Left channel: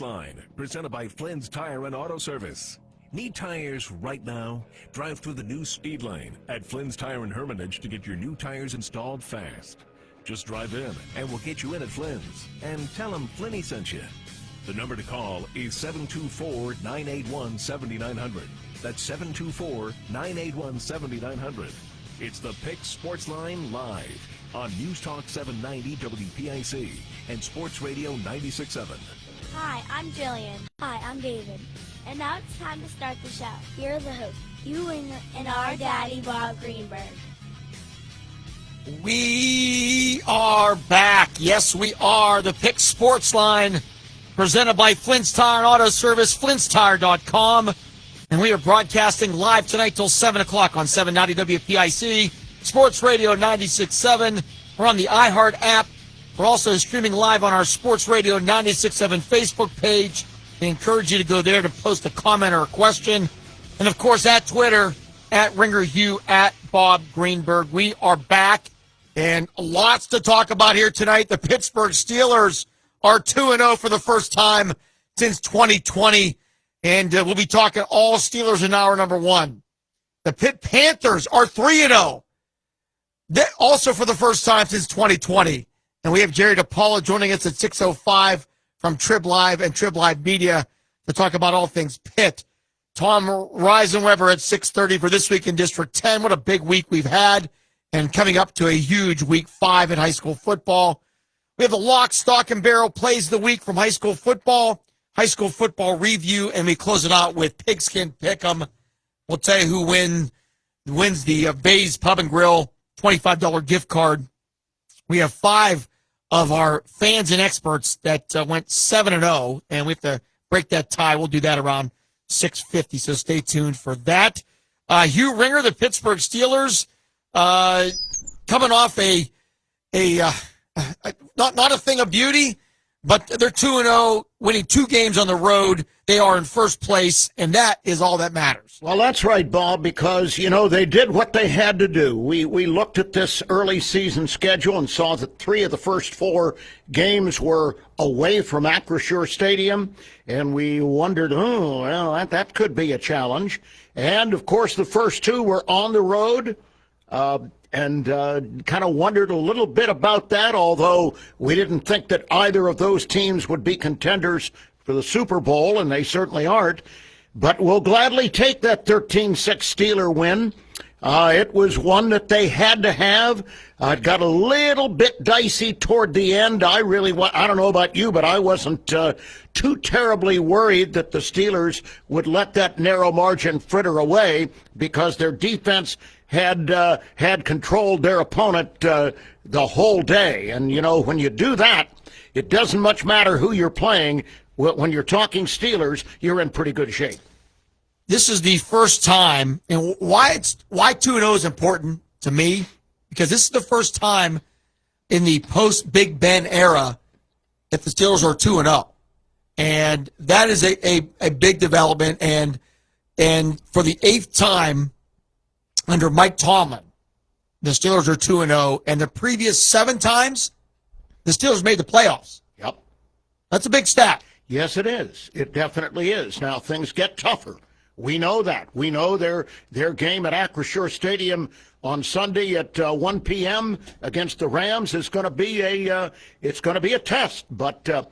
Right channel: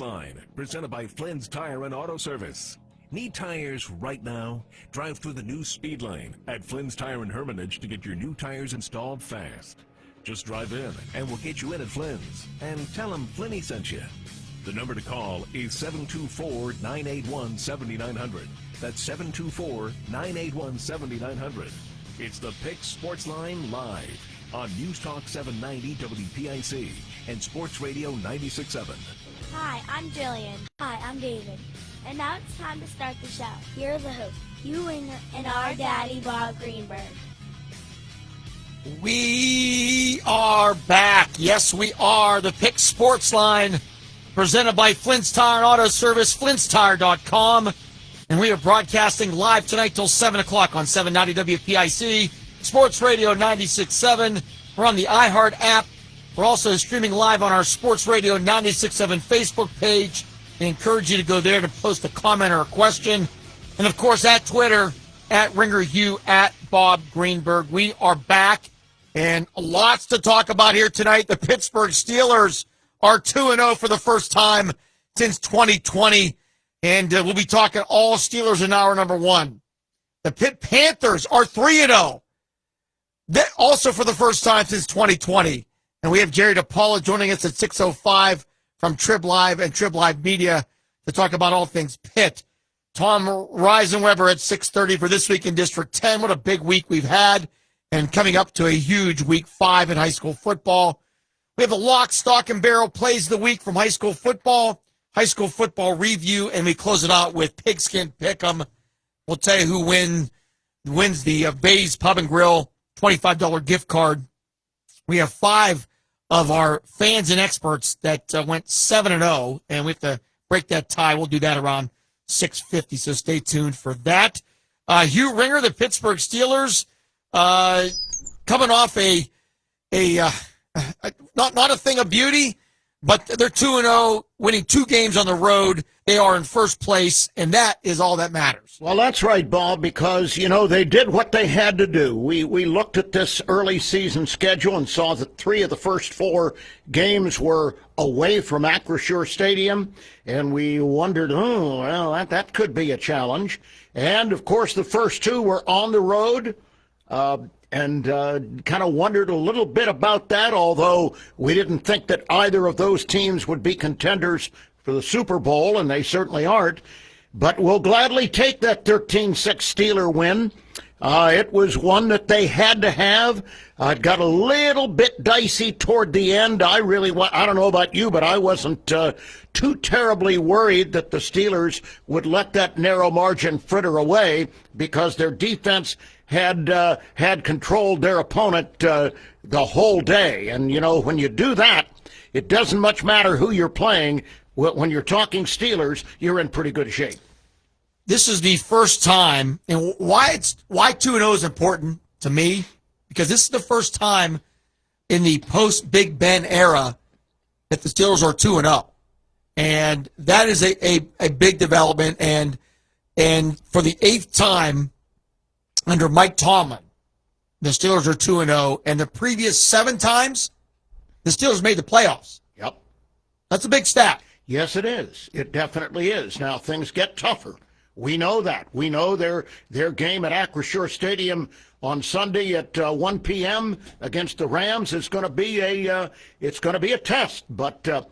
Line, presented by Flynn's Tire and Auto Service. Need tires right now? Drive through the new speed lane at Flynn's Tire and Hermitage to get your new tires installed fast. Just drive in and we'll get you in at Flynn's. And tell them Flinny sent you. The number to call is 724-981-7900. That's 724-981-7900. It's the Pick Sports Line live on News Talk 790 WPIC and Sports Radio 96.7. Hi, I'm Jillian. Hi, I'm David. And now it's time to start the show. Here are the hosts, you and our daddy, Bob Greenberg. We are back. Yes, we are. The Pick Sports Line, presented by Flynn's Tire and Auto Service, flynnstire.com. And we are broadcasting live tonight till 7 o'clock on 790 WPIC, Sports Radio 96.7. We're on the iHeart app. We're also streaming live on our Sports Radio 96.7 Facebook page. I encourage you to go there to post a comment or a question. And, of course, at Twitter, at Ringer Hugh, at Bob Greenberg. We are back, and lots to talk about here tonight. The Pittsburgh Steelers are 2-0 for the first time since 2020, and we'll be talking all Steelers in hour number one. The Pitt Panthers are 3-0, also for the first time since 2020. And we have Jerry DePaula joining us at 6:05 from Trib Live and Trib Live Media to talk about all things Pitt. Tom Reisenweber at 6:30 for This Week in District 10. What a big week we've had, and coming up to a huge Week 5 in high school football. We have a lock, stock, and barrel plays of the week from high school football review, and we close it out with Pigskin Pick'em. We'll tell you who wins the Bays Pub and Grill $25 gift card. We have 5 of our fans and experts that went 7-0, and we have to break that tie. We'll do that around 6:50, so stay tuned for that. Hugh Ringer, the Pittsburgh Steelers, coming off not a thing of beauty, but they're 2-0, winning 2 games on the road. They are in first place, and that is all that matters. Well, that's right, Bob, because, they did what they had to do. We looked at this early season schedule and saw that 3 of the first 4 games were away from Acrisure Stadium, and we wondered, that could be a challenge. And, of course, the first 2 were on the road, and kind of wondered a little bit about that, although we didn't think that either of those teams would be contenders for the Super Bowl, and they certainly aren't. But we'll gladly take that 13-6 Steeler win. It was one that they had to have. It got a little bit dicey toward the end. I don't know about you, but I wasn't too terribly worried that the Steelers would let that narrow margin fritter away, because their defense had controlled their opponent the whole day. And, when you do that, it doesn't much matter who you're playing. When you're talking Steelers, you're in pretty good shape. This is the first time, and why 2-0 is important to me, because this is the first time in the post-Big Ben era that the Steelers are 2-0. And that is a big development. And for the 8th time under Mike Tomlin, the Steelers are 2-0. And the previous 7 times, the Steelers made the playoffs. Yep. That's a big stat. Yes, it is. It definitely is. Now, things get tougher. We know that. We know their game at Acrisure Stadium on Sunday at 1 p.m. against the Rams is going to be a test. But the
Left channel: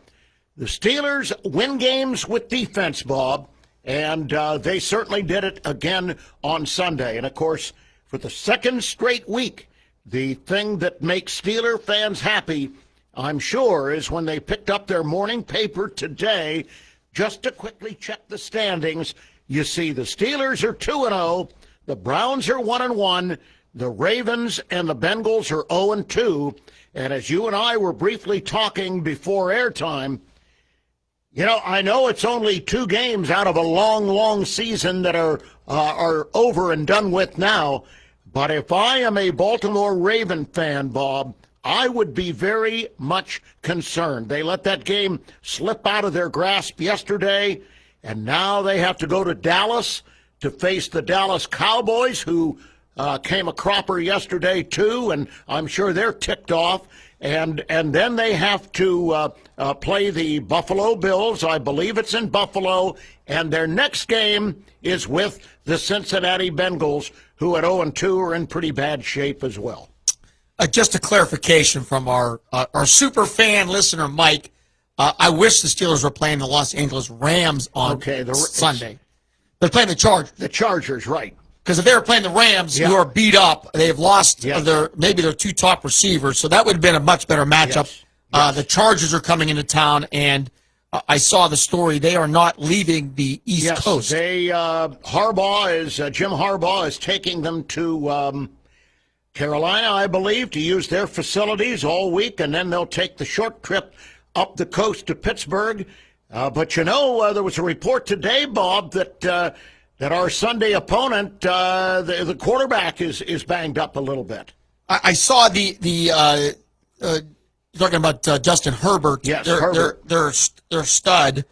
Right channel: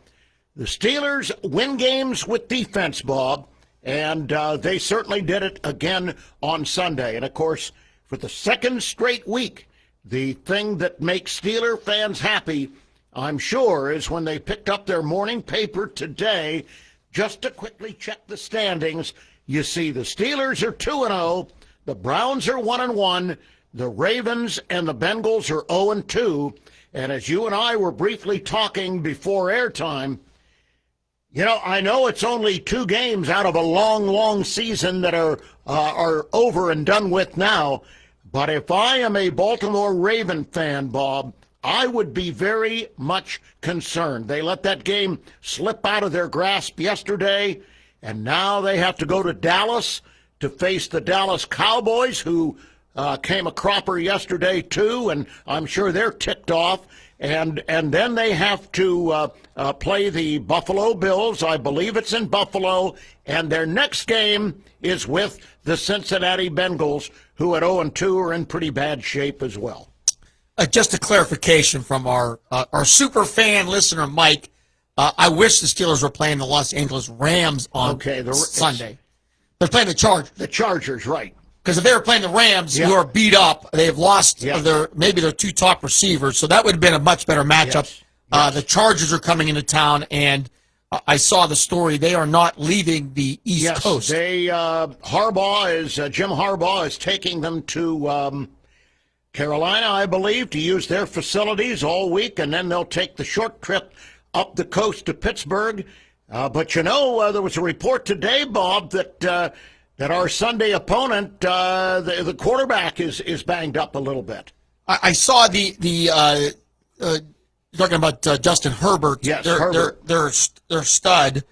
Steelers win games with defense, Bob, and they certainly did it again on Sunday. And of course, for the second straight week, the thing that makes Steeler fans happy, I'm sure, is when they picked up their morning paper today just to quickly check the standings. You see the Steelers are 2-0, the Browns are 1-1, the Ravens and the Bengals are 0-2. And as you and I were briefly talking before airtime, I know it's only 2 games out of a long, long season that are over and done with now. But if I am a Baltimore Raven fan, Bob, I would be very much concerned. They let that game slip out of their grasp yesterday, and now they have to go to Dallas to face the Dallas Cowboys, who came a cropper yesterday too, and I'm sure they're ticked off. and then they have to play the Buffalo Bills. I believe it's in Buffalo, and their next game is with the Cincinnati Bengals, who at 0-2 are in pretty bad shape as well. Just a clarification from our super fan listener, Mike. I wish the Steelers were playing the Los Angeles Rams on Sunday. They're playing the Chargers. The Chargers, right. Because if they were playing the Rams, Yeah. who are beat up, they've lost Yes. maybe their two top receivers, so that would have been a much better matchup. Yes. The Chargers are coming into town, and I saw the story. They are not leaving the East Coast. Jim Harbaugh is taking them to Carolina, I believe, to use their facilities all week, and then they'll take the short trip up the coast to Pittsburgh. But there was a report today, Bob, that our Sunday opponent, the quarterback, is banged up a little bit. I saw the talking about Justin Herbert. Yes, their stud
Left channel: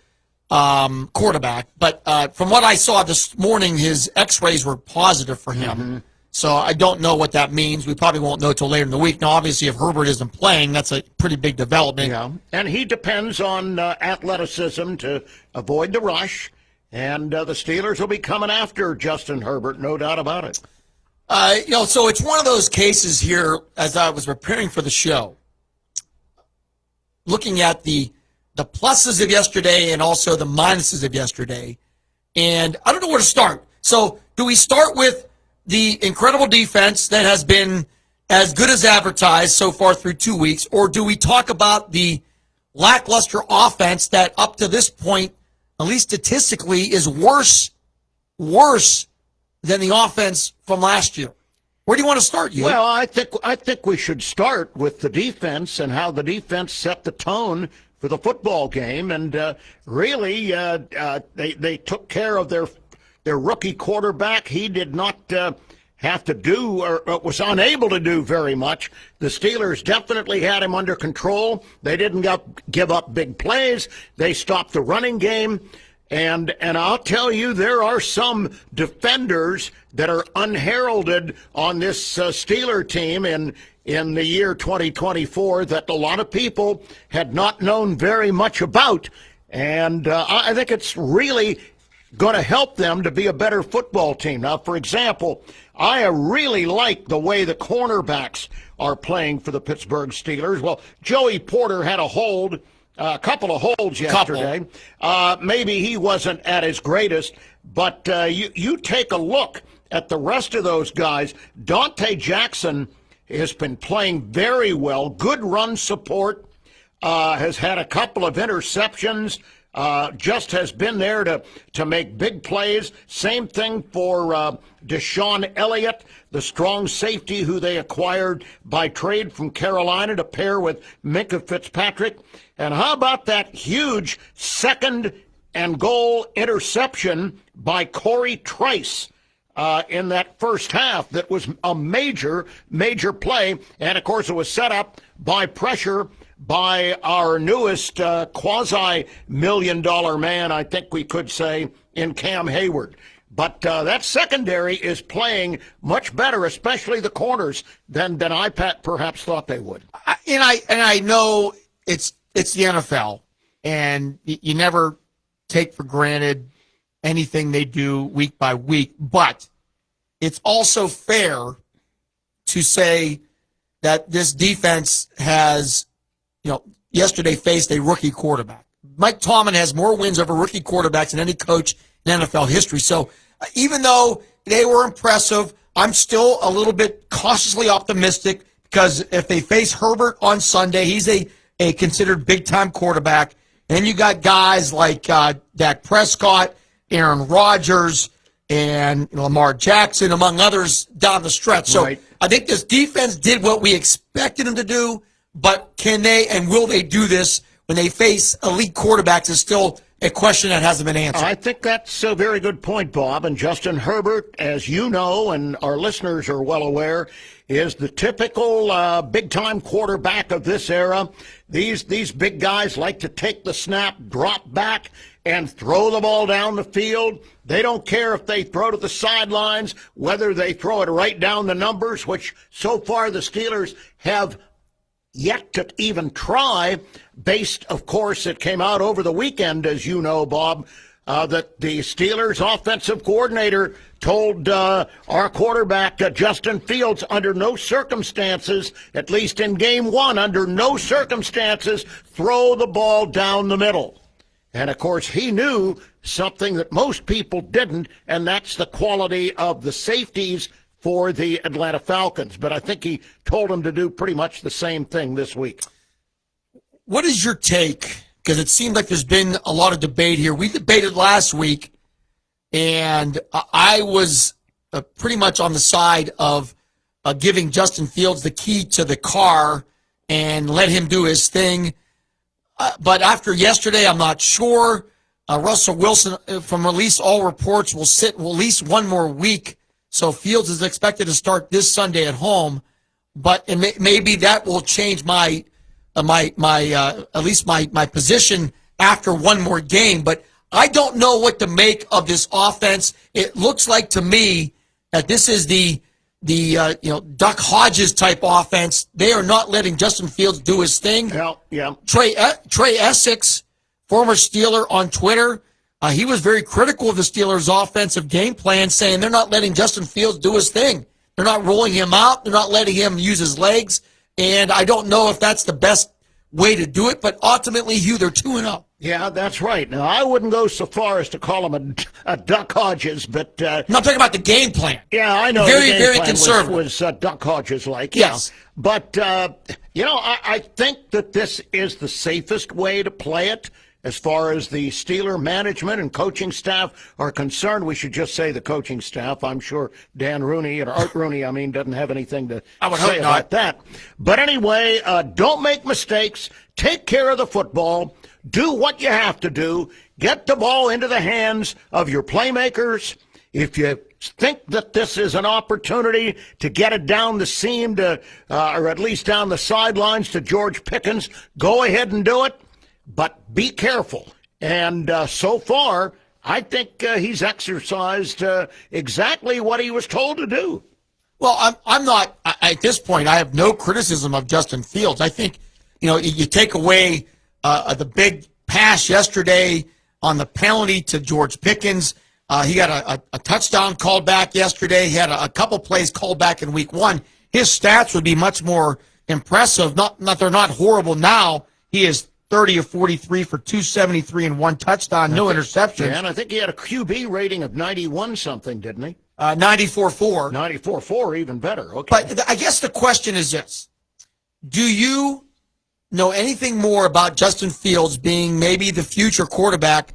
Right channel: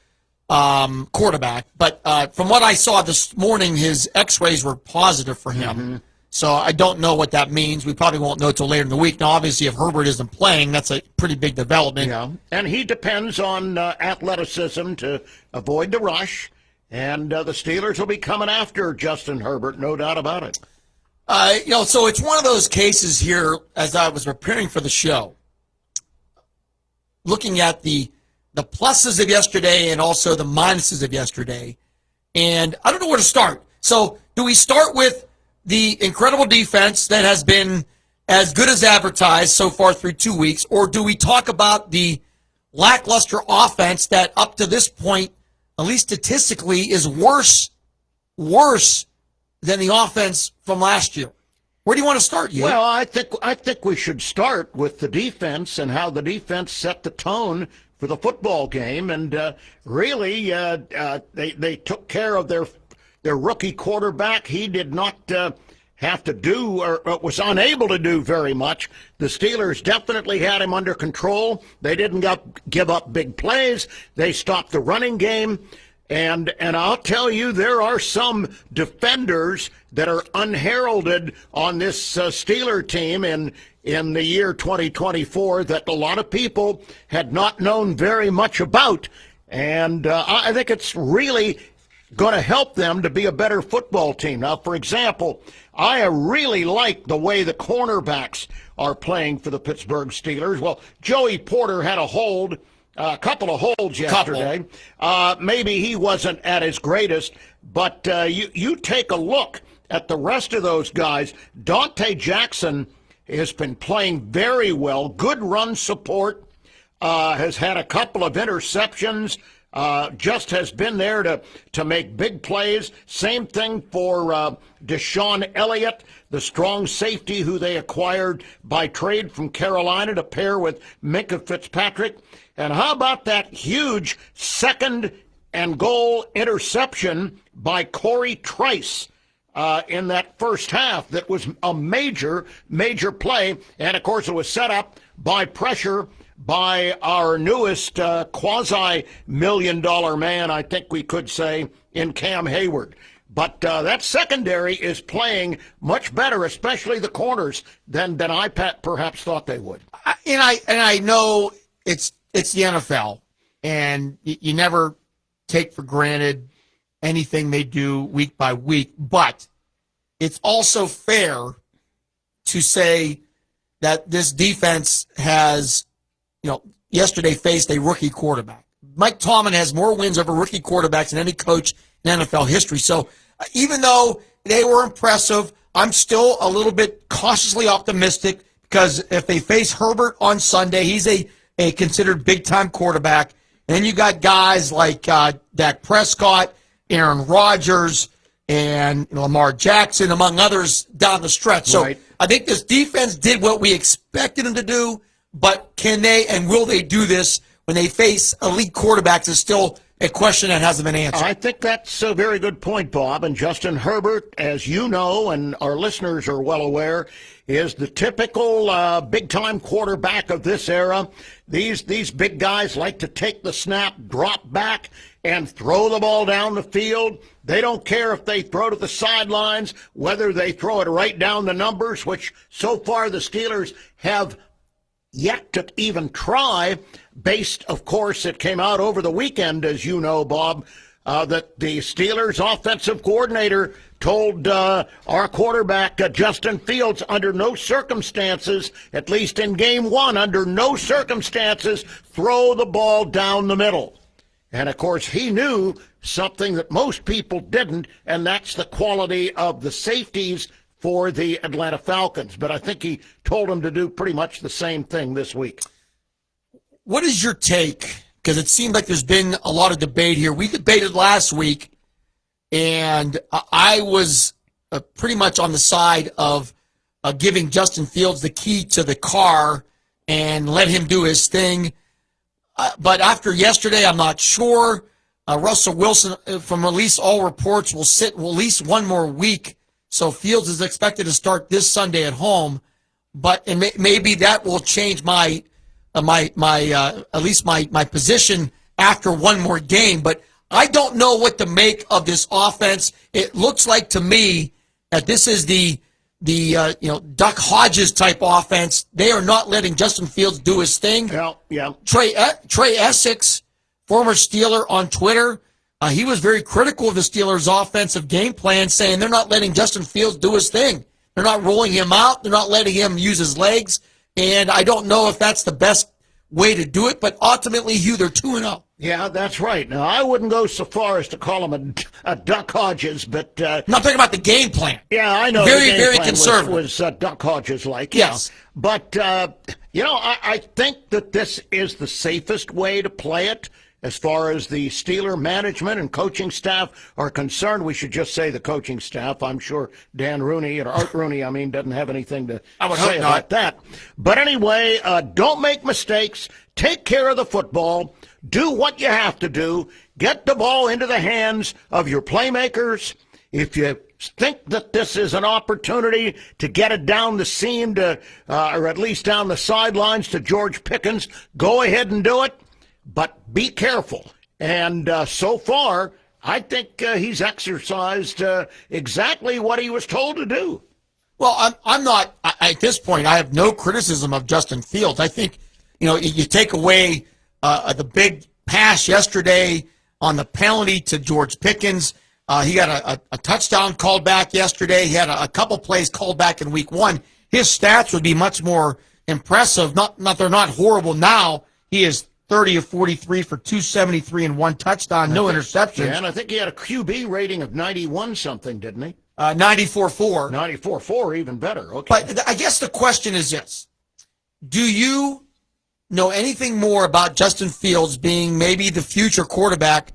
quarterback. But from what I saw this morning, his X-rays were positive for him. Mm-hmm. So I don't know what that means. We probably won't know till later in the week. Now, obviously, if Herbert isn't playing, that's a pretty big development. Yeah, and he depends on athleticism to avoid the rush. And the Steelers will be coming after Justin Herbert, no doubt about it. So it's one of those cases here, as I was preparing for the show, looking at the pluses of yesterday and also the minuses of yesterday, and I don't know where to start. So do we start with the incredible defense that has been as good as advertised so far through 2 weeks, or do we talk about the lackluster offense that up to this point, at least statistically, is worse than the offense from last year? Where do you want to start, you? Well, I think we should start with the defense and how the defense set the tone for the football game, and really they took care of their rookie quarterback. He did not have to do or was unable to do very much. The Steelers definitely had him under control. They didn't give up big plays. They stopped the running game. And I'll tell you, there are some defenders that are unheralded on this Steeler team in the year 2024 that a lot of people had not known very much about. And I think it's really going to help them to be a better football team. Now, for example, I really like the way the cornerbacks are playing for the Pittsburgh Steelers. Well, Joey Porter had a couple of holds yesterday. Maybe he wasn't at his greatest, but you take a look at the rest of those guys. Dante Jackson has been playing very well. Good run support. Has had a couple of interceptions. Just has been there to make big plays. Same thing for Deshaun Elliott, the strong safety who they acquired by trade from Carolina to pair with Minkah Fitzpatrick. And how about that huge second and goal interception by Corey Trice in that first half? That was a major play. And, of course, it was set up by pressure by our newest quasi-million-dollar man, I think we could say, in Cam Hayward. But that secondary is playing much better, especially the corners, than I perhaps thought they would. I know it's the NFL, and you never take for granted anything they do week by week, but it's also fair to say that this defense has, yesterday faced a rookie quarterback. Mike Tomlin has more wins over rookie quarterbacks than any coach in NFL history. So even though they were impressive, I'm still a little bit cautiously optimistic because if they face Herbert on Sunday, he's a considered big-time quarterback. And then you got guys like Dak Prescott, Aaron Rodgers, and Lamar Jackson, among others, down the stretch. So Right. I think this defense did what we expected them to do, but can they and will they do this when they face elite quarterbacks is still a question that hasn't been answered. I think that's a very good point, Bob. And Justin Herbert, as you know, and our listeners are well aware, is the typical big-time quarterback of this era. These big guys like to take the snap, drop back, and throw the ball down the field. They don't care if they throw to the sidelines, whether they throw it right down the numbers, which so far the Steelers have yet to even try, based, of course, it came out over the weekend, as you know, Bob, that the Steelers offensive coordinator told our quarterback, Justin Fields, under no circumstances, at least in game one, under no circumstances, throw the ball down the middle. And, of course, he knew something that most people didn't, and that's the quality of the safeties for the Atlanta Falcons. But I think he told him to do pretty much the same thing this week. What is your take? Because it seems like there's been a lot of debate here. We debated last week, and I was pretty much on the side of giving Justin Fields the key to the car and let him do his thing. But after yesterday, I'm not sure. Russell Wilson, from at least all reports, will sit at least one more week. So Fields is expected to start this Sunday at home. But maybe that will change my at least my position after one more game. But I don't know what to make of this offense. It looks like to me that this is the Duck Hodges type offense. They are not letting Justin Fields do his thing. Yeah. Trey Essex, former Steeler, on Twitter, he was very critical of the Steelers' offensive game plan, saying they're not letting Justin Fields do his thing. They're not rolling him out. They're not letting him use his legs. And I don't know if that's the best way to do it, but ultimately, Hugh, they're 2-0. Yeah, that's right. Now, I wouldn't go so far as to call him a Duck Hodges, but... I'm not talking about the game plan. Yeah, I know. Very, the game very plan conservative. Was Duck Hodges like. Yes. Yeah. But, I think that this is the safest way to play it. As far as the Steeler management and coaching staff are concerned, we should just say the coaching staff. I'm sure Dan Rooney, or Art Rooney, doesn't have anything to say about that. But anyway, don't make mistakes. Take care of the football. Do what you have to do. Get the ball into the hands of your playmakers. If you think that this is an opportunity to get it down the seam to, or at least down the sidelines to George Pickens, go ahead and do it. But be careful. And so far, I think he's exercised exactly what he was told to do. Well, I'm not, at this point, I have no criticism of Justin Fields. I think, you take away the big pass yesterday on the penalty to George Pickens. He got a touchdown called back yesterday. He had a couple plays called back in week one. His stats would be much more impressive. They're not horrible now. He is 30 of 43 for 273 and one touchdown, no interceptions. Yeah, and I think he had a QB rating of 91 something, didn't he? 94.4. 94.4, even better. Okay. But I guess the question is this. Do you know anything more about Justin Fields being maybe the future quarterback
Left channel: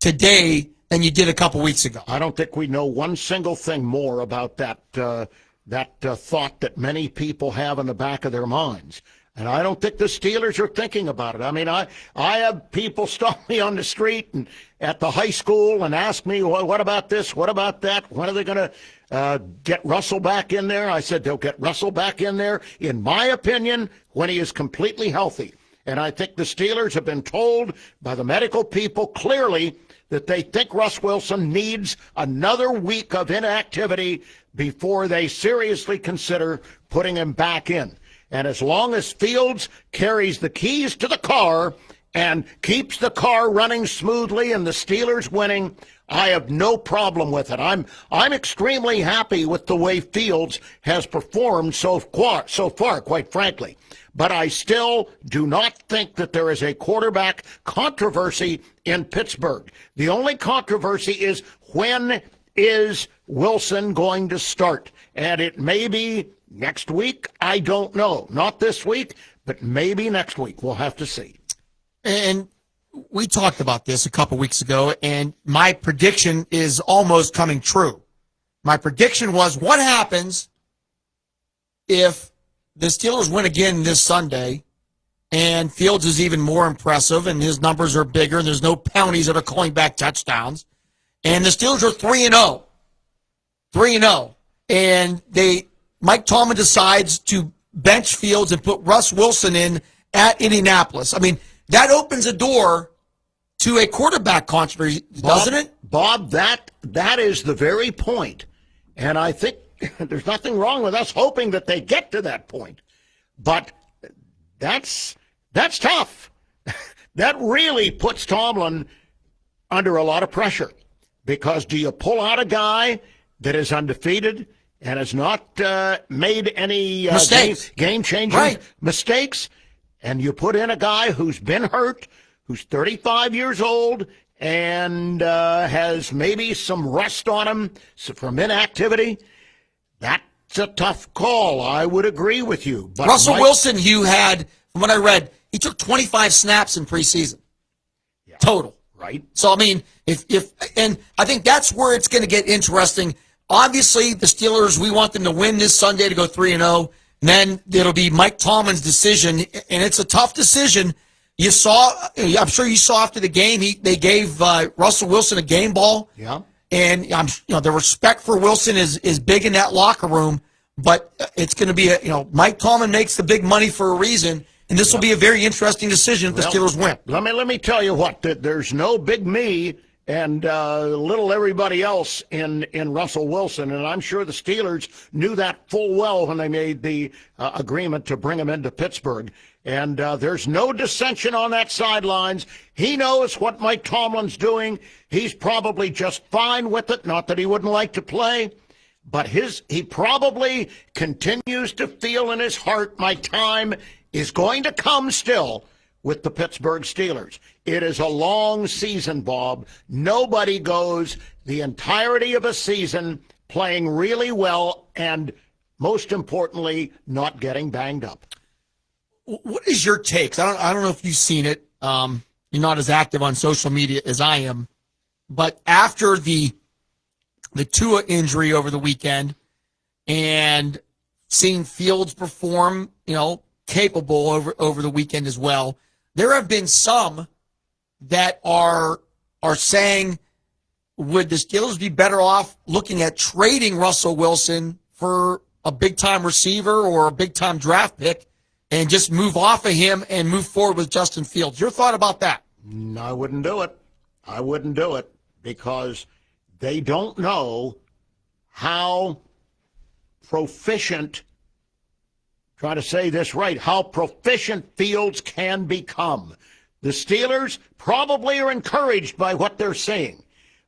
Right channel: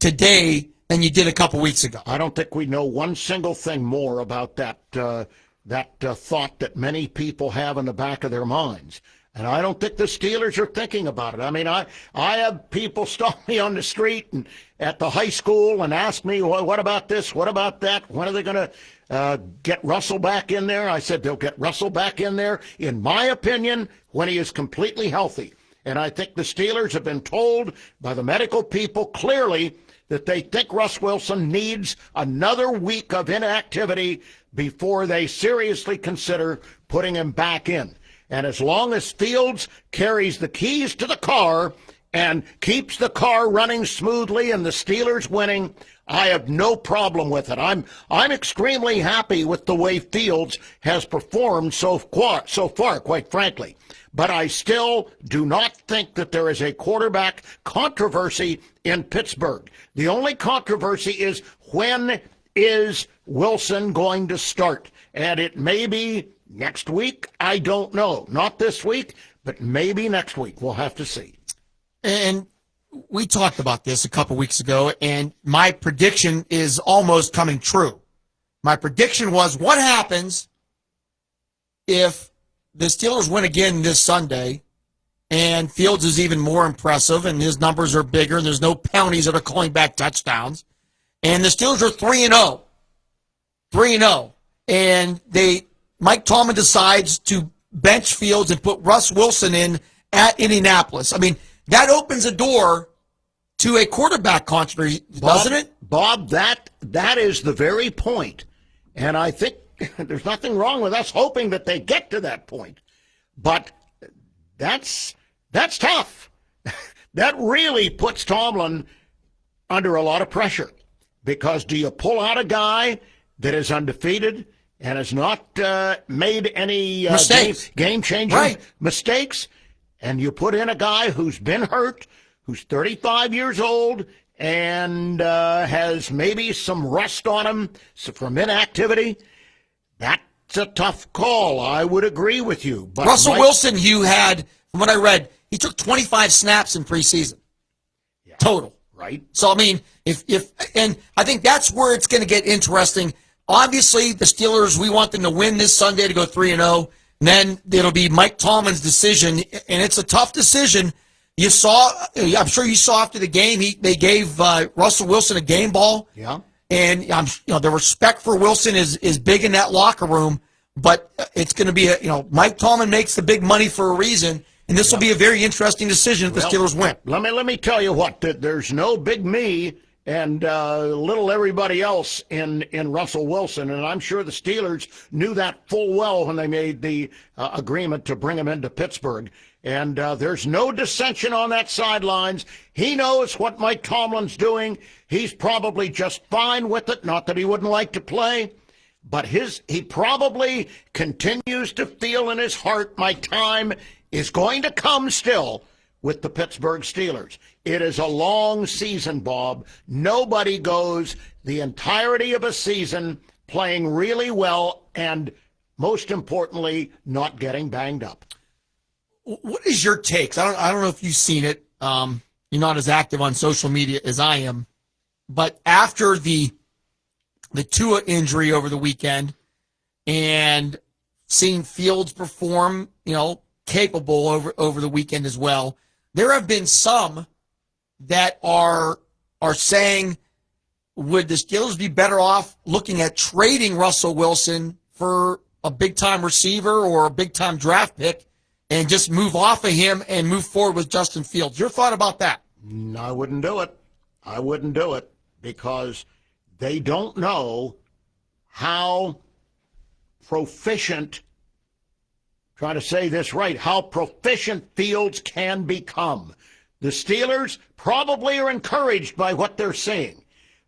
today than you did a couple weeks ago? I don't think we know one single thing more about that thought that many people have in the back of their minds. And I don't think the Steelers are thinking about it. I have people stop me on the street and at the high school and ask me, well, what about this? What about that? When are they going to get Russell back in there? I said they'll get Russell back in there, in my opinion, when he is completely healthy. And I think the Steelers have been told by the medical people clearly that they think Russ Wilson needs another week of inactivity before they seriously consider putting him back in. And as long as Fields carries the keys to the car and keeps the car running smoothly and the Steelers winning, I have no problem with it. I'm extremely happy with the way Fields has performed so far, quite frankly. But I still do not think that there is a quarterback controversy in Pittsburgh. The only controversy is, when is Wilson going to start? And it may be next week. I don't know. Not this week, but maybe next week. We'll have to see. And we talked about this a couple weeks ago, and my prediction is almost coming true. My prediction was, what happens if the Steelers win again this Sunday and Fields is even more impressive and his numbers are bigger and there's no penalties that are calling back touchdowns, and the Steelers are 3-0. 3-0. And Mike Tomlin decides to bench Fields and put Russ Wilson in at Indianapolis. That opens a door to a quarterback controversy, doesn't it? Bob, that is the very point. And I think there's nothing wrong with us hoping that they get to that point. But that's tough. That really puts Tomlin under a lot of pressure, because do you pull out a guy that is undefeated and has not made any game-changing mistakes, and you put in a guy who's been hurt, who's 35 years old, and has maybe some rust on him from inactivity? That's a tough call. I would agree with you. But Russell Wilson, you had, from what I read, he took 25 snaps in preseason. Yeah. Total. Right. So, I mean, and I think that's where it's going to get interesting. Obviously, the Steelers, we want them to win this Sunday to go 3-0. And then it'll be Mike Tomlin's decision, and it's a tough decision. You saw, I'm sure you saw after the game, they gave Russell Wilson a game ball. Yeah. And the respect for Wilson is big in that locker room. But it's going to be Mike Tomlin makes the big money for a reason. And this will be a very interesting decision if the Steelers win. Let me tell you what, there's no big me and little everybody else in Russell Wilson, and I'm sure the Steelers knew that full well when they made the agreement to bring him into Pittsburgh. And there's no dissension on that sidelines. He knows what Mike Tomlin's doing. He's probably just fine with it, not that he wouldn't like to play. But he probably continues to feel in his heart, my time is going to come still with the Pittsburgh Steelers. It is a long season, Bob. Nobody goes the entirety of a season playing really well and, most importantly, not getting banged up. What is your take? I don't know if you've seen it. You're not as active on social media as I am. But after the Tua injury over the weekend and seeing Fields perform, capable over the weekend as well, there have been some that are saying, would the Steelers be better off looking at trading Russell Wilson for a big-time receiver or a big-time draft pick and just move off of him and move forward with Justin Fields? Your thought about that? I wouldn't do it. I wouldn't do it because they don't know how proficient, try to say this right, how proficient Fields can become. The Steelers probably are encouraged by what they're seeing,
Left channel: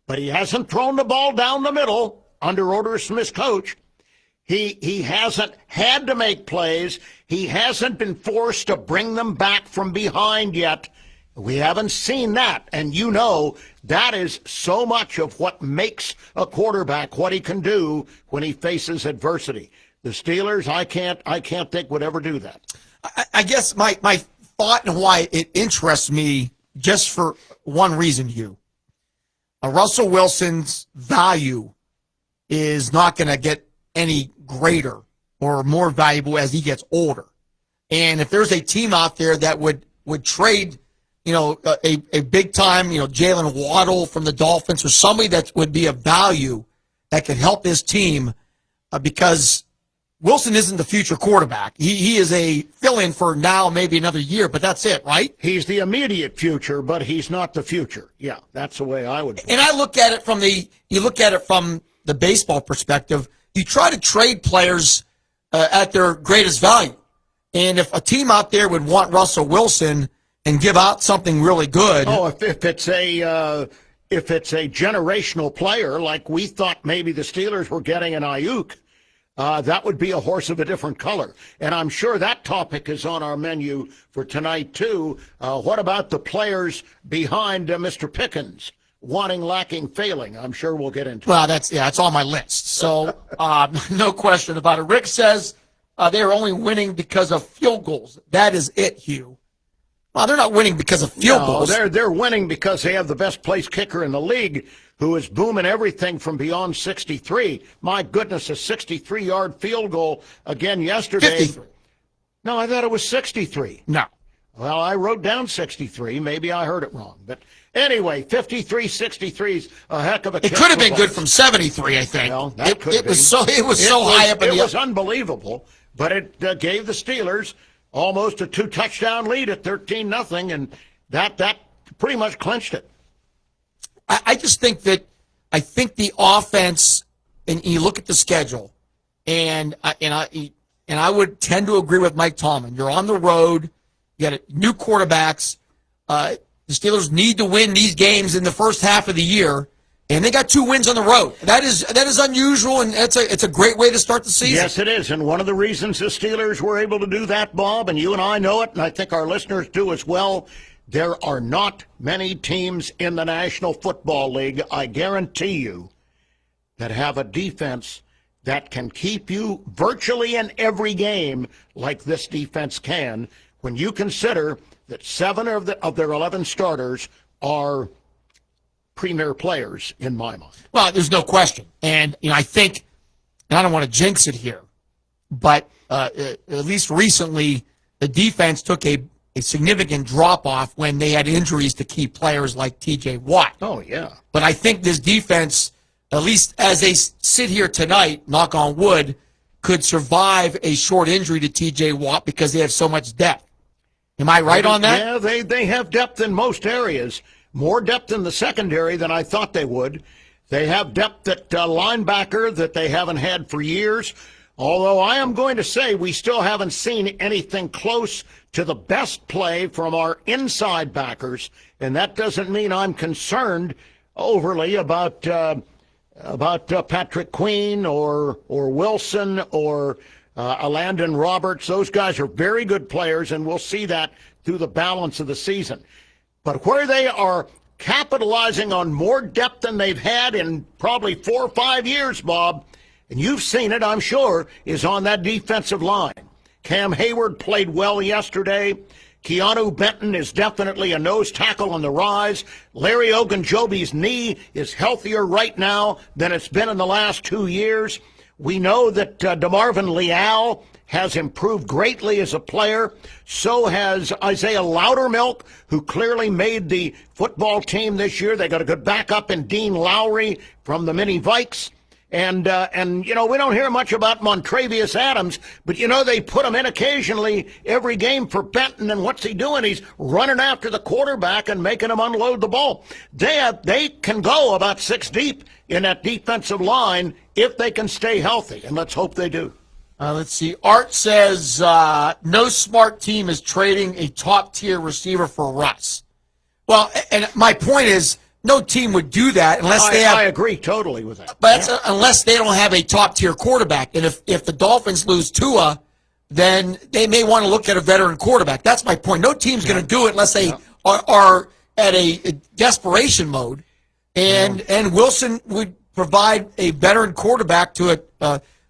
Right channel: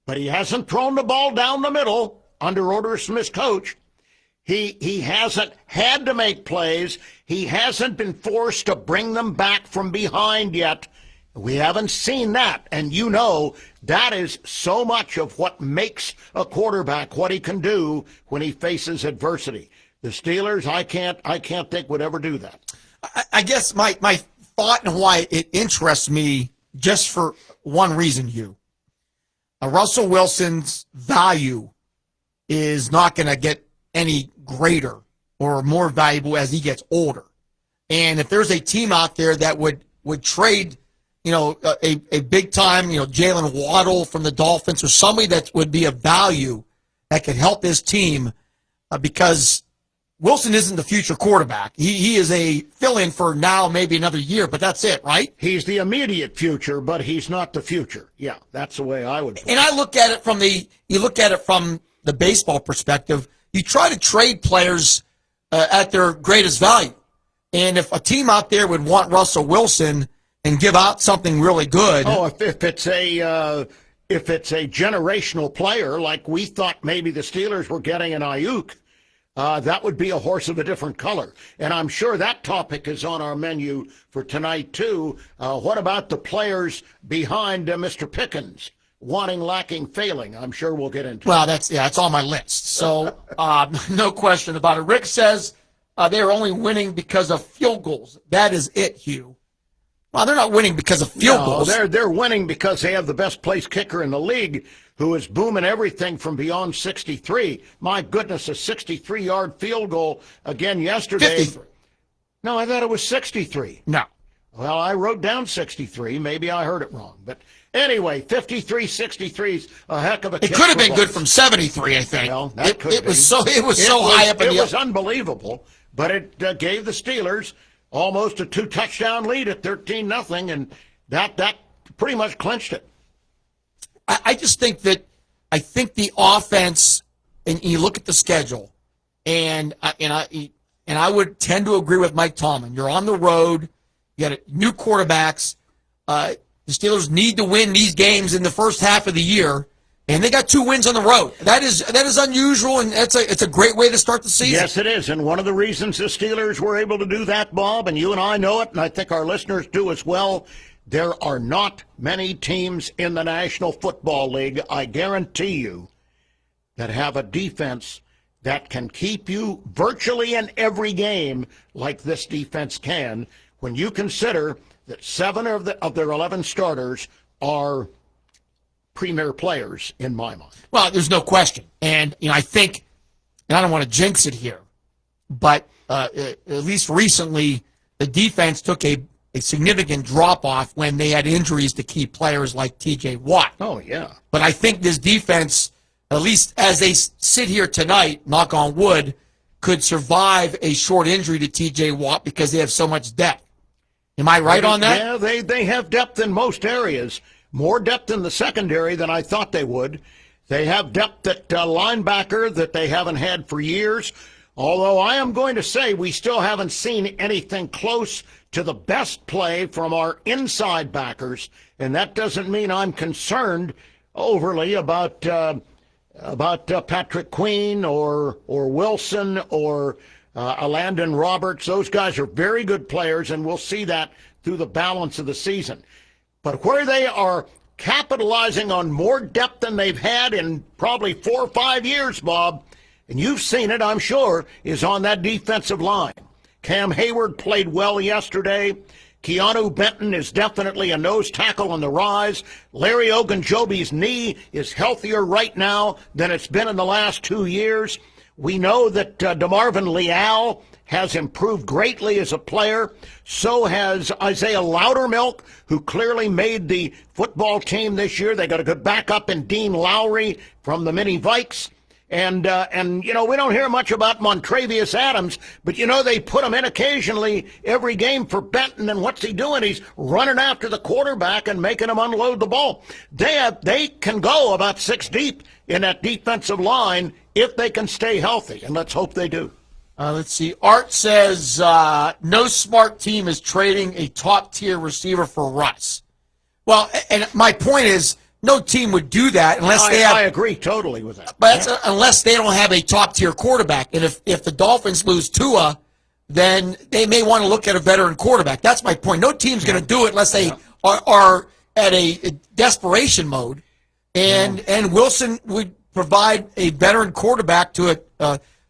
but he hasn't thrown the ball down the middle under orders from his coach. He hasn't had to make plays. He hasn't been forced to bring them back from behind yet. We haven't seen that, and that is so much of what makes a quarterback what he can do when he faces adversity. The Steelers, I can't think would ever do that. I guess my thought and why it interests me just for one reason, Hugh. Russell Wilson's value is not going to get any greater or more valuable as he gets older. And if there's a team out there that would trade, a big-time, Jalen Waddle from the Dolphins or somebody that would be of value that could help his team because Wilson isn't the future quarterback. He is a fill-in for now, maybe another year, but that's it, right? He's the immediate future, but he's not the future. Yeah, that's the way I would put it. And I look at it from the baseball perspective. You try to trade players at their greatest value. And if a team out there would want Russell Wilson and give out something really good. Oh, if it's a generational player, like we thought maybe the Steelers were getting an Ayuk, that would be a horse of a different color. And I'm sure that topic is on our menu for tonight, too. What about the players behind Mr. Pickens? Wanting, lacking, failing. I'm sure we'll get into it. Well, it's on my list. So no question about it. Rick says they're only winning because of field goals. That is it, Hugh. Well, they're not winning because of field goals. They're winning because they have the best place kicker in the league who is booming everything from beyond 63. My goodness, a 63-yard field goal again yesterday. 53. No, I thought it was 63. No. Well, I wrote down 63. Maybe I heard it wrong. But anyway, 53-63 is a heck of a kick. It could have been good from 73, I think. Well, it was so high up in the It was unbelievable, but it gave the Steelers almost a 2-touchdown lead at 13-0, and that pretty much clinched it. I just think that the offense, and you look at the schedule, and I would tend to agree with Mike Tomlin. You're on the road. You got new quarterbacks. The Steelers need to win these games in the first half of the year, and they got 2 wins on the road. That is unusual, and it's a great way to start the season. Yes, it is. And one of the reasons the Steelers were able to do that, Bob, and you and I know it, and I think our listeners do as well, there are not many teams in the National Football League, I guarantee you, that have a defense that can keep you virtually in every game like this defense can, when you consider that 7 of their 11 starters are premier players in my mind. Well, there's no question. And, I think, and I don't want to jinx it here, but at least recently, the defense took a significant drop-off when they had injuries to key players like T.J. Watt. Oh, yeah. But I think this defense, at least as they sit here tonight, knock on wood, could survive a short injury to T.J. Watt because they have so much depth. Am I right on that? Yeah, they have depth in most areas. More depth in the secondary than I thought they would. They have depth at linebacker that they haven't had for years. Although I am going to say we still haven't seen anything close to the best play from our inside backers, and that doesn't mean I'm concerned overly about Patrick Queen or Wilson or Landon Roberts. Those guys are very good players, and we'll see that through the balance of the season. But where they are capitalizing on more depth than they've had in probably 4 or 5 years, Bob, and you've seen it, I'm sure, is on that defensive line. Cam Hayward played well yesterday. Keanu Benton is definitely a nose tackle on the rise. Larry Ogunjobi's knee is healthier right now than it's been in the last 2 years. We know that DeMarvin Leal has improved greatly as a player. So has Isaiah Loudermilk, who clearly made the football team this year. They got a good backup in Dean Lowry from the Mini Vikes. And we don't hear much about Montravius Adams, but, they put him in occasionally every game for Benton, and what's he doing? He's running after the quarterback and making him unload the ball. They can go about 6 deep in that defensive line if they can stay healthy, and let's hope they do. Let's see. Art says no smart team is trading a top-tier receiver for Russ. Well, and my point is, no team would do that unless they have. I agree totally with that. But unless they don't have a top-tier quarterback. And if the Dolphins lose Tua, then they may want to look at a veteran quarterback. That's my point. No team's going to do it unless they are at a desperation mode. And Wilson would provide a veteran quarterback to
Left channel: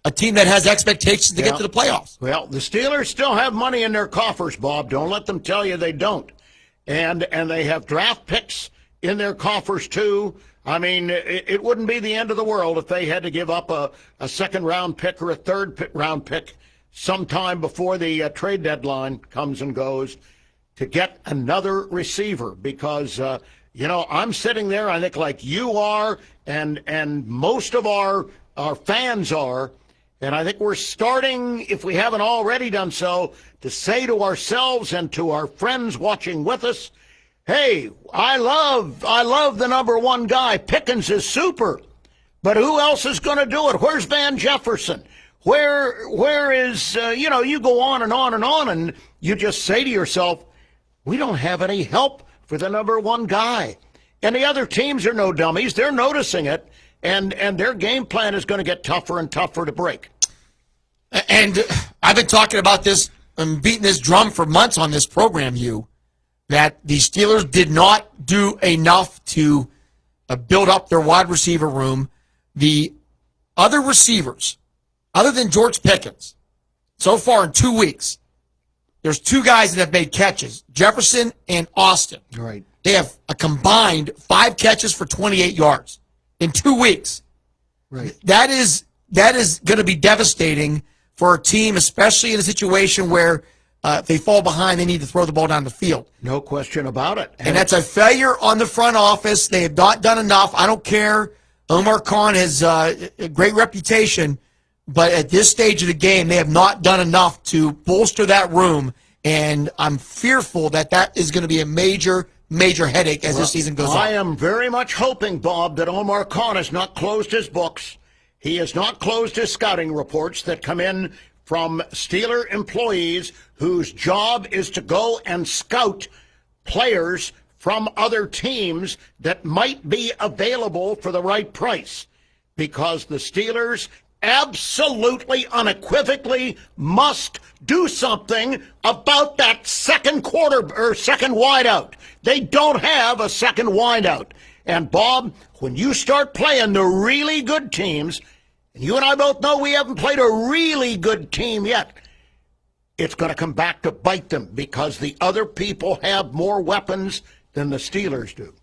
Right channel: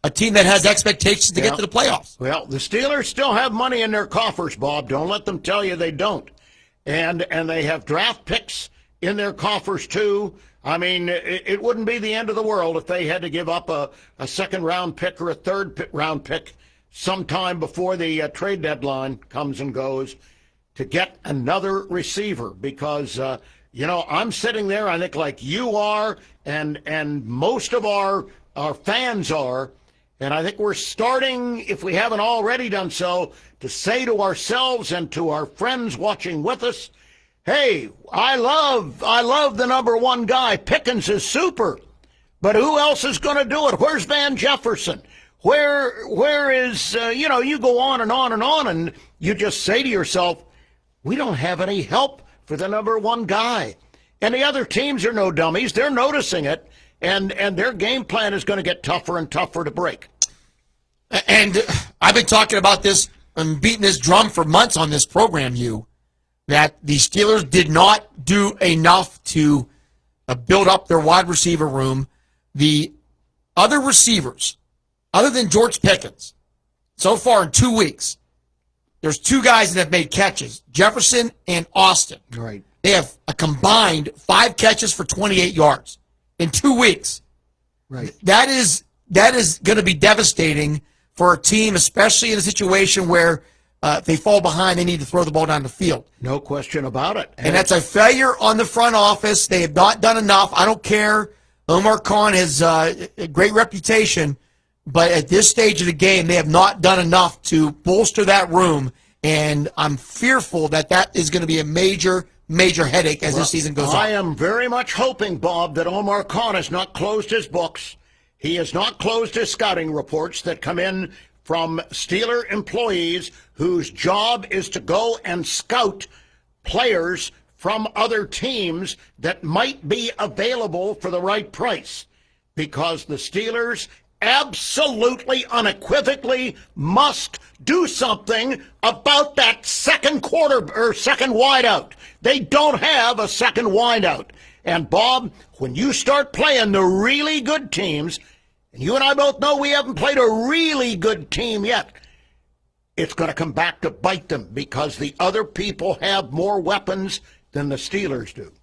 a team that has expectations to get to the playoffs. Well, the Steelers still have money in their coffers, Bob. Don't let them tell you they don't. And they have draft picks in their coffers, too. I mean, it wouldn't be the end of the world if they had to give up a second-round pick or a third-round pick sometime before the trade deadline comes and goes to get another receiver because, I'm sitting there, I think, like you are and most of our fans are, and I think we're starting, if we haven't already done so, to say to ourselves and to our friends watching with us, hey, I love the number 1 guy. Pickens is super. But who else is going to do it? Where's Van Jefferson? Where is, you go on and on and on, and you just say to yourself, we don't have any help for the number 1 guy. And the other teams are no dummies. They're noticing it, and their game plan is going to get tougher and tougher to break. And I've been talking about this and beating this drum for months on this program, that the Steelers did not do enough to build up their wide receiver room. The other receivers, other than George Pickens, so far in 2 weeks, there's 2 guys that have made catches, Jefferson and Austin. Right. They have a combined 5 catches for 28 yards in 2 weeks. Right. That is going to be devastating for a team, especially in a situation where if they fall behind, they need to throw the ball down the field. No question about it. And that's a failure on the front office. They have not done enough. I don't care. Omar Khan has a great reputation, but at this stage of the game, they have not done enough to bolster that room. And I'm fearful that is going to be a major, major headache as the season goes on. I am very much hoping, Bob, that Omar Khan has not closed his books. He has not closed his scouting reports that come in from Steeler employees whose job is to go and scout players from other teams that might be available for the right price, because the Steelers absolutely unequivocally must do something about that second wideout. They don't have a second wideout. And Bob, when you start playing the really good teams, and you and I both know we haven't played a really good team yet, it's going to come back to bite them, because the other people have more weapons than the Steelers do.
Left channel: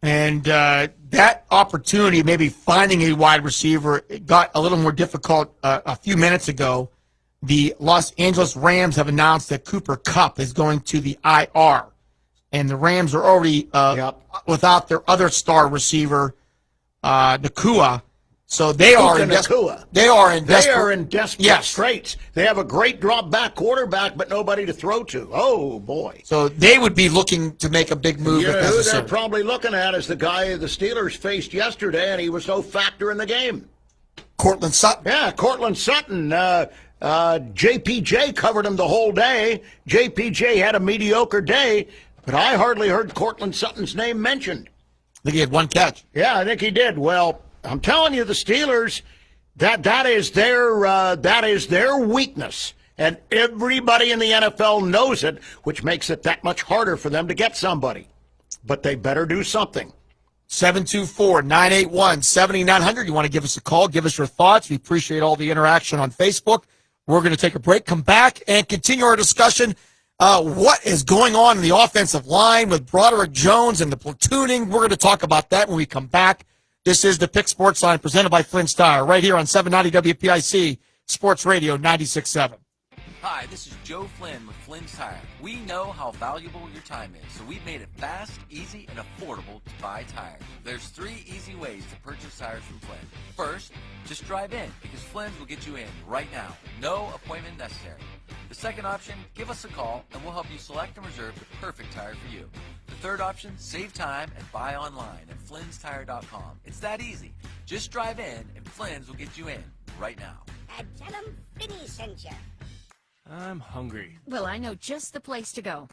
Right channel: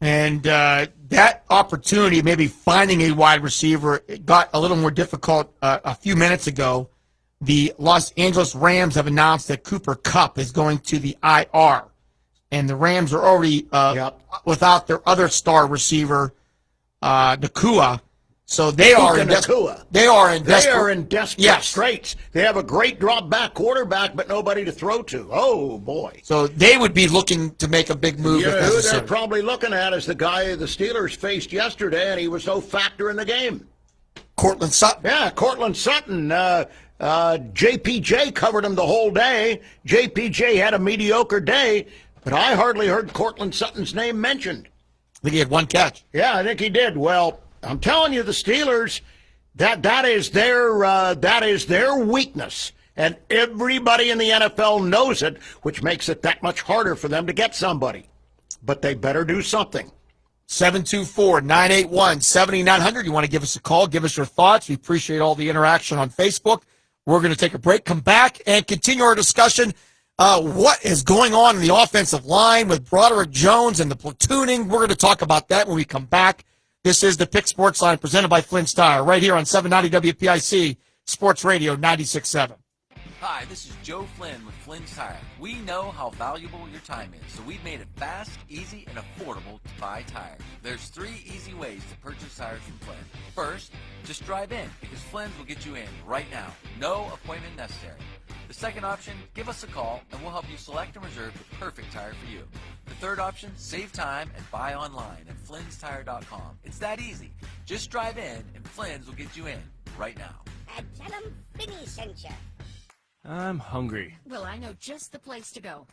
And that opportunity, maybe finding a wide receiver, it got a little more difficult a few minutes ago. The Los Angeles Rams have announced that Cooper Kupp is going to the IR. And the Rams are already without their other star receiver, Nakua. So they are in desperate straits. They have a great drop back quarterback, but nobody to throw to. Oh boy! So they would be looking to make a big move. You know who they're probably looking at is the guy the Steelers faced yesterday, and he was no factor in the game. Courtland Sutton. Yeah, Courtland Sutton. JPJ covered him the whole day. JPJ had a mediocre day, but I hardly heard Courtland Sutton's name mentioned. I think he had one catch. Yeah, I think he did. Well, I'm telling you, the Steelers, that is their weakness, and everybody in the NFL knows it, which makes it that much harder for them to get somebody. But they better do something. 724-981-7900. You want to give us a call, give us your thoughts. We appreciate all the interaction on Facebook. We're going to take a break, come back, and continue our discussion. What is going on in the offensive line with Broderick Jones and the platooning? We're going to talk about that when we come back. This is the Pick Sports Line presented by Flynn's Tire, right here on 790 WPIC Sports Radio 96.7. Hi, this is Joe Flynn with Flynn's Tire. We know how valuable your time is, so we've made it fast, easy, and affordable to buy tires. There's 3 easy ways to purchase tires from Flynn. First, just drive in, because Flynn will get you in right now. No appointment necessary. The second option, give us a call, and we'll help you select and reserve the perfect tire for you. The third option, save time and buy online at Flynn'sTire.com. It's that easy. Just drive in, and Flynn's will get you in right now. Tell them Finley sent you. I'm hungry. Well, I know just the place to go.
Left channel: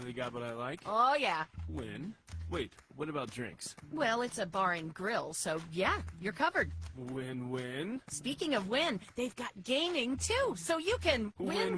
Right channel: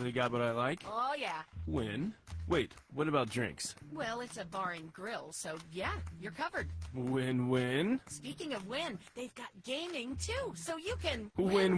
They got what I like? Oh, yeah. When? Wait, what about drinks? Well, it's a bar and grill, so yeah, you're covered. Win-win? Speaking of win, they've got gaming, too, so you can Win.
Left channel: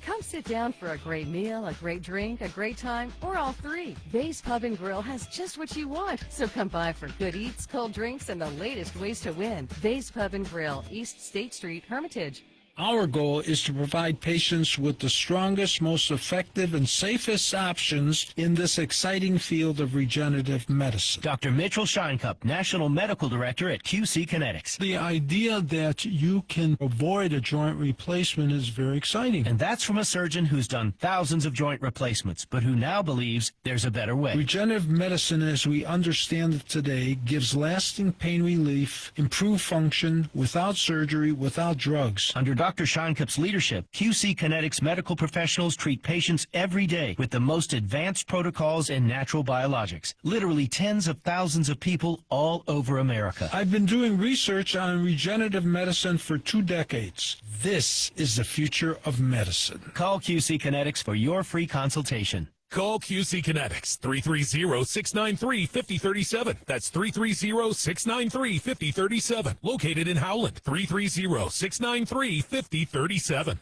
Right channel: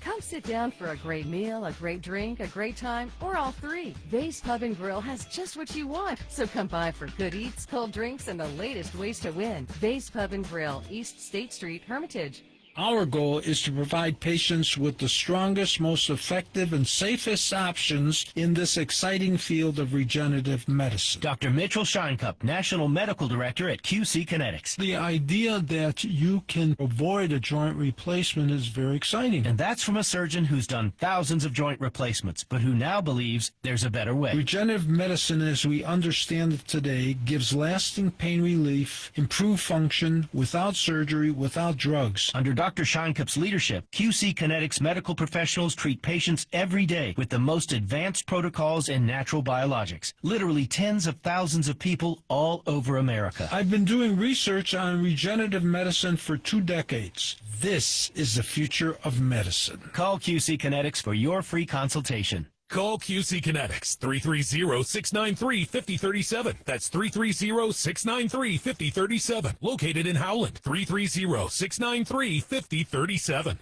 Come sit down for a great meal, a great drink, a great time, or all three. Vase Pub and Grill has just what you want. So come by for good eats, cold drinks, and the latest ways to win. Vase Pub and Grill, East State Street, Hermitage. Our goal is to provide patients with the strongest, most effective, and safest options in this exciting field of regenerative medicine. Dr. Mitchell Scheinkup, National Medical Director at QC Kinetics. The idea that you can avoid a joint replacement is very exciting. And that's from a surgeon who's done thousands of joint replacements, but who now believes there's a better way. Regenerative medicine, as we understand it today, gives lasting pain relief, improved function, without surgery, without drugs. Under Dr. Scheinkup's leadership, QC Kinetics medical professionals treat patients every day with the most advanced protocols and natural biologics. Literally tens of thousands of people all over America. I've been doing research on regenerative medicine for 2 decades. This is the future of medicine. Call QC Kinetics for your free consultation. Call QC Kinetics, 330-693-5037. That's 330-693-5037. Located in Howland, 330-693-5037.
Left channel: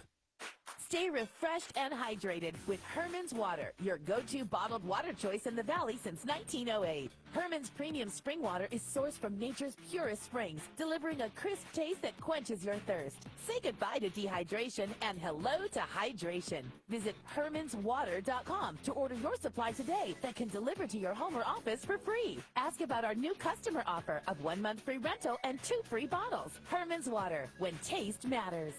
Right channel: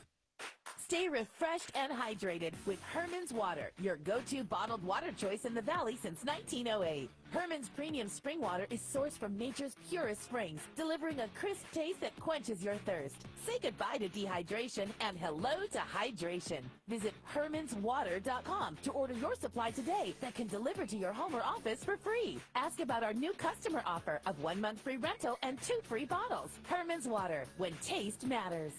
Stay refreshed and hydrated with Herman's Water, your go-to bottled water choice in the Valley since 1908. Herman's premium spring water is sourced from nature's purest springs, delivering a crisp taste that quenches your thirst. Say goodbye to dehydration and hello to hydration. Visit HermansWater.com to order your supply today that can deliver to your home or office for free. Ask about our new customer offer of 1 month free rental and 2 free bottles. Herman's Water, when taste matters.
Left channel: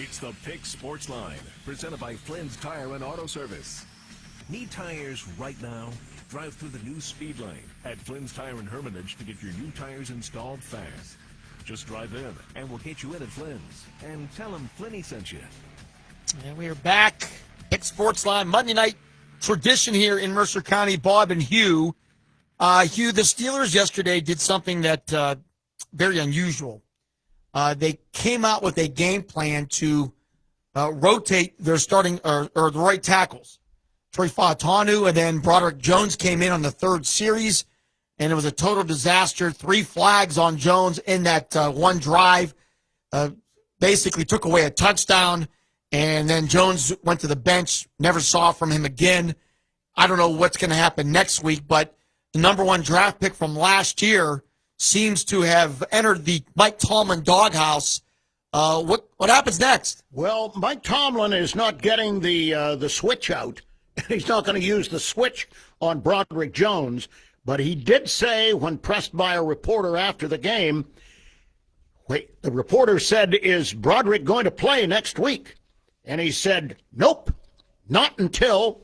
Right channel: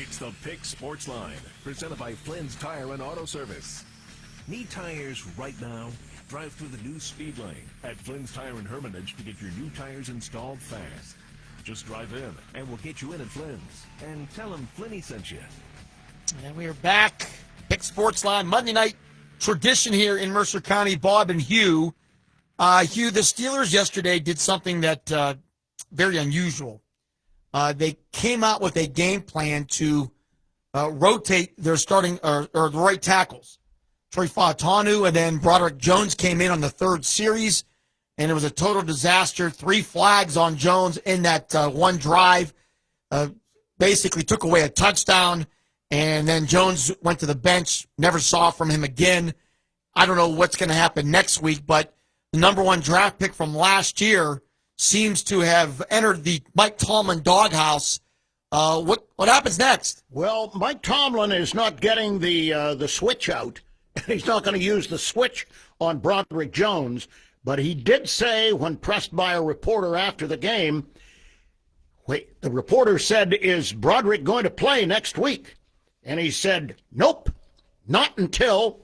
It's the Pick Sports Line, presented by Flynn's Tire and Auto Service. Need tires right now? Drive through the new speed lane at Flynn's Tire and Hermitage to get your new tires installed fast. Just drive in, and we'll get you in at Flynn's. And tell them Flinny sent you. And we are back. Pick Sports Line Monday night tradition here in Mercer County, Bob and Hugh. Hugh, the Steelers yesterday did something that very unusual. They came out with a game plan to rotate their starting or the right tackles. Troy Fautanu and then Broderick Jones came in on the third series, and it was a total disaster. 3 flags on Jones in that one drive. Basically took away a touchdown, and then Jones went to the bench, never saw from him again. I don't know what's going to happen next week, but the number 1 draft pick from last year seems to have entered the Mike Tomlin doghouse. What happens next? Well, Mike Tomlin is not getting the switch out. He's not going to use the switch on Broderick Jones, but he did say when pressed by a reporter after the game, the reporter said, "Is Broderick going to play next week?" And he said, "Nope, not until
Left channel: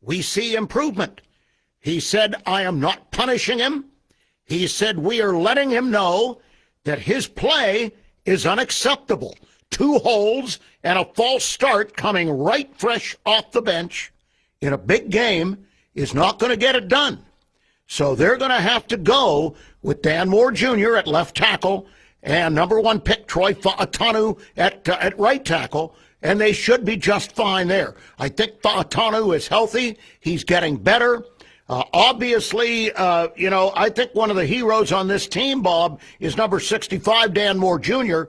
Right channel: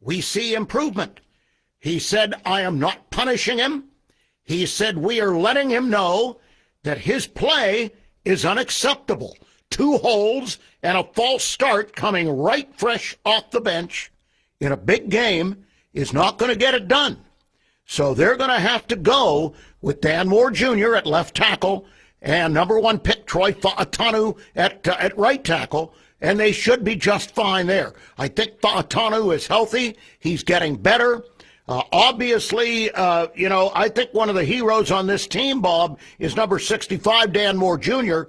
we see improvement." He said, "I am not punishing him." He said, "We are letting him know that his play is unacceptable. 2 holes and a false start coming right fresh off the bench in a big game is not going to get it done." So they're going to have to go with Dan Moore Jr. at left tackle and number 1 pick Troy Fautanu at right tackle, and they should be just fine there. I think Fautanu is healthy. He's getting better. Obviously, I think one of the heroes on this team, Bob, is number 65, Dan Moore Jr.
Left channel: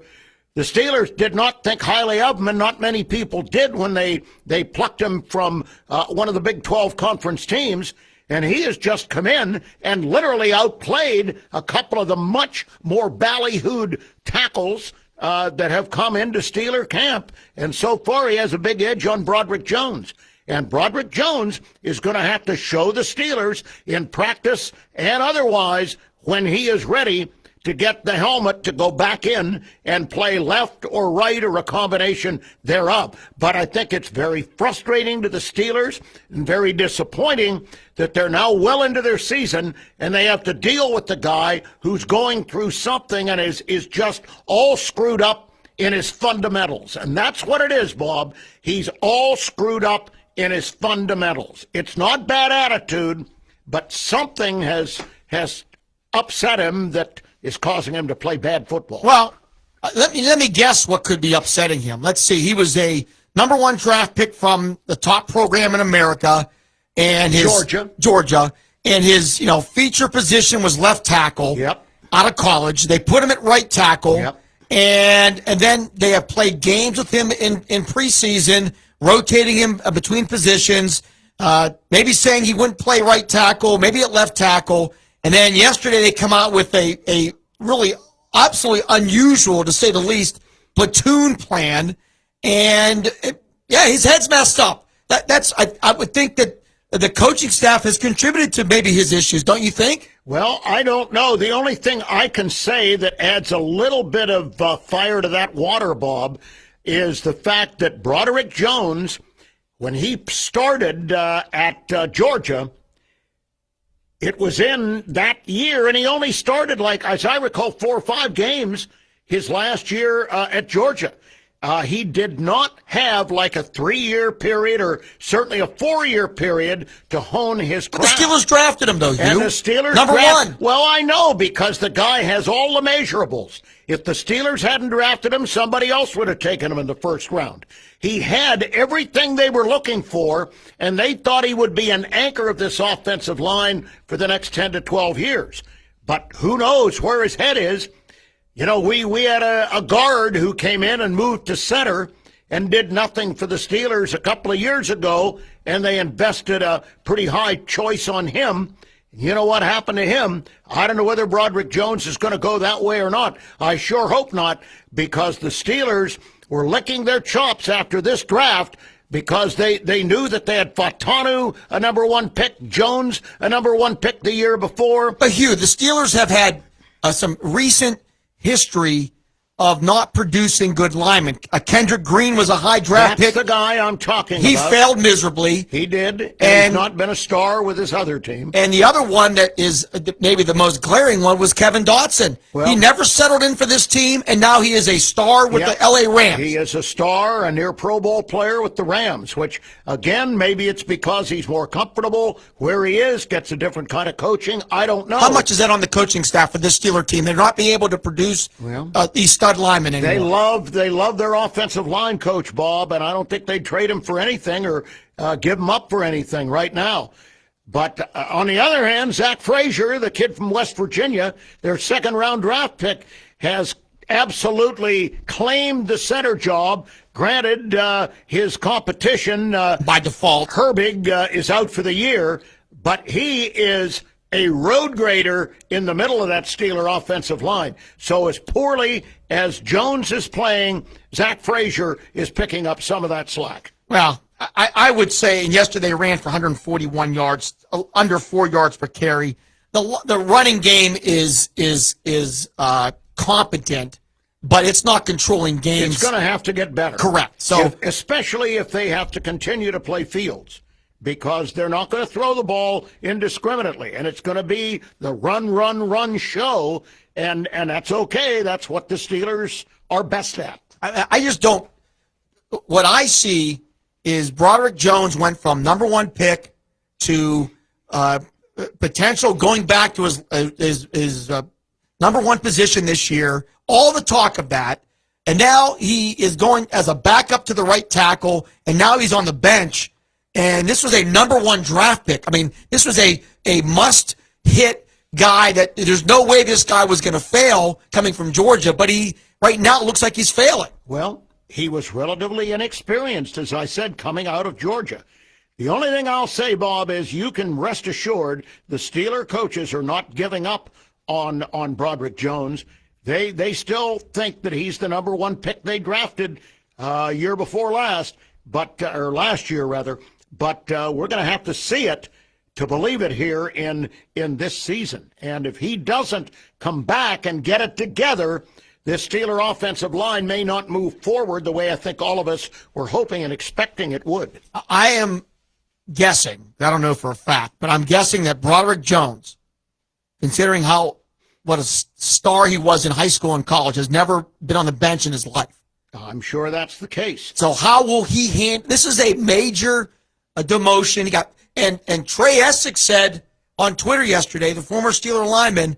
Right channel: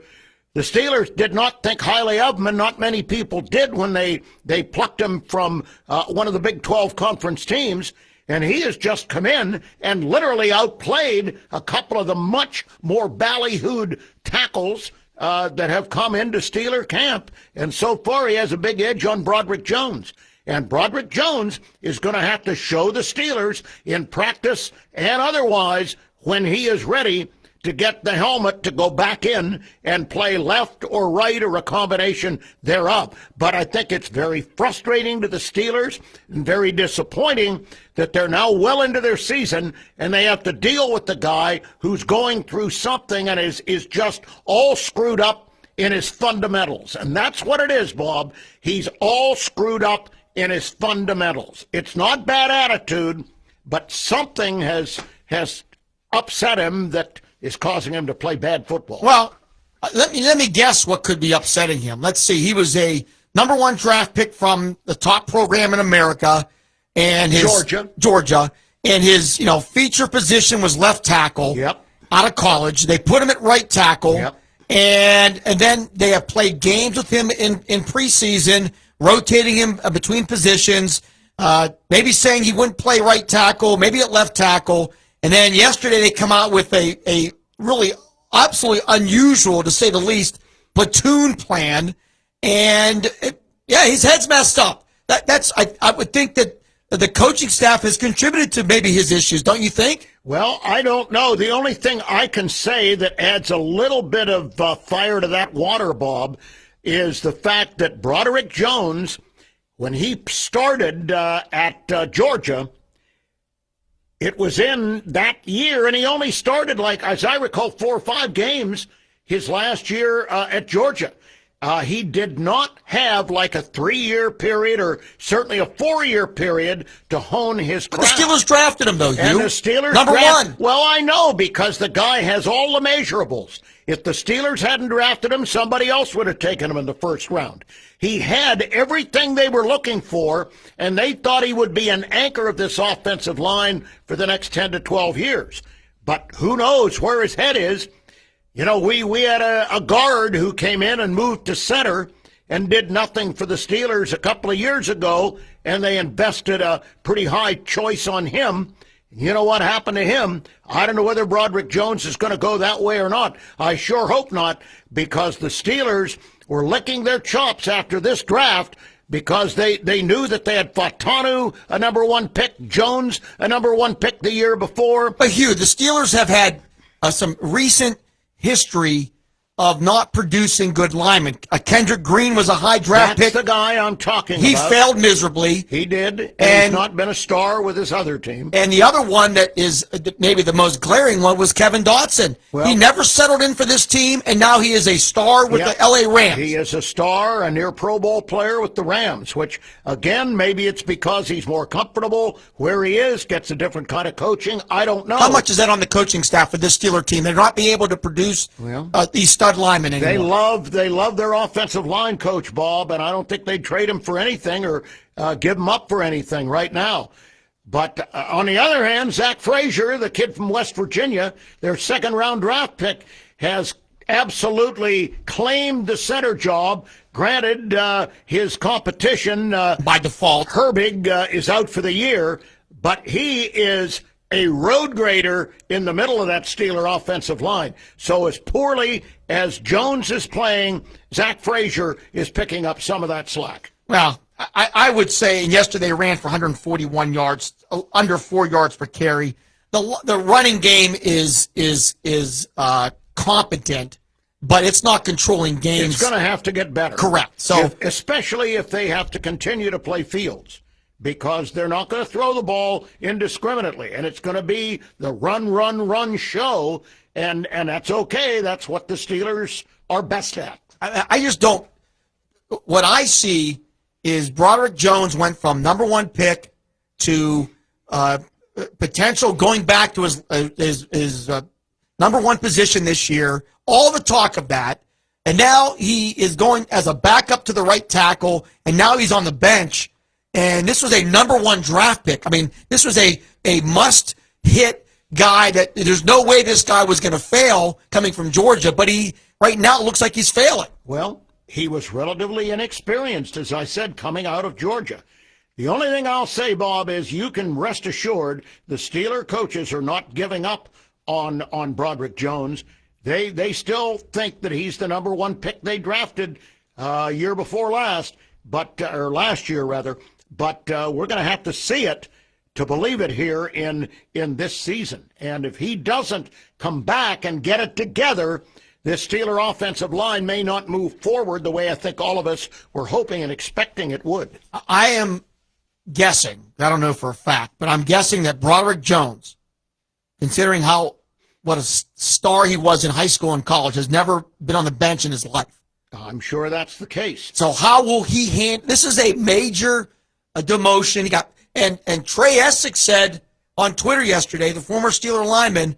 The Steelers did not think highly of him, and not many people did when they plucked him from one of the Big 12 conference teams. And he has just come in and literally outplayed a couple of the much more ballyhooed tackles that have come into Steeler camp. And so far, he has a big edge on Broderick Jones. And Broderick Jones is going to have to show the Steelers in practice and otherwise when he is ready to get the helmet to go back in and play left or right or a combination thereof. But I think it's very frustrating to the Steelers and very disappointing that they're now well into their season and they have to deal with the guy who's going through something and is just all screwed up in his fundamentals. And that's what it is, Bob. He's all screwed up in his fundamentals. It's not bad attitude, but something has upset him that is causing him to play bad football. Well, let me guess what could be upsetting him. Let's see. He was a number 1 draft pick from the top program in America, and Georgia, and his feature position was left tackle. Yep. Out of college. They put him at right tackle. Yep. And then they have played games with him in preseason, rotating him between positions, maybe saying he wouldn't play right tackle, maybe at left tackle. And then yesterday they come out with a really absolutely unusual, to say the least, platoon plan. And, his head's messed up. I would think that the coaching staff has contributed to maybe his issues, don't you think? Well, I don't know. The only thing I can say that adds a little bit of fire to that water, Bob, is the fact that Broderick Jones, when he started at Georgia, it was in that year, and he only started, as I recall, 4 or 5 games his last year at Georgia. He did not have a 3-year period or certainly a 4-year period to hone his craft. The Steelers drafted him, though. And the Steelers number 1. Well, I know, because the guy has all the measurables. If the Steelers hadn't drafted him, somebody else would have taken him in the first round. He had everything they were looking for, and they thought he would be an anchor of this offensive line for the next 10 to 12 years. But who knows where his head is. We had a guard who came in and moved to center and did nothing for the Steelers a couple of years ago, and they invested a pretty high choice on him. You know what happened to him? I don't know whether Broderick Jones is going to go that way or not. I sure hope not, because the Steelers were licking their chops after this draft because they knew that they had Fautanu, a number 1 pick, Jones, a number 1 pick the year before. But Hugh, the Steelers have had some recent history of not producing good linemen. Kendrick Green was a high draft That's pick. the guy I'm talking He about. failed miserably. He did, and he's not been a star with his other team. And the other one that is maybe the most glaring one was Kevin Dotson. He never settled in for this team, and now he is a star with the LA Rams. He is a star, a near Pro Bowl player with the Rams, which, again, maybe it's because he's more comfortable where he is, gets a different kind of coaching. I don't know. How much is that on the coaching staff of this Steeler team? They're not being able to produce these stud linemen anymore. They love their offensive line coach, Bob, and I don't think they'd trade him for anything or give him up for anything right now. But on the other hand, Zach Frazier, the kid from West Virginia, their second-round draft pick, has absolutely claimed the center job. Granted, his competition, by default, Herbig, is out for the year, but he is a road grader in the middle of that Steeler offensive line. So as poorly as Jones is playing, Zach Frazier is picking up some of that slack. Well, I would say yesterday ran for 141 yards, under 4 yards per carry. The running game is competent, but it's not controlling games. It's going to have to get better. Correct. So especially if they have to continue to play Fields, because they're not going to throw the ball indiscriminately, and it's going to be the run show, and that's okay. That's what the Steelers are best at. I just don't. What I see is Broderick Jones went from number one pick to potential going back to his number one position this year. All the talk of that, and now he is going as a backup to the right tackle, and now he's on the bench. And this was a number one draft pick. I mean, this was a must-hit guy that there's no way this guy was going to fail coming from Georgia, but he right now it looks like he's failing. Well, he was relatively inexperienced, as I said, coming out of Georgia. The only thing I'll say, Bob, is you can rest assured the Steeler coaches are not giving up on Broderick Jones. They still think that he's the number one pick they drafted year before last, or last year rather. But we're going to have to see it to believe it here in this season. And if he doesn't come back and get it together, this Steeler offensive line may not move forward the way I think all of us were hoping and expecting it would. I am guessing, I don't know for a fact, but I'm guessing that Broderick Jones, considering what a star he was in high school and college, has never been on the bench in his life. I'm sure that's the case. So how will he handle this? Is a major demotion. He got and Trey Essex said on Twitter yesterday, the former Steeler lineman,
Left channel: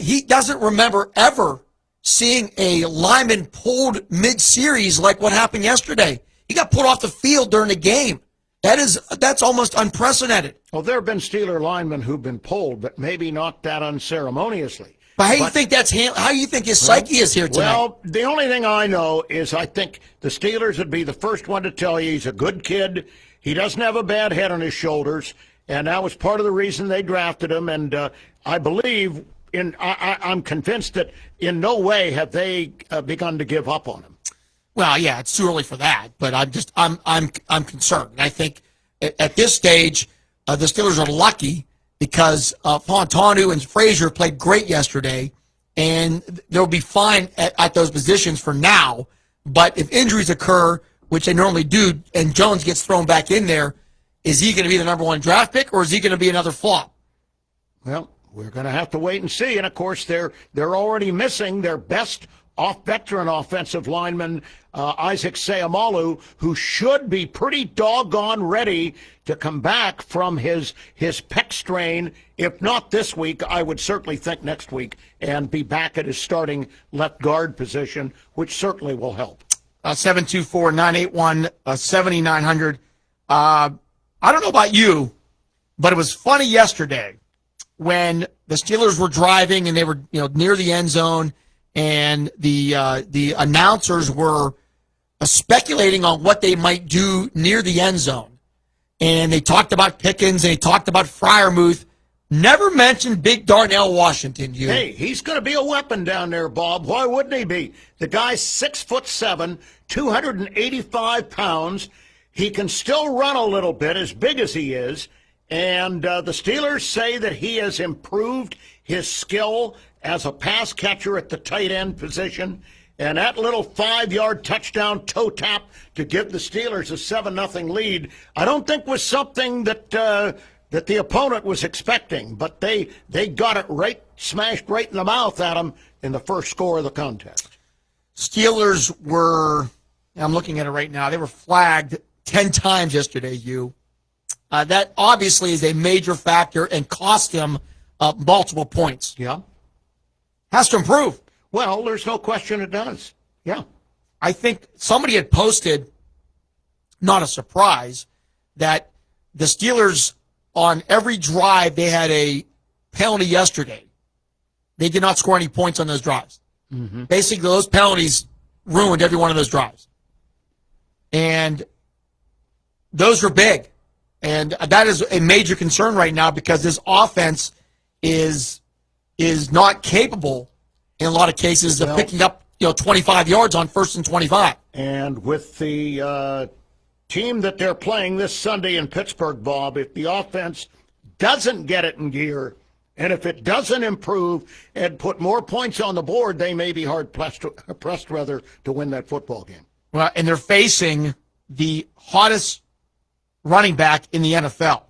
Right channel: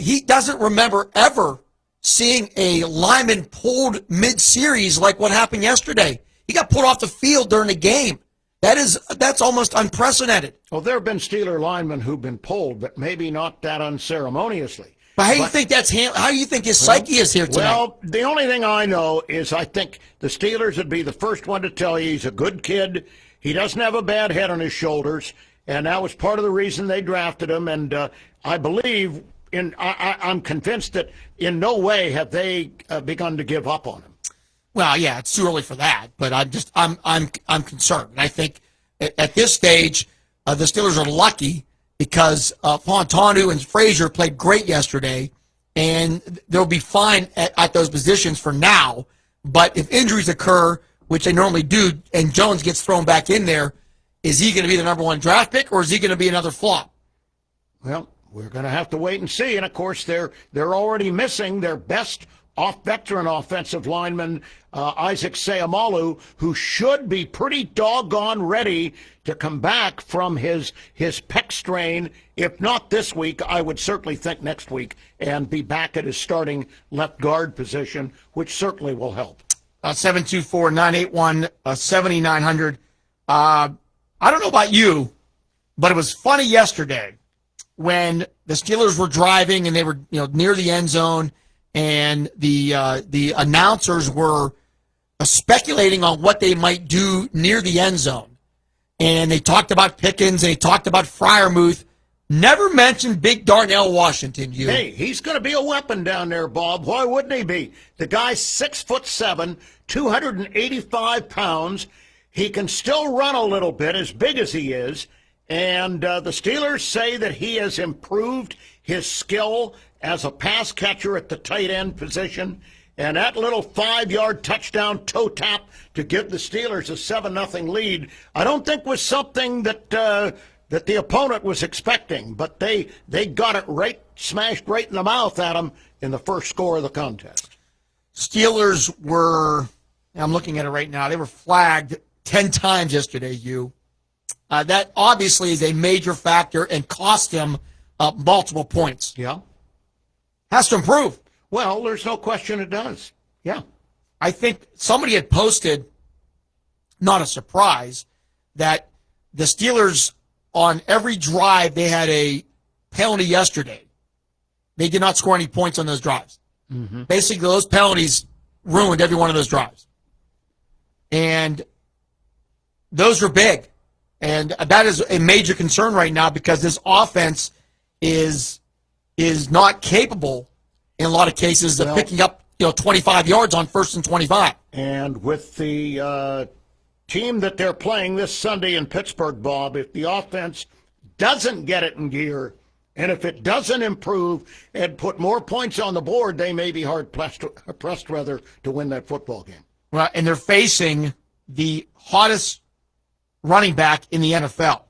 he doesn't remember ever seeing a lineman pulled mid-series like what happened yesterday. He got pulled off the field during the game. That's almost unprecedented. Well, there have been Steeler linemen who've been pulled, but maybe not that unceremoniously. But how do you think how do you think his psyche is here tonight? Well, the only thing I know is I think the Steelers would be the first one to tell you he's a good kid. He doesn't have a bad head on his shoulders, and that was part of the reason they drafted him. And I believe, I'm convinced that in no way have they begun to give up on him. Well, yeah, it's too early for that, but I'm concerned. I think at this stage, the Steelers are lucky because Fontanu and Frazier played great yesterday, and they'll be fine at those positions for now. But if injuries occur, which they normally do, and Jones gets thrown back in there, is he going to be the number one draft pick, or is he going to be another flop? Well, we're going to have to wait and see. And, of course, they're already missing their best veteran offensive lineman, Isaac Seumalo, who should be pretty doggone ready to come back from his pec strain. If not this week, I would certainly think next week, and be back at his starting left guard position, which certainly will help. 724-981-7900. I don't know about you, but it was funny yesterday when the Steelers were driving and they were near the end zone, and the announcers were speculating on what they might do near the end zone. And they talked about Pickens, they talked about Freiermuth, never mentioned big Darnell Washington. Hey, he's going to be a weapon down there, Bob. Why wouldn't he be? The guy's 6'7", 285 pounds. He can still run a little bit, as big as he is. And the Steelers say that he has improved his skill as a pass catcher at the tight end position. And that little 5-yard touchdown toe tap to give the Steelers a 7-0 lead, I don't think was something that the opponent was expecting. But they got it right, smashed right in the mouth at them in the first score of the contest. Steelers were, I'm looking at it right now, they were flagged 10 times yesterday, Hugh. That obviously is a major factor and cost him multiple points. Yeah. Has to improve. Well, there's no question it does. Yeah. I think somebody had posted, not a surprise, that the Steelers on every drive they had a penalty yesterday. They did not score any points on those drives. Mm-hmm. Basically, those penalties ruined every one of those drives. And those are big. And that is a major concern right now because this offense is not capable in a lot of cases of picking up 25 yards on 1st and 25. And with the team that they're playing this Sunday in Pittsburgh, Bob, if the offense doesn't get it in gear, and if it doesn't improve and put more points on the board, they may be hard-pressed to win that football game. Well, and they're facing the hottest running back in the NFL,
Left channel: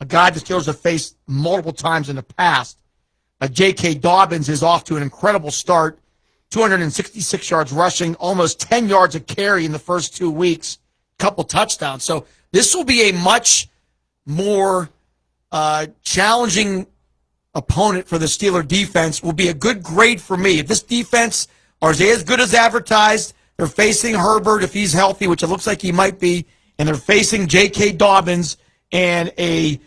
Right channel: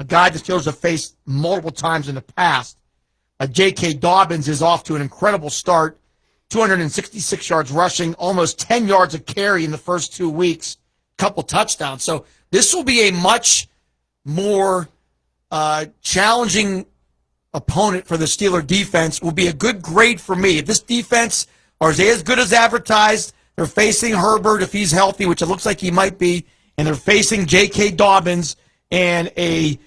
a guy the Steelers have faced multiple times in the past. J.K. Dobbins is off to an incredible start, 266 yards rushing, almost 10 yards a carry in the first 2 weeks, couple touchdowns. So this will be a much more challenging opponent for the Steeler defense. Will be a good grade for me. If this defense are as good as advertised, they're facing Herbert if he's healthy, which it looks like he might be, and they're facing J.K. Dobbins and a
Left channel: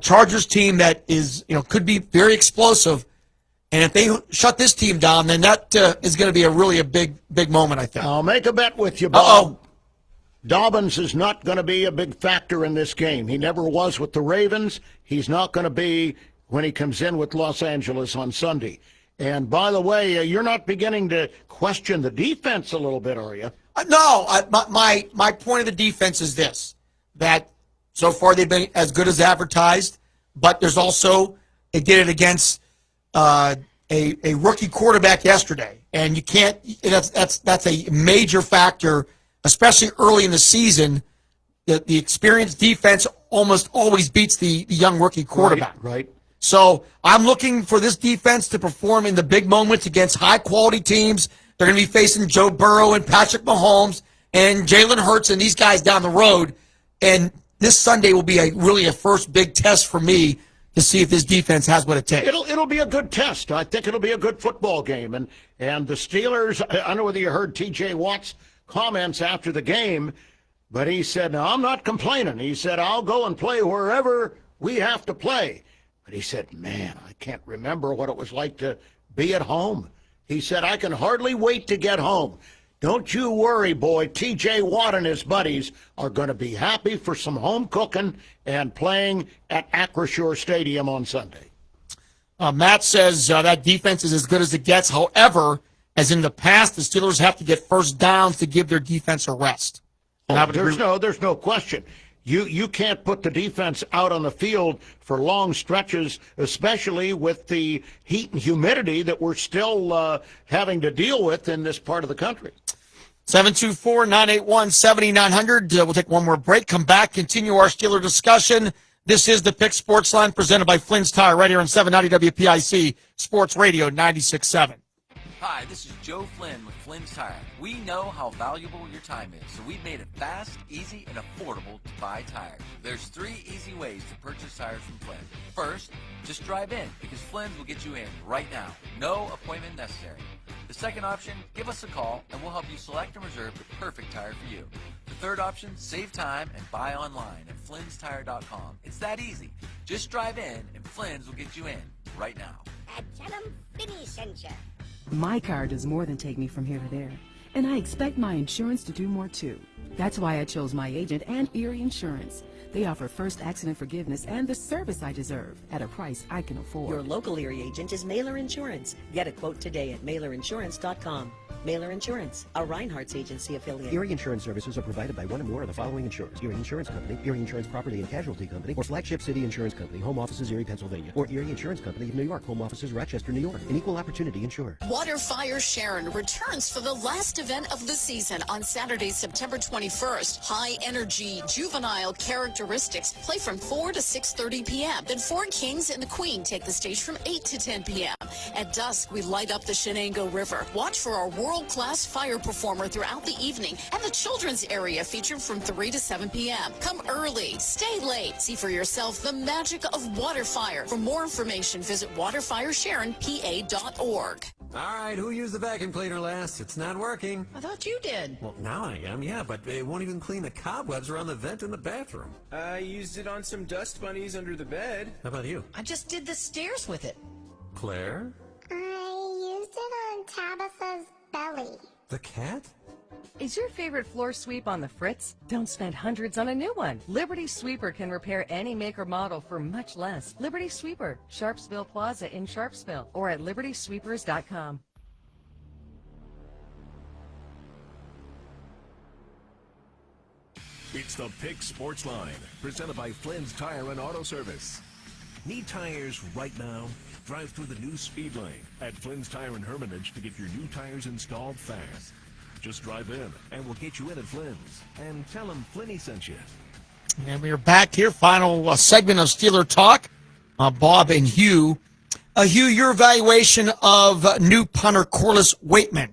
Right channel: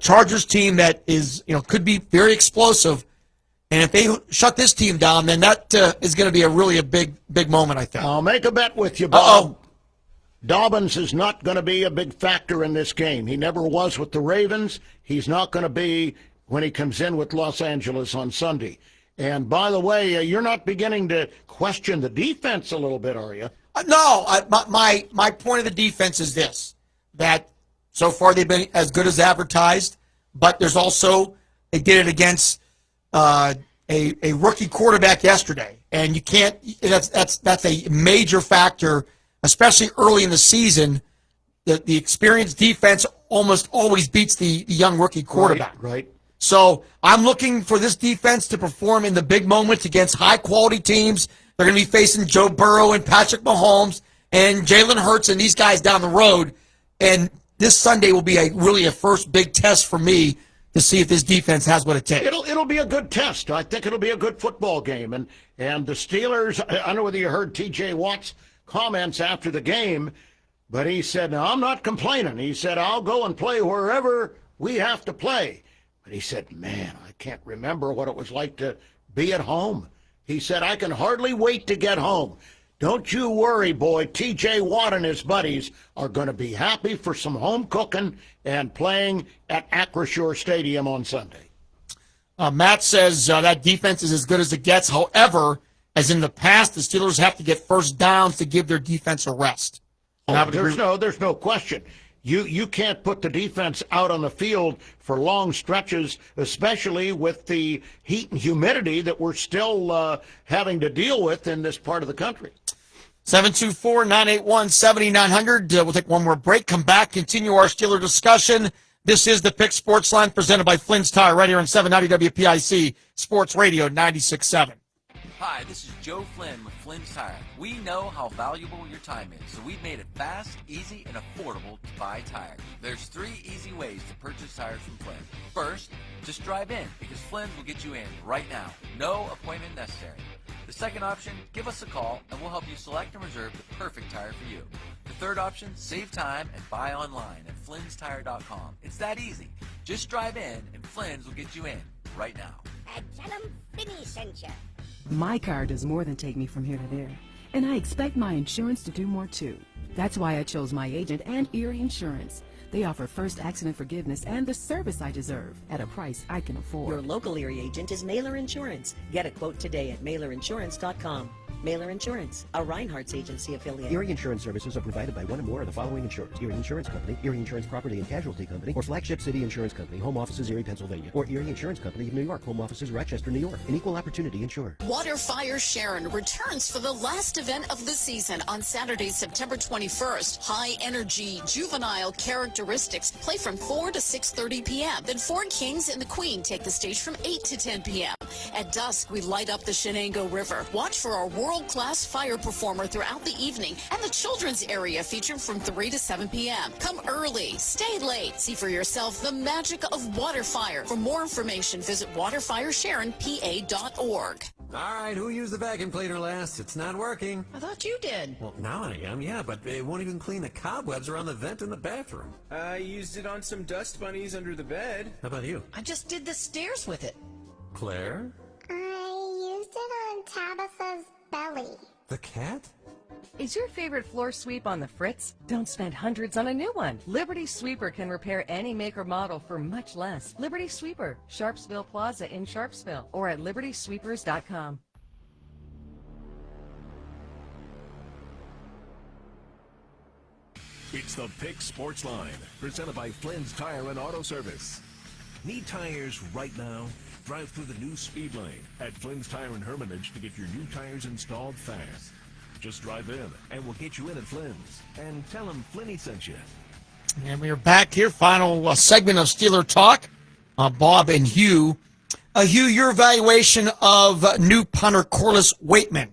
Chargers team that is could be very explosive. And if they shut this team down, then that is going to be a big moment, I think. I'll make a bet with you, Bob. Dobbins is not going to be a big factor in this game. He never was with the Ravens. He's not going to be when he comes in with Los Angeles on Sunday. And by the way, you're not beginning to question the defense a little bit, are you? No. My point of the defense is this, that so far they've been as good as advertised, but there's also, they did it against a rookie quarterback yesterday. And you can't, that's a major factor, especially early in the season. The experienced defense almost always beats the young rookie quarterback. Right. So I'm looking for this defense to perform in the big moments against high-quality teams. They're going to be facing Joe Burrow and Patrick Mahomes and Jalen Hurts and these guys down the road. And this Sunday will be really a first big test for me to see if this defense has what it takes. It'll be a good test. I think it'll be a good football game. And the Steelers, I don't know whether you heard T.J. Watt's comments after the game, but he said, "No, I'm not complaining." He said, "I'll go and play wherever we have to play." But he said, "Man, I can't remember what it was like to be at home." He said, "I can hardly wait to get home." Don't you worry, boy. T.J. Watt and his buddies are going to be happy for some home cooking and playing at Acrisure Stadium on Sunday. Matt says that defense is as good as it gets. However, as in the past, the Steelers have to get first downs to give their defense a rest. There's no question. You can't put the defense out on the field for long stretches, especially with the heat and humidity that we're still having to deal with in this part of the country. 724-981-7900. We'll take one more break, come back, continue our Steeler discussion. This is the Pick Sports Line presented by Flynn's Tire right here on 790 WPIC Sports Radio 96.7. Hi, this is Joe Flynn with Flynn's Tire. We know how valuable your time is, so we made it fast, easy, and affordable to buy tires. There's 3 easy ways to purchase tires from Flynn. First, just drive in, because Flynn will get you in right now. No appointment necessary. The second option, give us a call, and we'll help you select and reserve the perfect tire for you. The third option, save time and buy online at Flynn'sTire.com. It's that easy. Just drive in, and Flynn's will get you in right now. Tell them Finny sent you. My car does more than take me from here to there, and I expect my insurance to do more too. That's why I chose my agent and Erie Insurance. They offer first accident forgiveness and the service I deserve at a price I can afford. Your local Erie agent is Mailer Insurance. Get a quote today at MailerInsurance.com. Mailer Insurance, a Reinhardt's agency affiliate. Erie Insurance Services are provided by one or more of the following insurers: Erie Insurance Company, Erie Insurance Property and Casualty Company, or Flagship City Insurance Company, home offices Erie, Pennsylvania, or Erie Insurance Company of New York, home offices Rochester, New York. An equal opportunity insurer. Waterfire Sharon returns for the last event of the season on Saturday, September 21st. High energy, juvenile characteristics play from 4 to 6:30 p.m. Then Four Kings and the Queen take the stage from 8 to 10 p.m. At dusk, we light up the Shenango River. Watch for our world-class fire performer throughout the evening, and the children's area featured from 3 to 7 p.m. Come early, stay late. See for yourself the magic of Waterfire. For more information, visit waterfiresharonpa.org. All right, who used the vacuum cleaner last? It's not working. I thought you did. Well, now I am, yeah, but it won't even clean the cobwebs around the vent in the bathroom. I used it on some dust bunnies under the bed. How about you? I just did the stairs with it. Claire? I used it on Tabitha's belly. The cat? Is your favorite floor sweep on the fritz? Don't spend hundreds on a new one. Liberty Sweeper can repair any make or model for much less. Liberty Sweeper, Sharpsville Plaza in Sharpsville, or at libertysweepers.com. It's the Pick Sports Line, presented by Flynn's Tire and Auto Service. Need tires right now? Drive through the new speed lane at Flynn's Tire and Hermitage to get your new tires installed fast. Just drive in, and we'll get you in at Flynn's. And tell them Flinny sent you. And we are back here, final segment of Steeler Talk. Bob and Hugh. Hugh, your evaluation of new punter Corliss Waitman.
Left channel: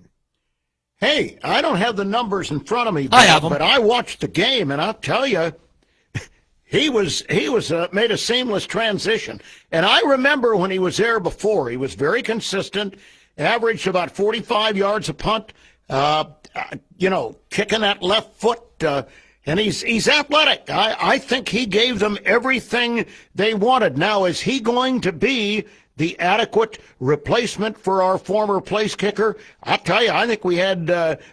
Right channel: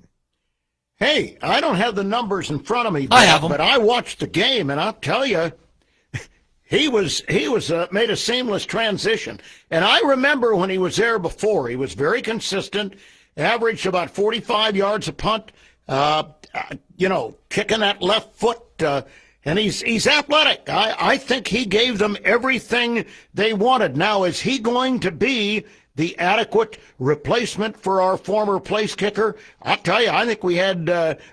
Hey, I don't have the numbers in front of me, I have them. but I watched the game, and I'll tell you, he made a seamless transition. And I remember when he was there before, he was very consistent, averaged about 45 yards a punt, kicking that left foot, and he's athletic. I think he gave them everything they wanted. Now, is he going to be the adequate replacement for our former place kicker? I'll tell you, I think we had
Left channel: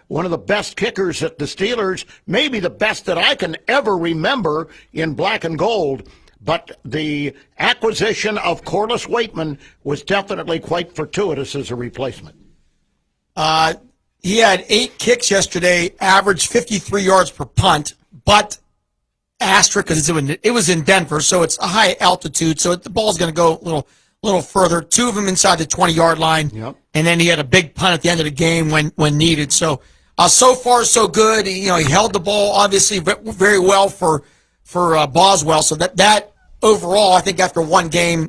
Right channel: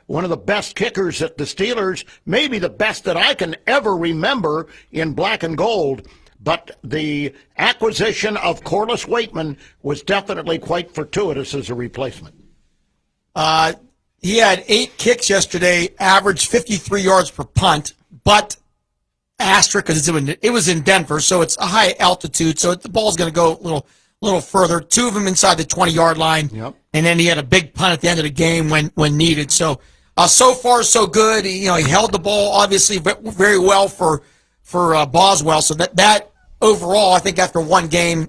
one of the best kickers at the Steelers, maybe the best that I can ever remember in black and gold. But the acquisition of Corliss Waitman was definitely quite fortuitous as a replacement. He had 8 kicks yesterday, averaged 53 yards per punt, but asterisk, because it was in Denver, so it's a high altitude, so the ball's going to go a little further. 2 of them inside the 20-yard line, Yep. And then he had a big punt at the end of the game when needed. So so far so good. He held the ball obviously very well for Boswell. So that overall, I think after one game,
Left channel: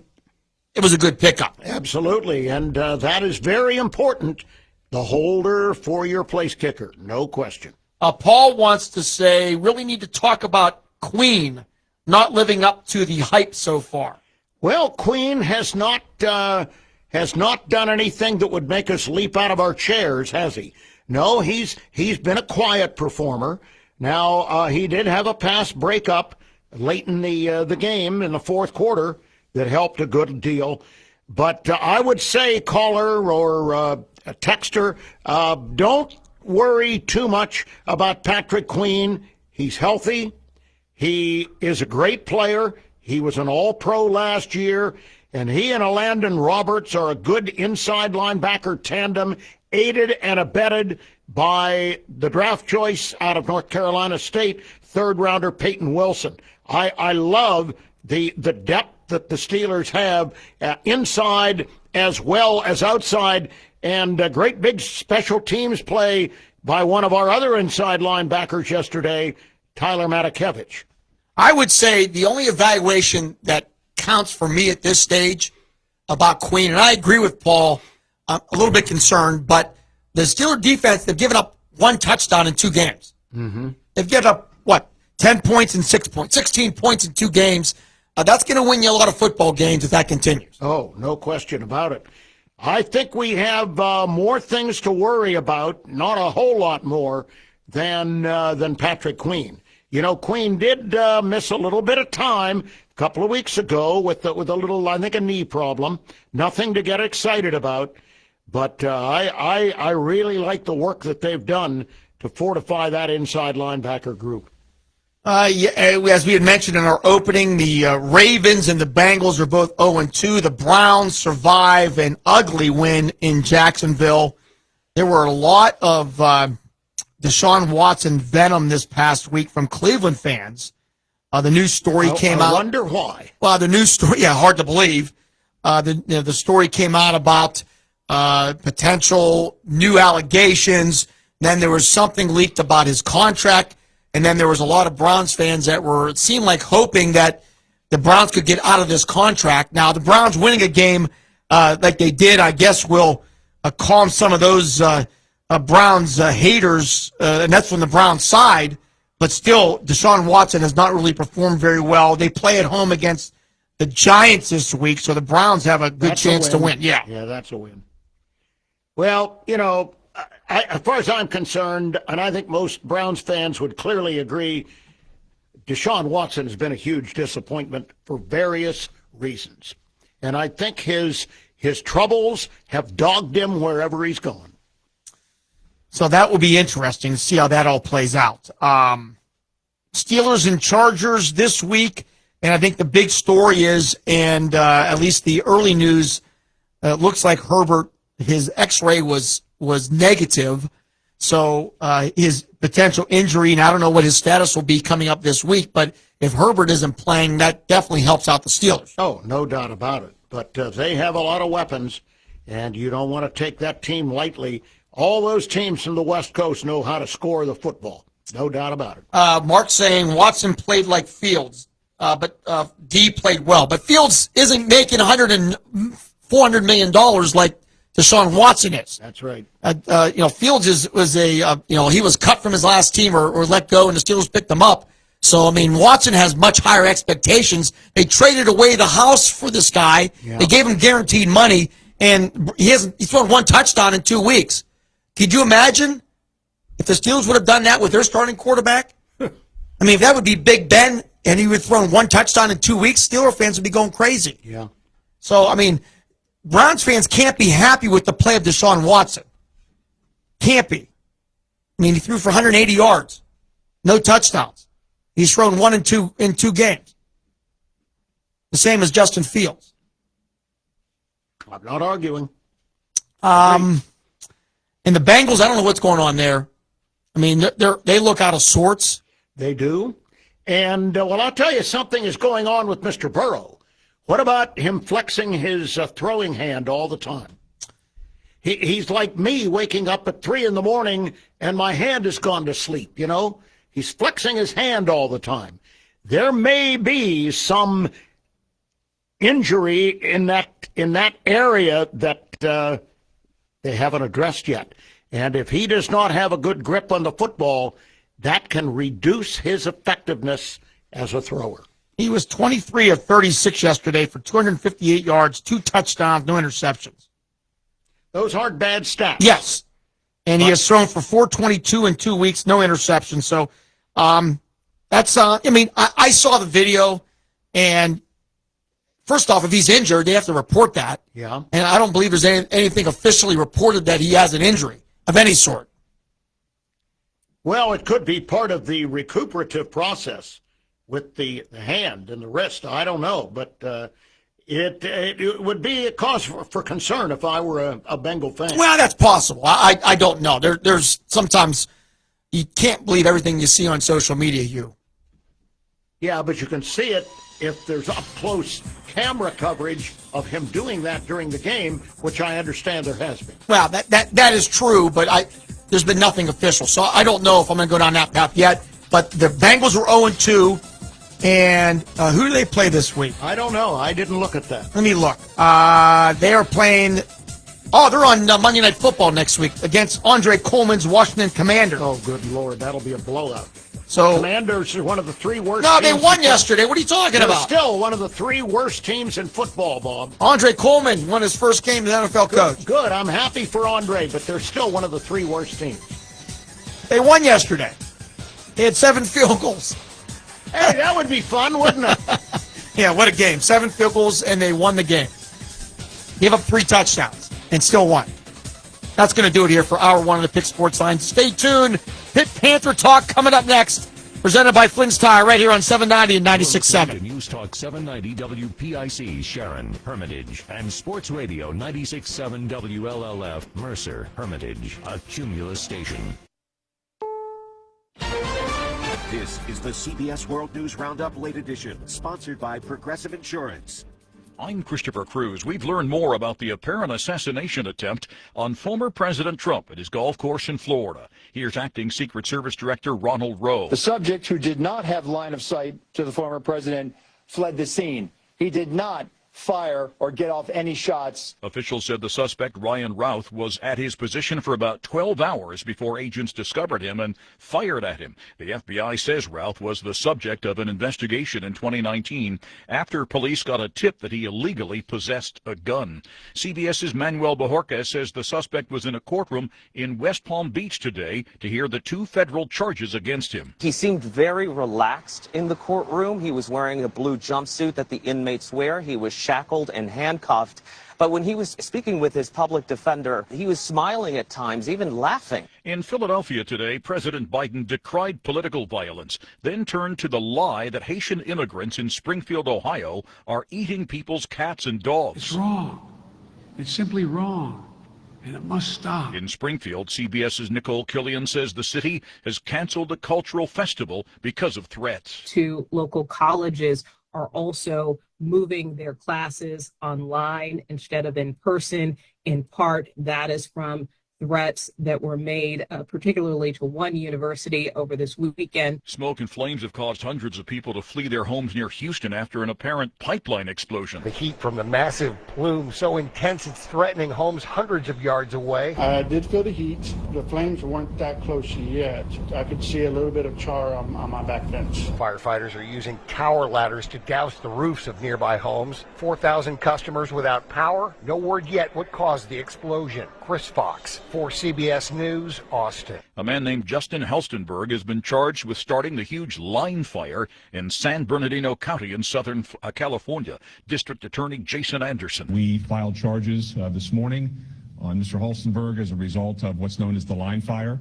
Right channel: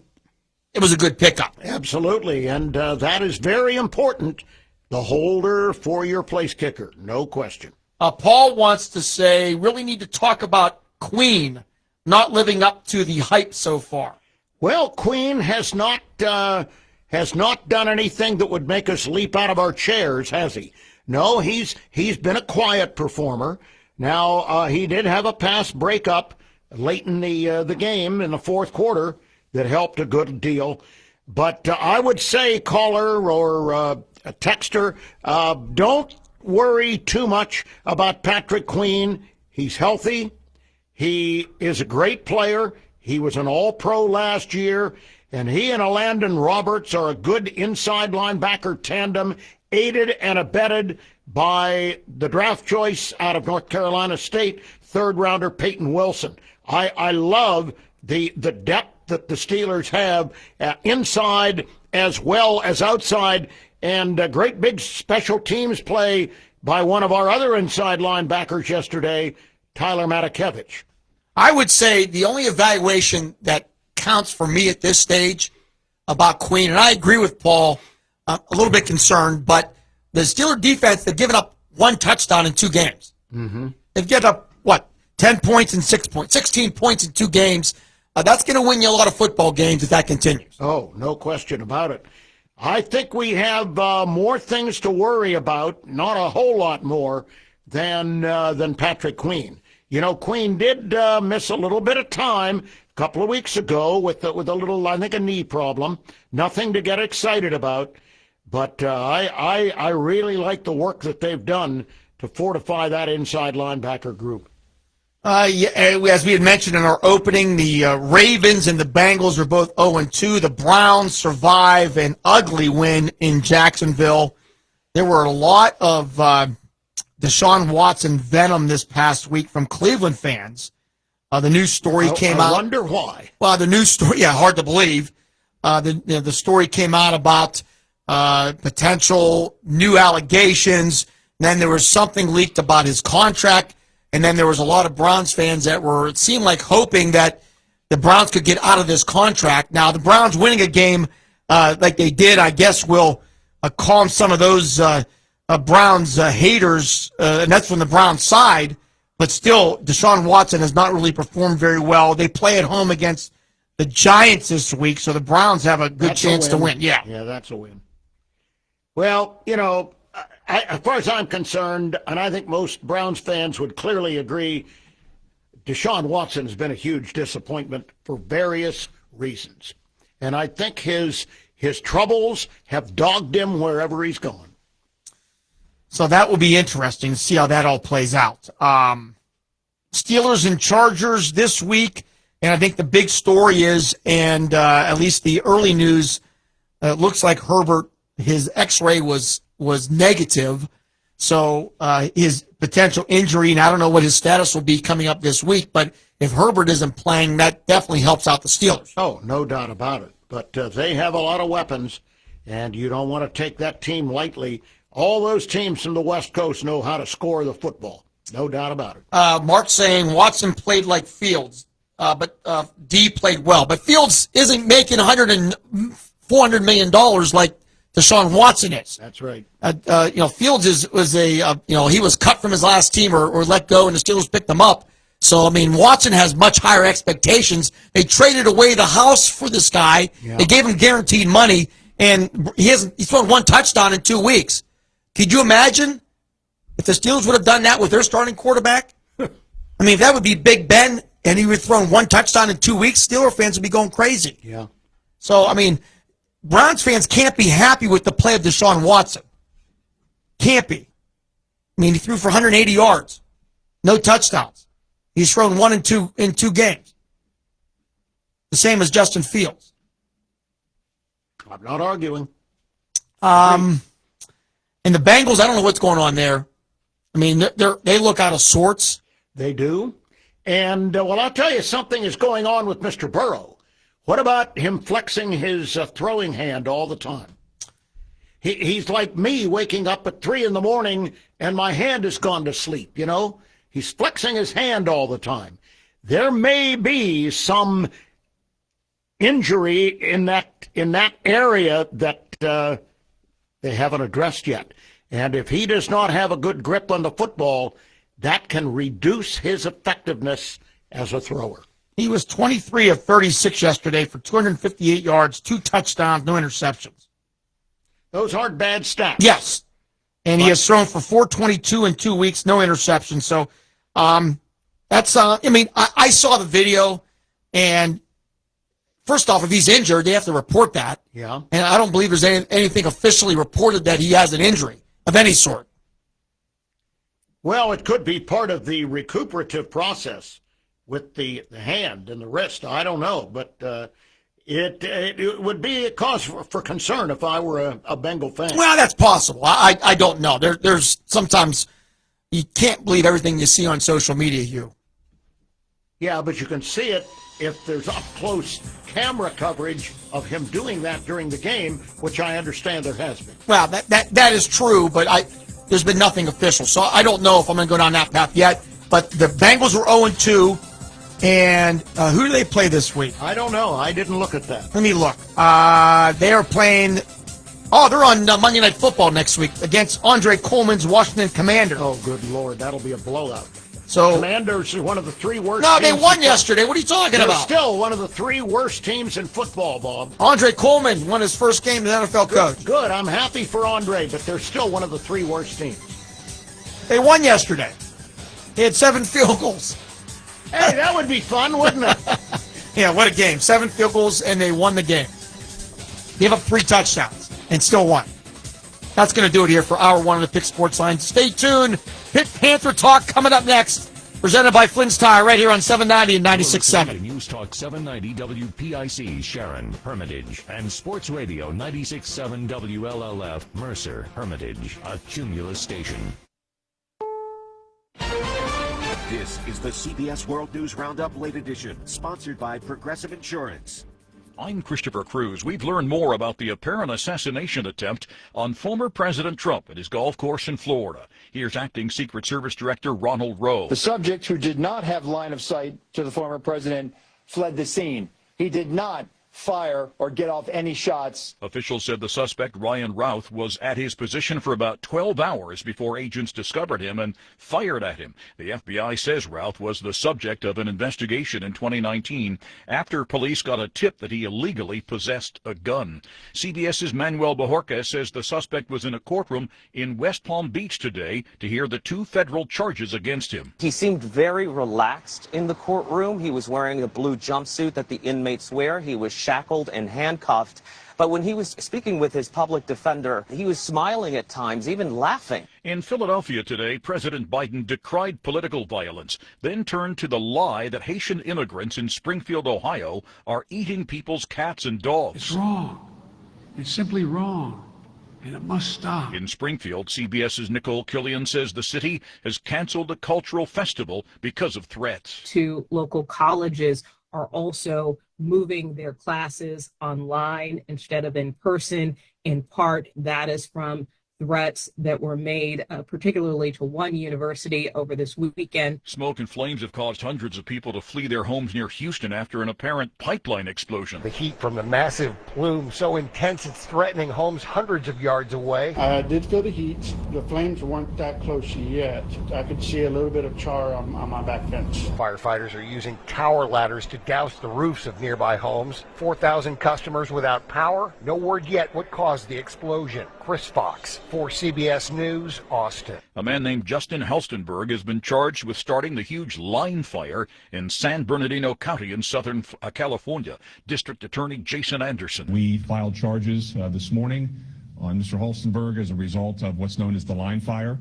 it was a good pickup. Absolutely, and that is very important. The holder for your place kicker, no question. Paul wants to say, really need to talk about Queen not living up to the hype so far. Well, Queen has not done anything that would make us leap out of our chairs, has he? No, he's been a quiet performer. Now, he did have a pass breakup late in the game in the fourth quarter that helped a good deal. But I would say, caller or texter, don't worry too much about Patrick Queen. He's healthy. He is a great player. He was an all-pro last year, and he and Landon Roberts are a good inside linebacker tandem, aided and abetted by the draft choice out of North Carolina State, third-rounder Peyton Wilson. I love the depth that the Steelers have inside as well as outside, and a great big special teams play by one of our other inside linebackers yesterday, Tyler Matakevich. I would say the only evaluation that counts for me at this stage about Queen, and I agree with Paul, a little bit concerned, but the Steeler defense, they've given up 1 touchdown in 2 games. Mm-hmm. They've given up, 10 points in 6 points, 16 points in 2 games. That's going to win you a lot of football games if that continues. Oh, no question about it. I think we have more things to worry about, not a whole lot more, than Patrick Queen. Queen did miss a little bit of time a couple of weeks ago with a little, I think, a knee problem. Nothing to get excited about. But I really like the work that they've done to fortify that inside linebacker group. As we had mentioned in our opening, the Ravens and the Bengals are both 0-2. The Browns survive an ugly win in Jacksonville. there were a lot of Deshaun Watson venom this past week from Cleveland fans. The news story came out. I wonder why. Well, the news story, yeah, hard to believe. The story came out about potential new allegations. And then there was something leaked about his contract. And then there was a lot of Browns fans that were, it seemed like, hoping that the Browns could get out of this contract. Now, the Browns winning a game like they did, I guess, will calm some of those Browns haters, and that's from the Browns side. But still, Deshaun Watson has not really performed very well. They play at home against the Giants this week, so the Browns have a good chance to win. Yeah, that's a win. Well, you know, as far as I'm concerned, and I think most Browns fans would clearly agree, Deshaun Watson has been a huge disappointment for various reasons. And I think his troubles have dogged him wherever he's gone. So that will be interesting to see how that all plays out. Steelers and Chargers this week, and I think the big story is, and at least the early news, it looks like Herbert, his X-ray was negative, so his potential injury, and I don't know what his status will be coming up this week, but if Herbert isn't playing, that definitely helps out the Steelers. Oh, no doubt about it. But they have a lot of weapons, and you don't want to take that team lightly. All those teams from the West Coast know how to score the football. No doubt about it. Mark's saying Watson played like Fields, but D played well. But Fields isn't making $400 million like Deshaun Watson is. That's right. Fields was he was cut from his last team or let go, and the Steelers picked him up. So, I mean, Watson has much higher expectations. They traded away the house for this guy. Yeah. They gave him guaranteed money, and he's thrown one touchdown in 2 weeks. Could you imagine if the Steelers would have done that with their starting quarterback? I mean, that would be Big Ben, and he would have thrown one touchdown in 2 weeks. Steelers fans would be going crazy. Yeah. So, I mean, Browns fans can't be happy with the play of Deshaun Watson. Can't be. I mean, he threw for 180 yards. No touchdowns. He's thrown one in two games. The same as Justin Fields. I'm not arguing. And the Bengals, I don't know what's going on there. I mean, they look out of sorts. They do. And, well, I'll tell you, something is going on with Mr. Burrow. What about him flexing his throwing hand all the time? He's like me waking up at 3 a.m. and my hand has gone to sleep, you know? He's flexing his hand all the time. There may be some injury in that area that they haven't addressed yet. And if he does not have a good grip on the football, that can reduce his effectiveness as a thrower. He was 23 of 36 yesterday for 258 yards, 2 touchdowns, no interceptions. Those aren't bad stats. Yes. And he has thrown for 422 in 2 weeks, no interceptions. So that's, I saw the video, and first off, if he's injured, they have to report that. Yeah. And I don't believe there's anything officially reported that he has an injury of any sort. Well, it could be part of the recuperative process with the hand and the wrist. I don't know, but it would be a cause for concern if I were a Bengal fan. Well, that's possible. I don't know. There's sometimes you can't believe everything you see on social media. Yeah, but you can see it if there's up-close camera coverage of him doing that during the game, which I understand there has been. Well, that is true, but there's been nothing official, so I don't know if I'm going to go down that path yet. But the Bengals were 0-2, and who do they play this week? I don't know. I didn't look at that. Let me look. They are playing... Oh, they're on Monday Night Football next week against Andre Coleman's Washington Commanders. Oh, good Lord. That'll be a blowout. So Commanders are one of the 3 worst teams. No, they won yesterday. What are you talking They're about? Still one of the 3 worst teams in football, Bob. Andre Coleman won his first game as NFL coach. Good. I'm happy for Andre, but they're still one of the 3 worst teams. They won yesterday. They had 7 field goals. Hey, that would be fun, wouldn't it? Yeah, what a game. 7 field goals, and they won the game. Gave up 3 touchdowns and still won. That's going to do it here for Hour 1 of the Pick Sports Line. Stay tuned. Pitt Panther Talk coming up next. Presented by Flynn's Tire right here on 790 and 96.7. News Talk 790 WPIC, Sharon, Hermitage, and Sports Radio 96.7 WLLF, Mercer, Hermitage, a Cumulus station. This is the CBS World News Roundup Late Edition, sponsored by Progressive Insurance. I'm Christopher Cruz. We've learned more about the apparent assassination attempt on former President Trump at his golf course in Florida. Here's Acting Secret Service Director Ronald Rowe. The subject, who did not have line of sight to the former president, fled the scene. He did not fire or get off any shots. Officials said the suspect, Ryan Routh, was at his position for about 12 hours before agents discovered him and fired at him. The FBI says Routh was the subject of an investigation in 2019 after police got a tip that he illegally possessed a gun. CBS's Manuel Bajorquez says the suspect was in a courtroom in West Palm Beach today to hear the 2 federal charges against him. He seemed very relaxed in the courtroom. He was wearing a blue jumpsuit that the inmates wear. He was shackled and handcuffed. But when he was speaking with his public defender, he was smiling at times, even laughing. In Philadelphia today, President Biden decried political violence, then turned to the lie that Haitian immigrants in Springfield, Ohio, are eating people's cats and dogs. It's wrong. It's simply wrong. And it must stop. In Springfield, CBS's Nicole Killian says the city has canceled a cultural festival because of threats. 2 local colleges are also moving their classes online instead of in person. In part, that is from threats that were made, particularly to one university over this weekend. Smoke and flames have caused hundreds of people to flee their homes near Houston after an apparent pipeline explosion. The heat from the massive plume so intense it's threatening homes hundreds of yards away. I did feel the heat. The flames weren't that close yet. I could see a little bit of char on my back fence. Firefighters are using tower ladders to douse the roofs of nearby homes. 4,000 customers without power. No word yet what caused the explosion. Chris Fox for CBS News, Austin. A man named Justin Helstenberg has been charged with starting the huge line fire in San Bernardino County in Southern California. District Attorney Jason Anderson. We filed charges this morning on Mr. Helstenberg as a result of what's known as the line fire.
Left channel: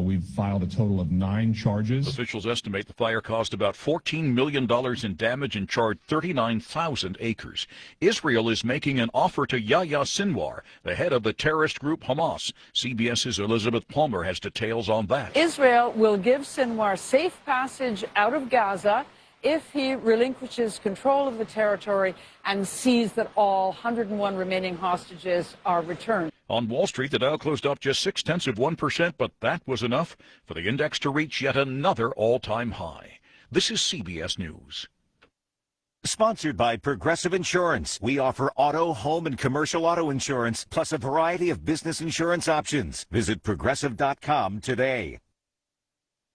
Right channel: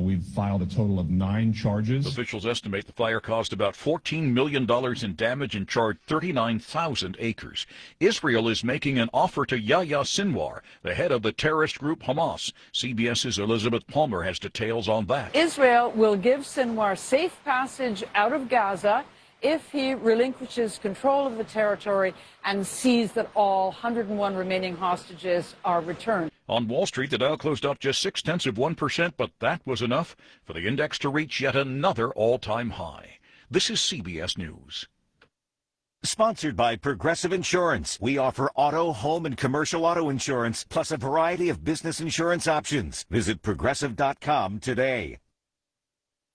We've filed a total of 9 charges. Officials estimate the fire caused about $14 million in damage and charred 39,000 acres. Israel is making an offer to Yahya Sinwar, the head of the terrorist group Hamas. CBS's Elizabeth Palmer has details on that. Israel will give Sinwar safe passage out of Gaza if he relinquishes control of the territory and sees that all 101 remaining hostages are returned. On Wall Street, the Dow closed up just 0.6%, but that was enough for the index to reach yet another all-time high. This is CBS News. Sponsored by Progressive Insurance. We offer auto, home, and commercial auto insurance, plus a variety of business insurance options. Visit Progressive.com today.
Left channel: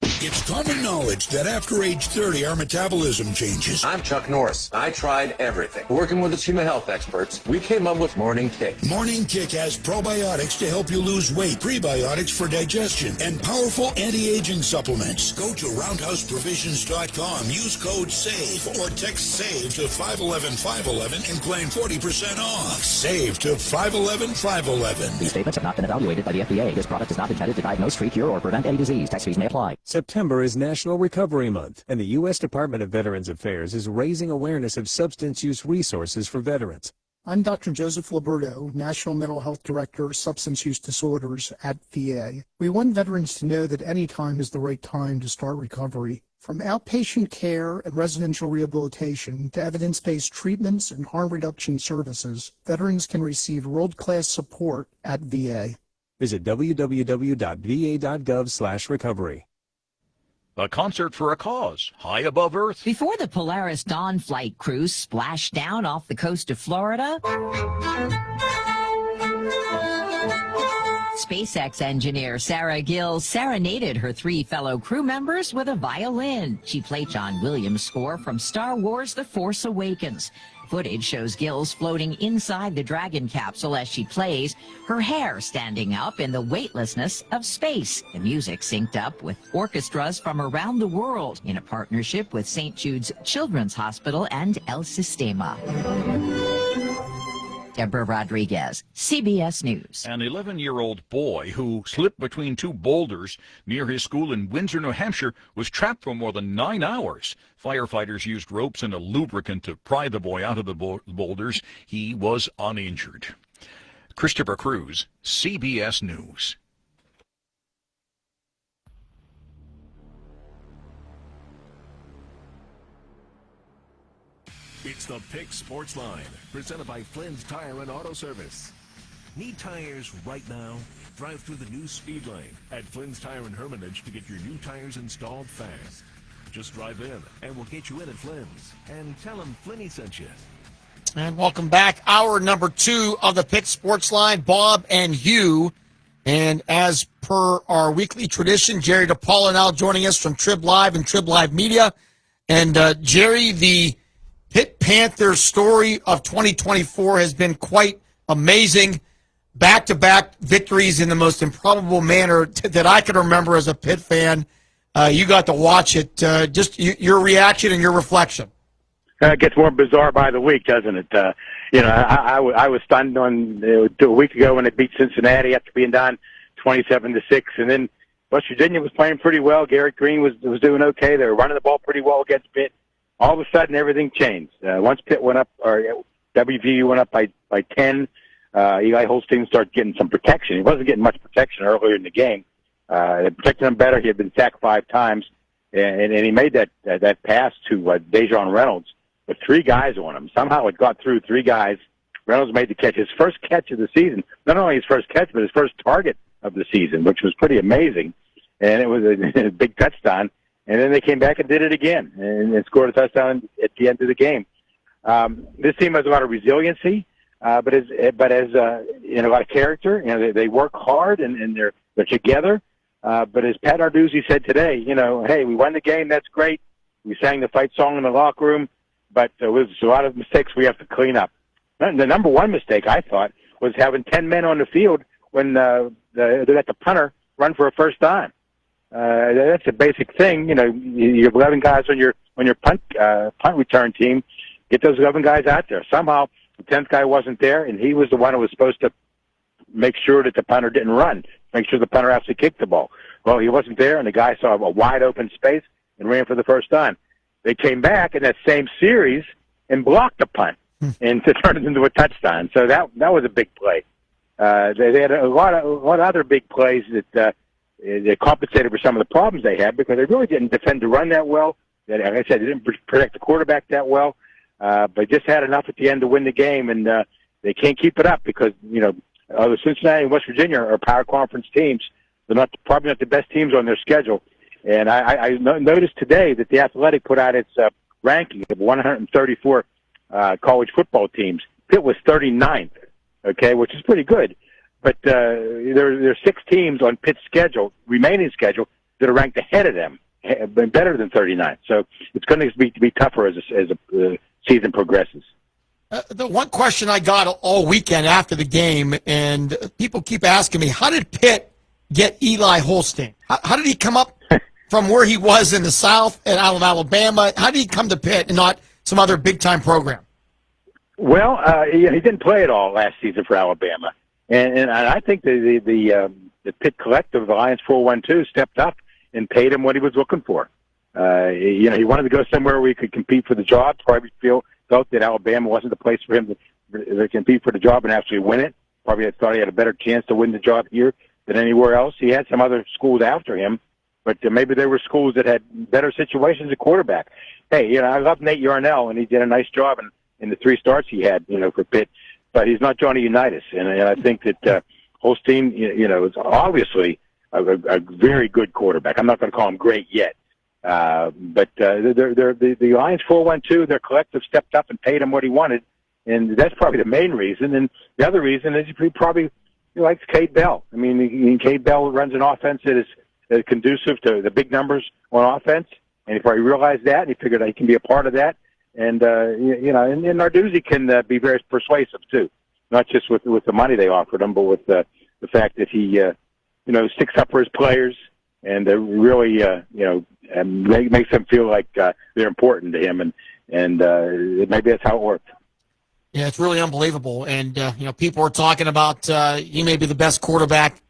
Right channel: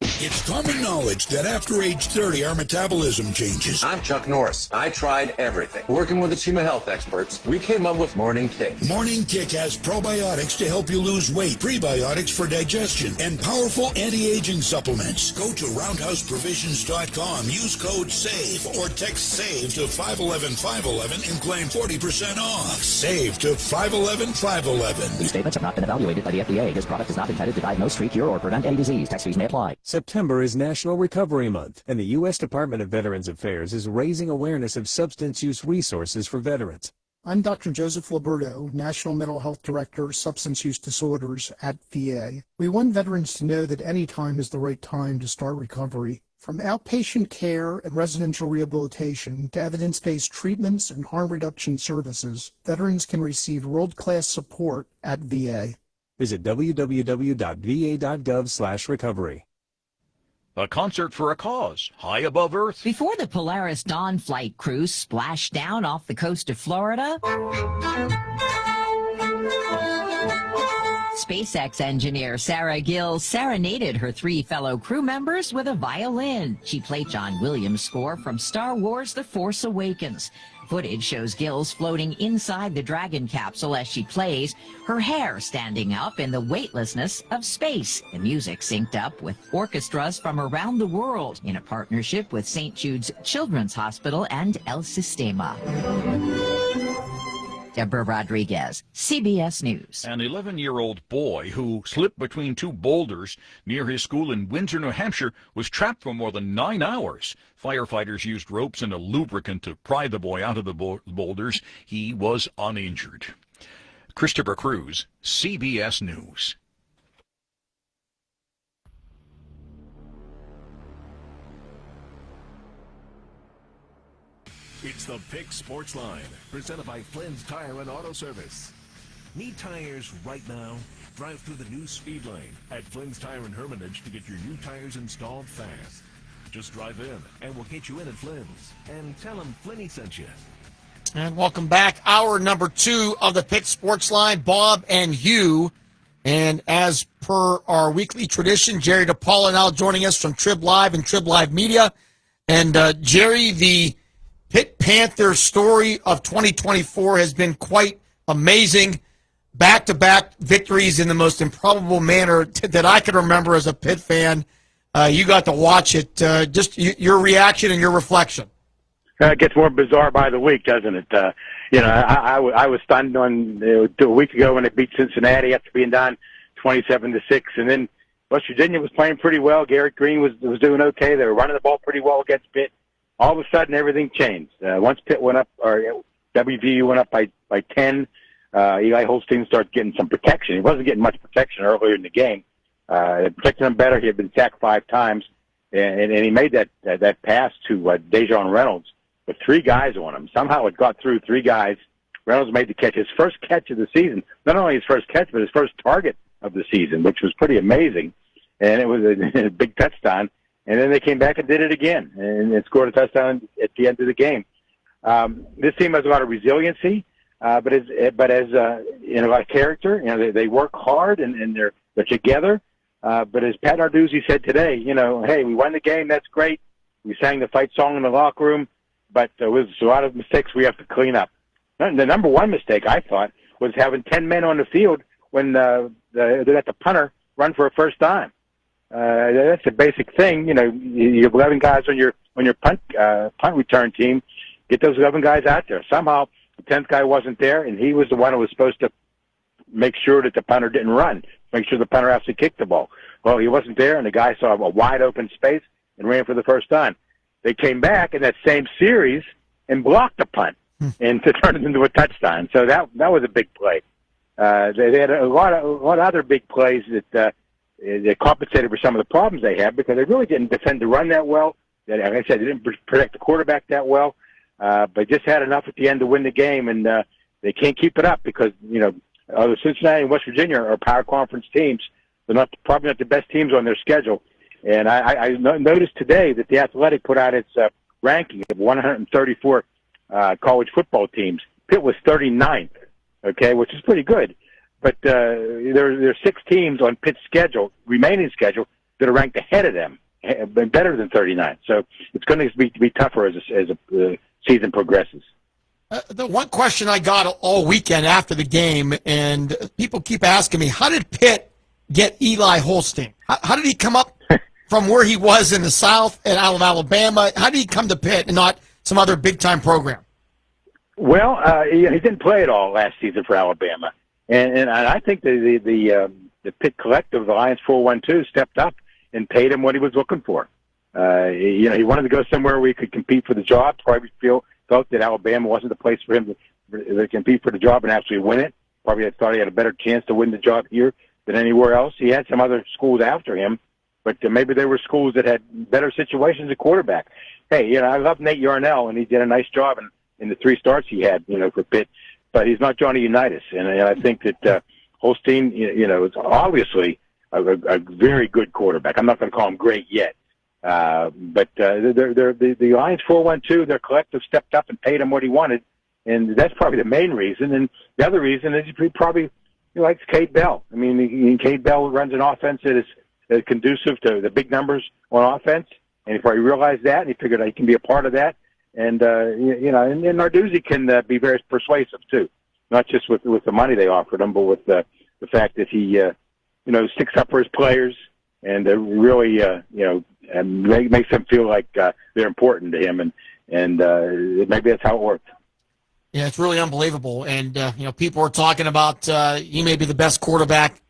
It's common knowledge that after age 30, our metabolism changes. I'm Chuck Norris. I tried everything. Working with the team of health experts, we came up with Morning Kick. Morning Kick has probiotics to help you lose weight, prebiotics for digestion, and powerful anti-aging supplements. Go to roundhouseprovisions.com, use code SAVE, or text SAVE to 511-511 and claim 40% off. SAVE to 511-511. These statements have not been evaluated by the FDA. This product is not intended to diagnose, treat, cure, or prevent any disease. Tax fees may apply. September is National Recovery Month, and the U.S. Department of Veterans Affairs is raising awareness of substance use resources for veterans. I'm Dr. Joseph Liberto, National Mental Health Director, Substance Use Disorders at VA. We want veterans to know that any time is the right time to start recovery. From outpatient care and residential rehabilitation to evidence-based treatments and harm reduction services, veterans can receive world-class support at VA. Visit www.va.gov/recovery. A concert for a cause, high above Earth. Before the Polaris Dawn flight cruise splashed down off the coast of Florida, SpaceX engineer Sarah Gill serenaded her 3 fellow crew members with a violin. She played John Williams' score from Star Wars: The Force Awakens. Footage shows Gills floating inside the Dragon capsule as she plays, her hair standing up in the weightlessness of space. The music synced up with orchestras from around the world in a partnership with St. Jude's Children's Hospital and El Sistema. Deborah Rodriguez, CBS News. An 11-year-old boy who slipped between two boulders near his school in Windsor, New Hampshire, was trapped for more than 9 hours. Firefighters used ropes and a lubricant to pry the boy out of the boulders. He was uninjured. Christopher Cruz, CBS News. It's the Pick Sports Line, presented by Flynn's Tire and Auto Service. Need tires right now? Drive through the new speed lane at Flynn's Tire and Hermitage to get your new tires installed fast. Just drive in, and we'll get you in at Flynn's. And tell them Flinny sent you. And welcome back. Hour number 2 of the Pick Sports Line, Bob and Hugh. And as per our weekly tradition, Jerry DePaula now joining us from Trib Live and Trib Live Media. And Jerry, the Pitt Panthers story of 2024 has been quite amazing. Back-to-back victories in the most improbable manner that I can remember as a Pitt fan. You got to watch it. Just your reaction and your reflection. It gets more bizarre by the week, doesn't it? I was stunned on a week ago when they beat Cincinnati after being down 27-6, and then West Virginia was playing pretty well. Garrett Green was doing okay. They were running the ball pretty well against Pitt. All of a sudden, everything changed. Once Pitt went up, or WVU went up by 10, Eli Holstein started getting some protection. He wasn't getting much protection earlier in the game. It protected him better. He had been sacked 5 times, and he made that pass to Dejon Reynolds with 3 guys on him. Somehow it got through 3 guys. Reynolds made the catch, his first catch of the season. Not only his first catch, but his first target of the season, which was pretty amazing. And it was a big touchdown. And then they came back and did it again and scored a touchdown at the end of the game. This team has a lot of resiliency, but as in a lot of character. They work hard and they're together. But as Pat Narduzzi said today, hey, we won the game. That's great. We sang the fight song in the locker room, but there was a lot of mistakes we have to clean up. The number one mistake, I thought, was having 10 men on the field when they let the punter run for a first down. That's a basic thing. You have 11 guys on your punt return team. Get those 11 guys out there. Somehow the 10th guy wasn't there, and he was the one who was supposed to make sure that the punter didn't run, make sure the punter actually kicked the ball. Well, he wasn't there, and the guy saw a wide open space and ran for the first down. They came back in that same series and blocked the punt and to turn it into a touchdown. So that was a big play. They had a lot of other big plays that they compensated for some of the problems they had because they really didn't defend the run that well. Like I said, they didn't protect the quarterback that well, but just had enough at the end to win the game, and they can't keep it up because, Cincinnati and West Virginia are power conference teams. They're probably not the best teams on their schedule. And I noticed today that the Athletic put out its ranking of 134 college football teams. Pitt was 39th, okay, which is pretty good. But there are 6 teams on Pitt's remaining schedule, that are ranked ahead of them, better than 39. So it's going to be tougher as the season progresses. The one question I got all weekend after the game, and people keep asking me, how did Pitt get Eli Holstein? How did he come up from where he was in the South and out of Alabama? How did he come to Pitt and not some other big-time program? Well, he didn't play at all last season for Alabama. And I think the Pitt Collective, the Lions 412, stepped up and paid him what he was looking for. He wanted to go somewhere where he could compete for the job. Probably felt that Alabama wasn't the place for him to compete for the job and actually win it. Probably thought he had a better chance to win the job here than anywhere else. He had some other schools after him, but maybe there were schools that had better situations at quarterback. Hey, I love Nate Yarnell, and he did a nice job in the 3 starts he had, for Pitt. But he's not Johnny Unitas, and I think that Holstein, is obviously a very good quarterback. I'm not going to call him great yet, but the Lions 412, their collective stepped up and paid him what he wanted, and that's probably the main reason. And the other reason is he likes Cade Bell. I mean, Cade Bell runs an offense that is conducive to the big numbers on offense, and he probably realized that. And he figured he can be a part of that. And, and Narduzzi can be very persuasive, too, not just with the money they offered him, but with the fact that he, sticks up for his players and really, makes them feel like they're important to him. And maybe that's how it worked. Yeah, it's really unbelievable. And, people are talking about he may be the best quarterback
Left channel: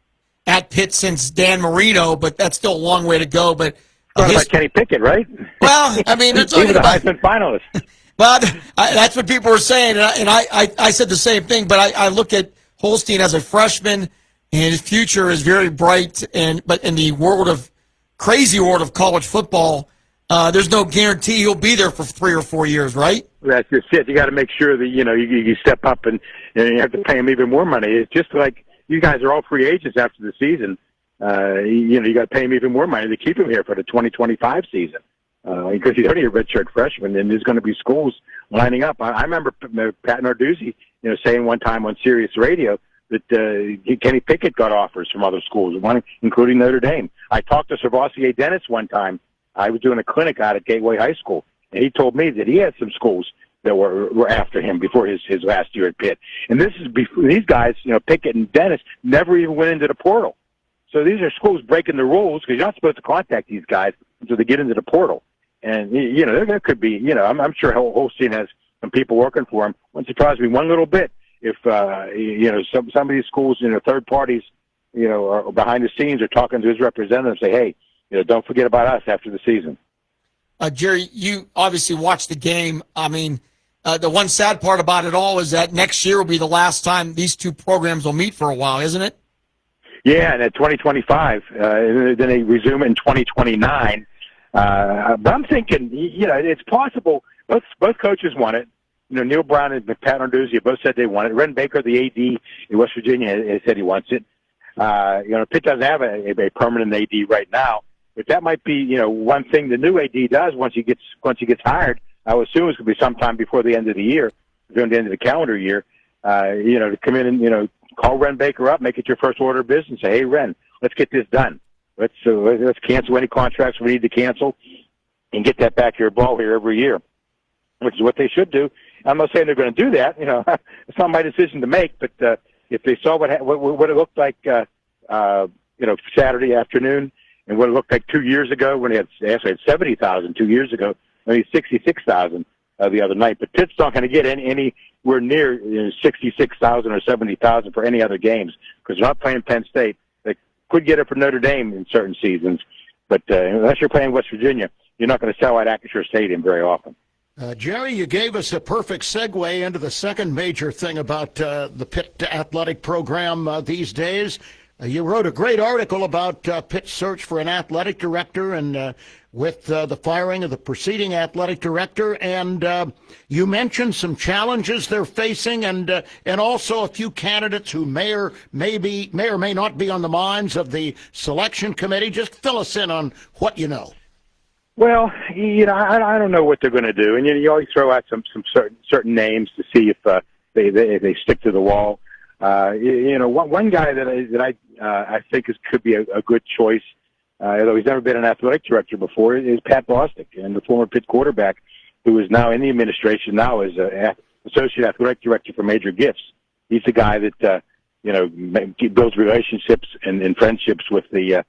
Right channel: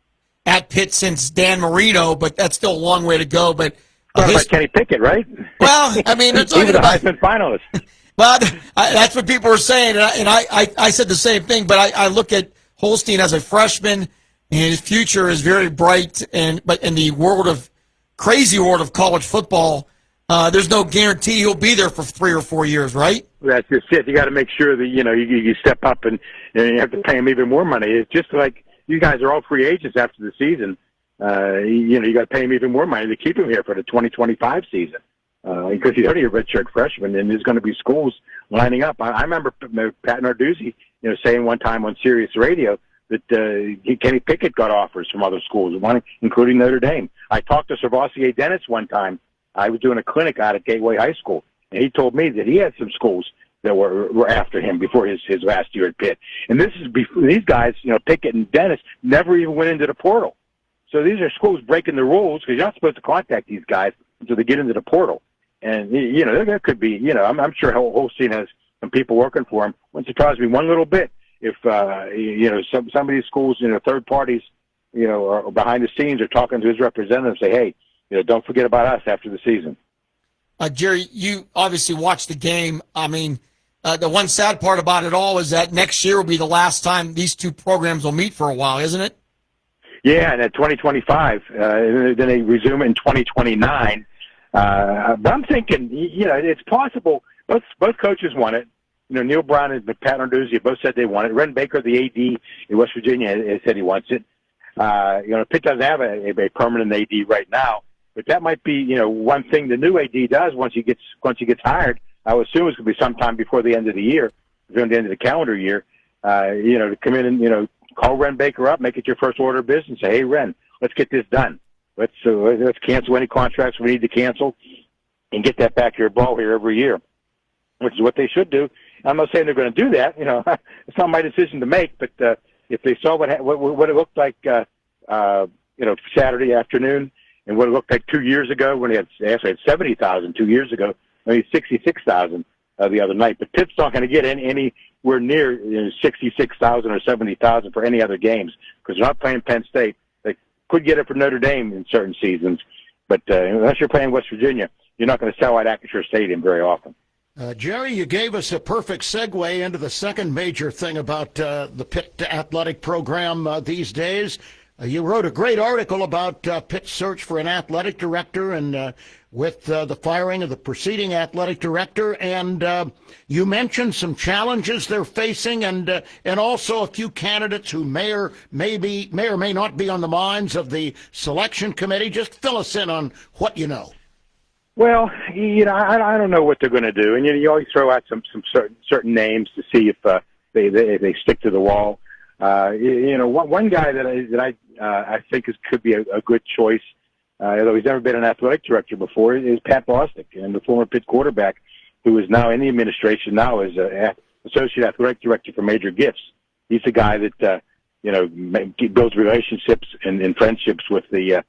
at Pitt since Dan Marino, but that's still a long way to go. But about Kenny Pickett, right? Well, I mean, they're talking about Heisman finalist. But that's what people are saying, and I said the same thing. But I look at Holstein as a freshman, and his future is very bright. But in the crazy world of college football, there's no guarantee he'll be there for 3 or 4 years, right? That's just it. You got to make sure that you step up and you have to pay him even more money. It's just like you guys are all free agents after the season. You got to pay him even more money to keep him here for the 2025 season. Because he's only a redshirt freshman, and there's going to be schools lining up. I remember Pat Narduzzi, saying one time on Sirius Radio that Kenny Pickett got offers from other schools, one including Notre Dame. I talked to Servassier Dennis one time. I was doing a clinic out at Gateway High School, and he told me that he had some schools that were after him before his last year at Pitt. And this is before these guys, Pickett and Dennis, never even went into the portal. So these are schools breaking the rules because you're not supposed to contact these guys until they get into the portal. And, there could be, I'm sure Holstein has some people working for him. Wouldn't surprise me one little bit if, some of these schools, third parties, are behind the scenes are talking to his representatives, say, hey, don't forget about us after the season. Jerry, you obviously watched the game. I mean, the one sad part about it all is that next year will be the last time these two programs will meet for a while, isn't it? Yeah, and at 2025, then they resume in 2029. But I'm thinking, it's possible. Both coaches want it. Neil Brown and Pat Narduzzi both said they want it. Ren Baker, the AD in West Virginia, has said he wants it. Pitt doesn't have a permanent AD right now, but that might be, one thing the new AD does once he gets hired. I would assume it's going to be sometime before the end of the year, during the end of the calendar year. To come in and call Ren Baker up, make it your first order of business, say, hey Ren, let's get this done. Let's cancel any contracts we need to cancel and get that back here ball here every year, which is what they should do. I'm not saying they're going to do that. It's not my decision to make, but if they saw what it looked like, Saturday afternoon and what it looked like 2 years ago when they had 70,000 2 years ago, only 66,000 the other night. But Pitt's not going to get anywhere near 66,000 or 70,000 for any other games because they're not playing Penn State. Could get it from Notre Dame in certain seasons, but unless you're playing West Virginia, you're not going to sell out Acrisure Stadium very often. Jerry, you gave us a perfect segue into the second major thing about the Pitt athletic program these days. You wrote a great article about Pitt's search for an athletic director and with the firing of the preceding athletic director, and you mentioned some challenges they're facing and also a few candidates who may or may not be on the minds of the selection committee. Just fill us in on what you know. Well, I don't know what they're going to do, and you always throw out some certain names to see if they stick to the wall. One guy that I think could be a good choice, although he's never been an athletic director before, is Pat Bostic, and the former Pitt quarterback, who is now in the administration now as associate athletic director for Major Gifts. He's the guy that builds relationships and friendships with the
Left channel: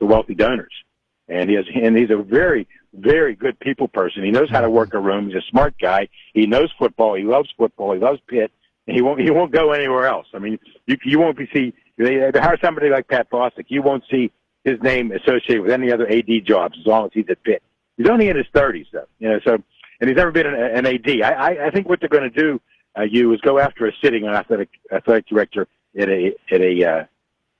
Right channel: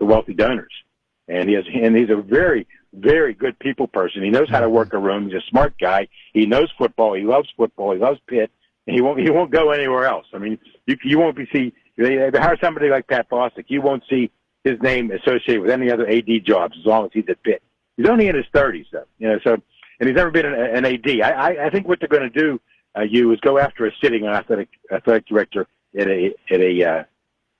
wealthy donors. And he's a very, very good people person. He knows how to work a room. He's a smart guy. He knows football. He loves football. He loves Pitt. And he won't go anywhere else. I mean, you won't see they hire somebody like Pat Bostic. You won't see his name associated with any other AD jobs as long as he's at Pitt. He's only in his 30s, though. So and he's never been an AD. I think what they're going to do, is go after a sitting athletic director in a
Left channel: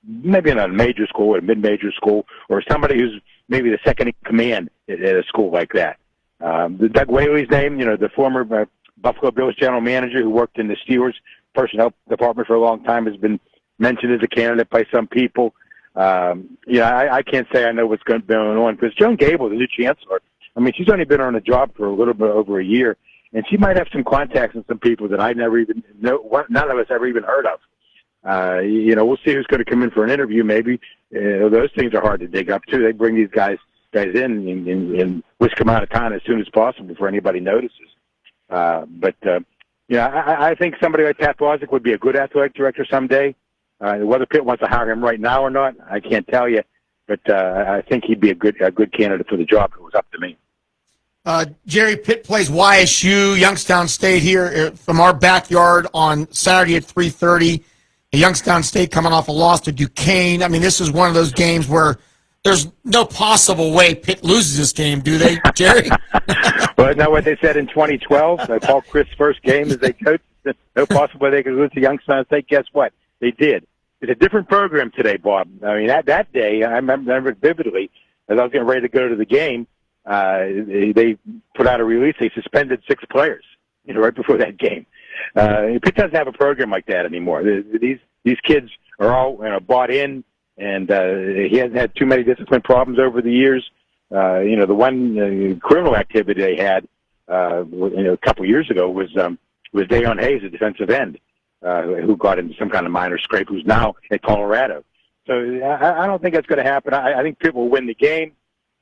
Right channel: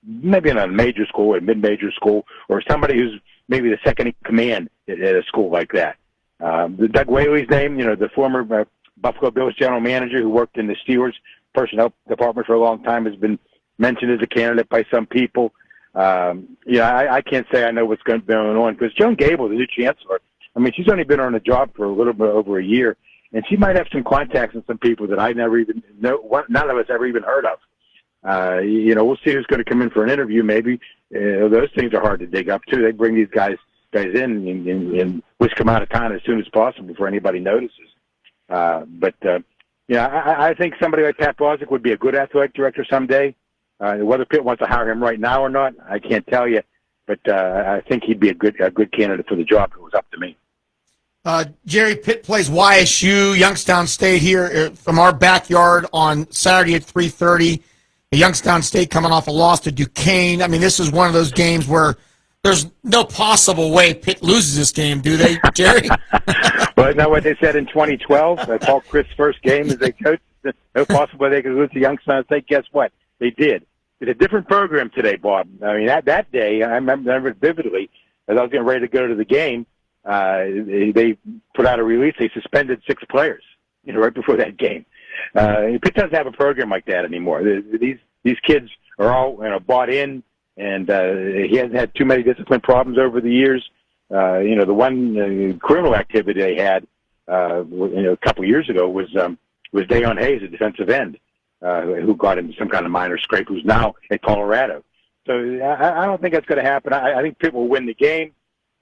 maybe in a major school, a mid-major school, or somebody who's maybe the second in command at a school like that. Doug Whaley's name, the former Buffalo Bills general manager who worked in the Steelers personnel department for a long time, has been mentioned as a candidate by some people. I can't say I know what's going on because Joan Gable, the new chancellor, I mean, she's only been on the job for a little bit over a year, and she might have some contacts with some people that I never even know, none of us ever even heard of. We'll see who's going to come in for an interview. Maybe those things are hard to dig up too. They bring these guys in and whisk them out of town as soon as possible before anybody notices. I think somebody like Pat Bostic would be a good athletic director someday. Whether Pitt wants to hire him right now or not, I can't tell you. But I think he'd be a good candidate for the job if it was up to me. Jerry, Pitt plays YSU, Youngstown State here from our backyard on Saturday at 3:30. Youngstown State coming off a loss to Duquesne. I mean, this is one of those games where there's no possible way Pitt loses this game, do they, Jerry? Well, isn't that what they said in 2012? Paul Chryst's first game as a coach. No possible way they could lose to Youngstown State. Guess what? They did. It's a different program today, Bob. I mean, that day, I remember it vividly, as I was getting ready to go to the game, they put out a release. They suspended 6 players, right before that game. Pitt doesn't have a program like that anymore. These kids are all bought in, and he hasn't had too many discipline problems over the years. The one criminal activity they had, a couple of years ago was Dayon Hayes, a defensive end, who got into some kind of minor scrape, who's now at Colorado. So I don't think that's going to happen. I think Pitt will win the game.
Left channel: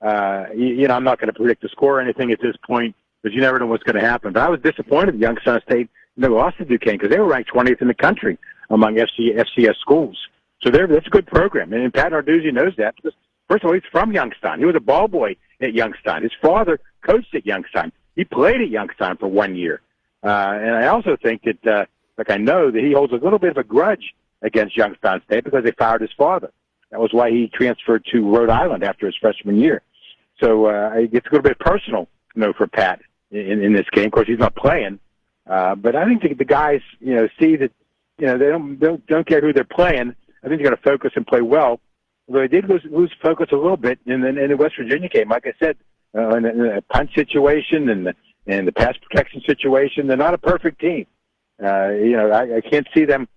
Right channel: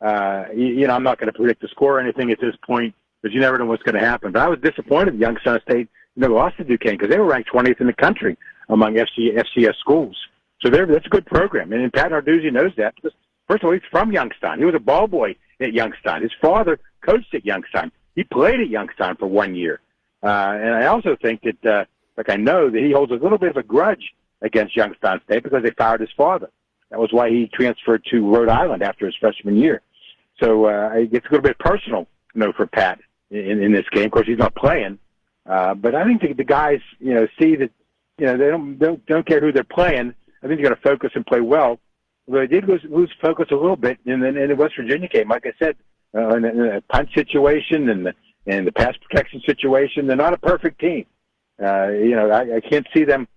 I'm not going to predict the score or anything at this point, because you never know what's going to happen. But I was disappointed Youngstown State lost to Duquesne, because they were ranked 20th in the country among FCS schools. So that's a good program. And Pat Narduzzi knows that. Because, first of all, he's from Youngstown. He was a ball boy at Youngstown. His father coached at Youngstown. He played at Youngstown for 1 year. And I also think that, I know that he holds a little bit of a grudge against Youngstown State because they fired his father. That was why he transferred to Rhode Island after his freshman year. So it's a little bit personal, for Pat in this game. Of course, he's not playing. But I think the guys, see that, they don't care who they're playing. I think they're going to focus and play well. Although they did lose focus a little bit in the West Virginia game. Like I said, in the punt situation and the pass protection situation, they're not a perfect team. I can't see them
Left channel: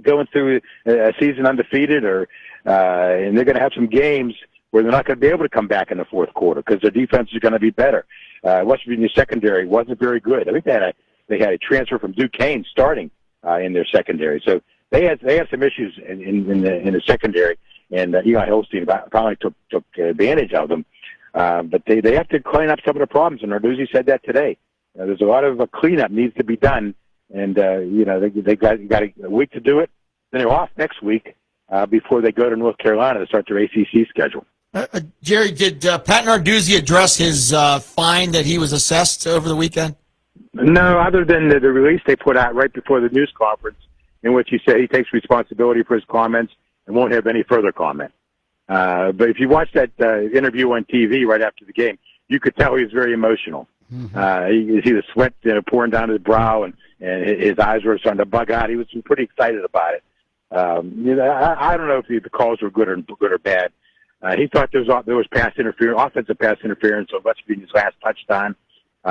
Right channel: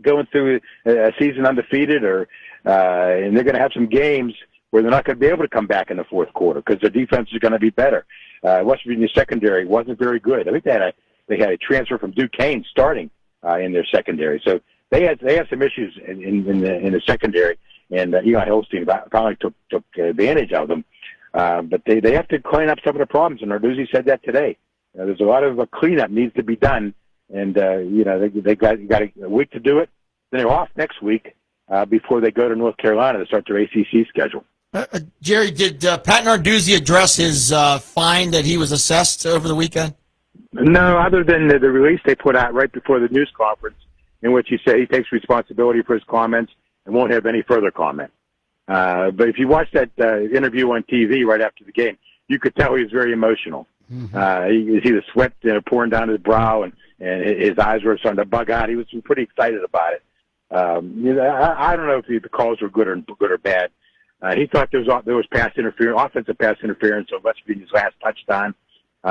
going through a season undefeated, and they're going to have some games where they're not going to be able to come back in the fourth quarter because their defense is going to be better. West Virginia secondary wasn't very good. I think they had a transfer from Duquesne starting in their secondary, so they had some issues in the secondary, and Eli Holstein probably took advantage of them. But they have to clean up some of the problems, and Narduzzi said that today. There's a lot of cleanup needs to be done, and they got a week to do it. Then they're off next week before they go to North Carolina to start their ACC schedule. Jerry, did Pat Narduzzi address his fine that he was assessed over the weekend? No, other than the release they put out right before the news conference, in which he said he takes responsibility for his comments and won't have any further comment. But if you watch that interview on TV right after the game, you could tell he was very emotional. Mm-hmm. You see the sweat pouring down his brow, and his eyes were starting to bug out. He was pretty excited about it. I don't know if the calls were good or bad. He thought there was offensive pass interference on West Virginia's last touchdown.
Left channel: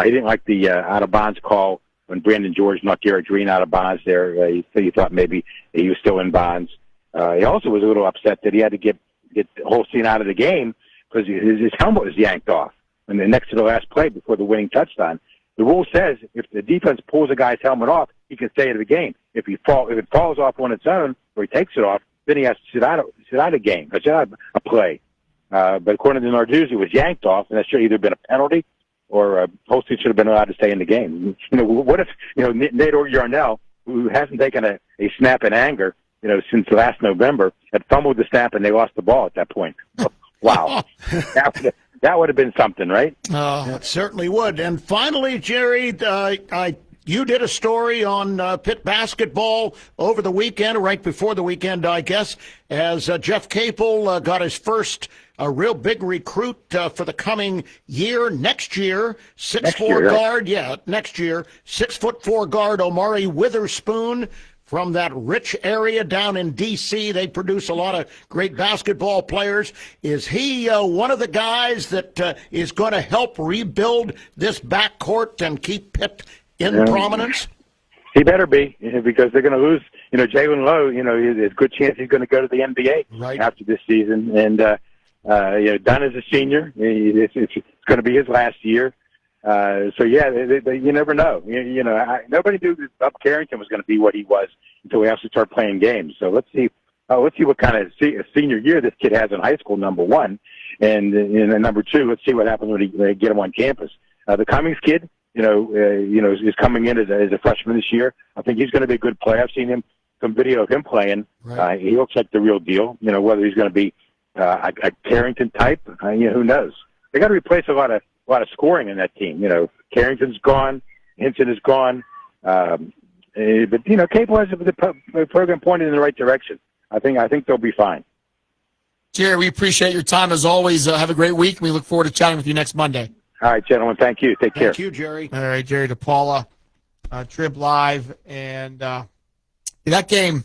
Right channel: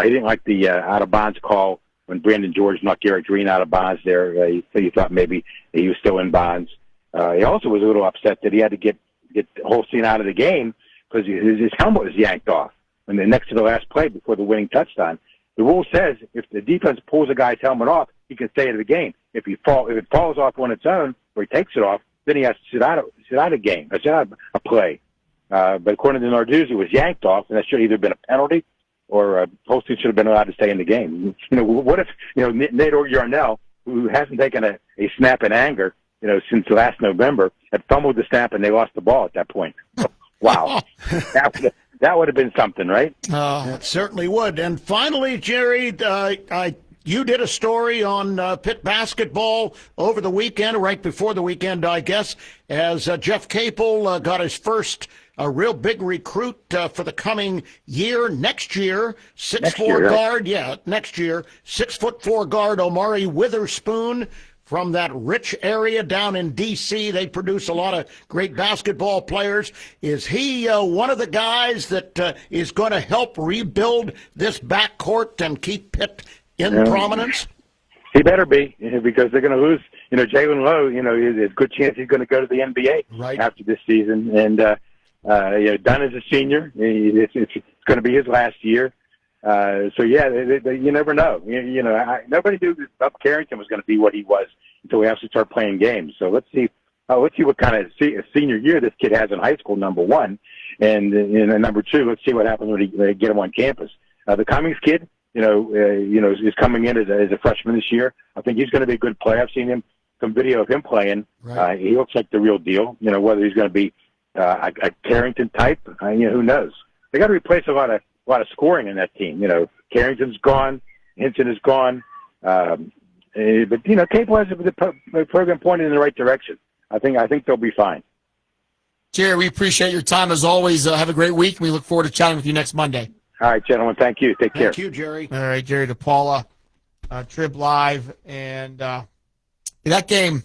He didn't like the out-of-bounds call when Brandon George knocked Garrett Green out of bounds there. He thought maybe he was still in bounds. He also was a little upset that he had to get Holstein out of the game because his helmet was yanked off when next to the last play before the winning touchdown. The rule says if the defense pulls a guy's helmet off, he can stay in the game. If it falls off on its own or he takes it off, then he has to sit out of a game, sit out a play. But according to Narduzzi, it was yanked off, and that should have either been a penalty or Holstein should have been allowed to stay in the game. What if Nate Yarnell, who hasn't taken a snap in anger, since last November, had fumbled the snap and they lost the ball at that point. Wow. That would have been something, right? It certainly would. And finally, Jerry, you did a story on Pitt basketball over the weekend, right before the weekend, I guess, as Jeff Capel got his first real big recruit for the coming year, next year, 6'4" guard. Yeah, next year, 6'4" guard Omari Witherspoon from that rich area down in D.C. They produce a lot of great basketball players. Is he one of the guys that is going to help rebuild this backcourt and keep Pitt in prominence? He better be, because they're going to lose. Jalen Lowe, there's a good chance he's going to go to the NBA after this season. And, Dunn is a senior. It's going to be his last year. You never know. Nobody knew that Bob Carrington was going to be what he was until we actually start playing games. So let's see what kind of senior year this kid has in high school, number one. And number two, let's see what happens when they get him on campus. The Cummings kid, is coming in as a freshman this year. I think he's going to be a good player. I've seen some video of him playing. Right. He looks like the real deal. Whether he's going to be a Carrington type, who knows? They got to replace a lot of lot of scoring in that team. Carrington's gone, Hinton is gone, but Capel has the program pointed in the right direction. I think they'll be fine. Jerry, we appreciate your time as always. Have a great week. We look forward to chatting with you next Monday. All right, gentlemen. Thank you. Take care. Thank you, Jerry. All right, Jerry DePaula, Trib Live, and that game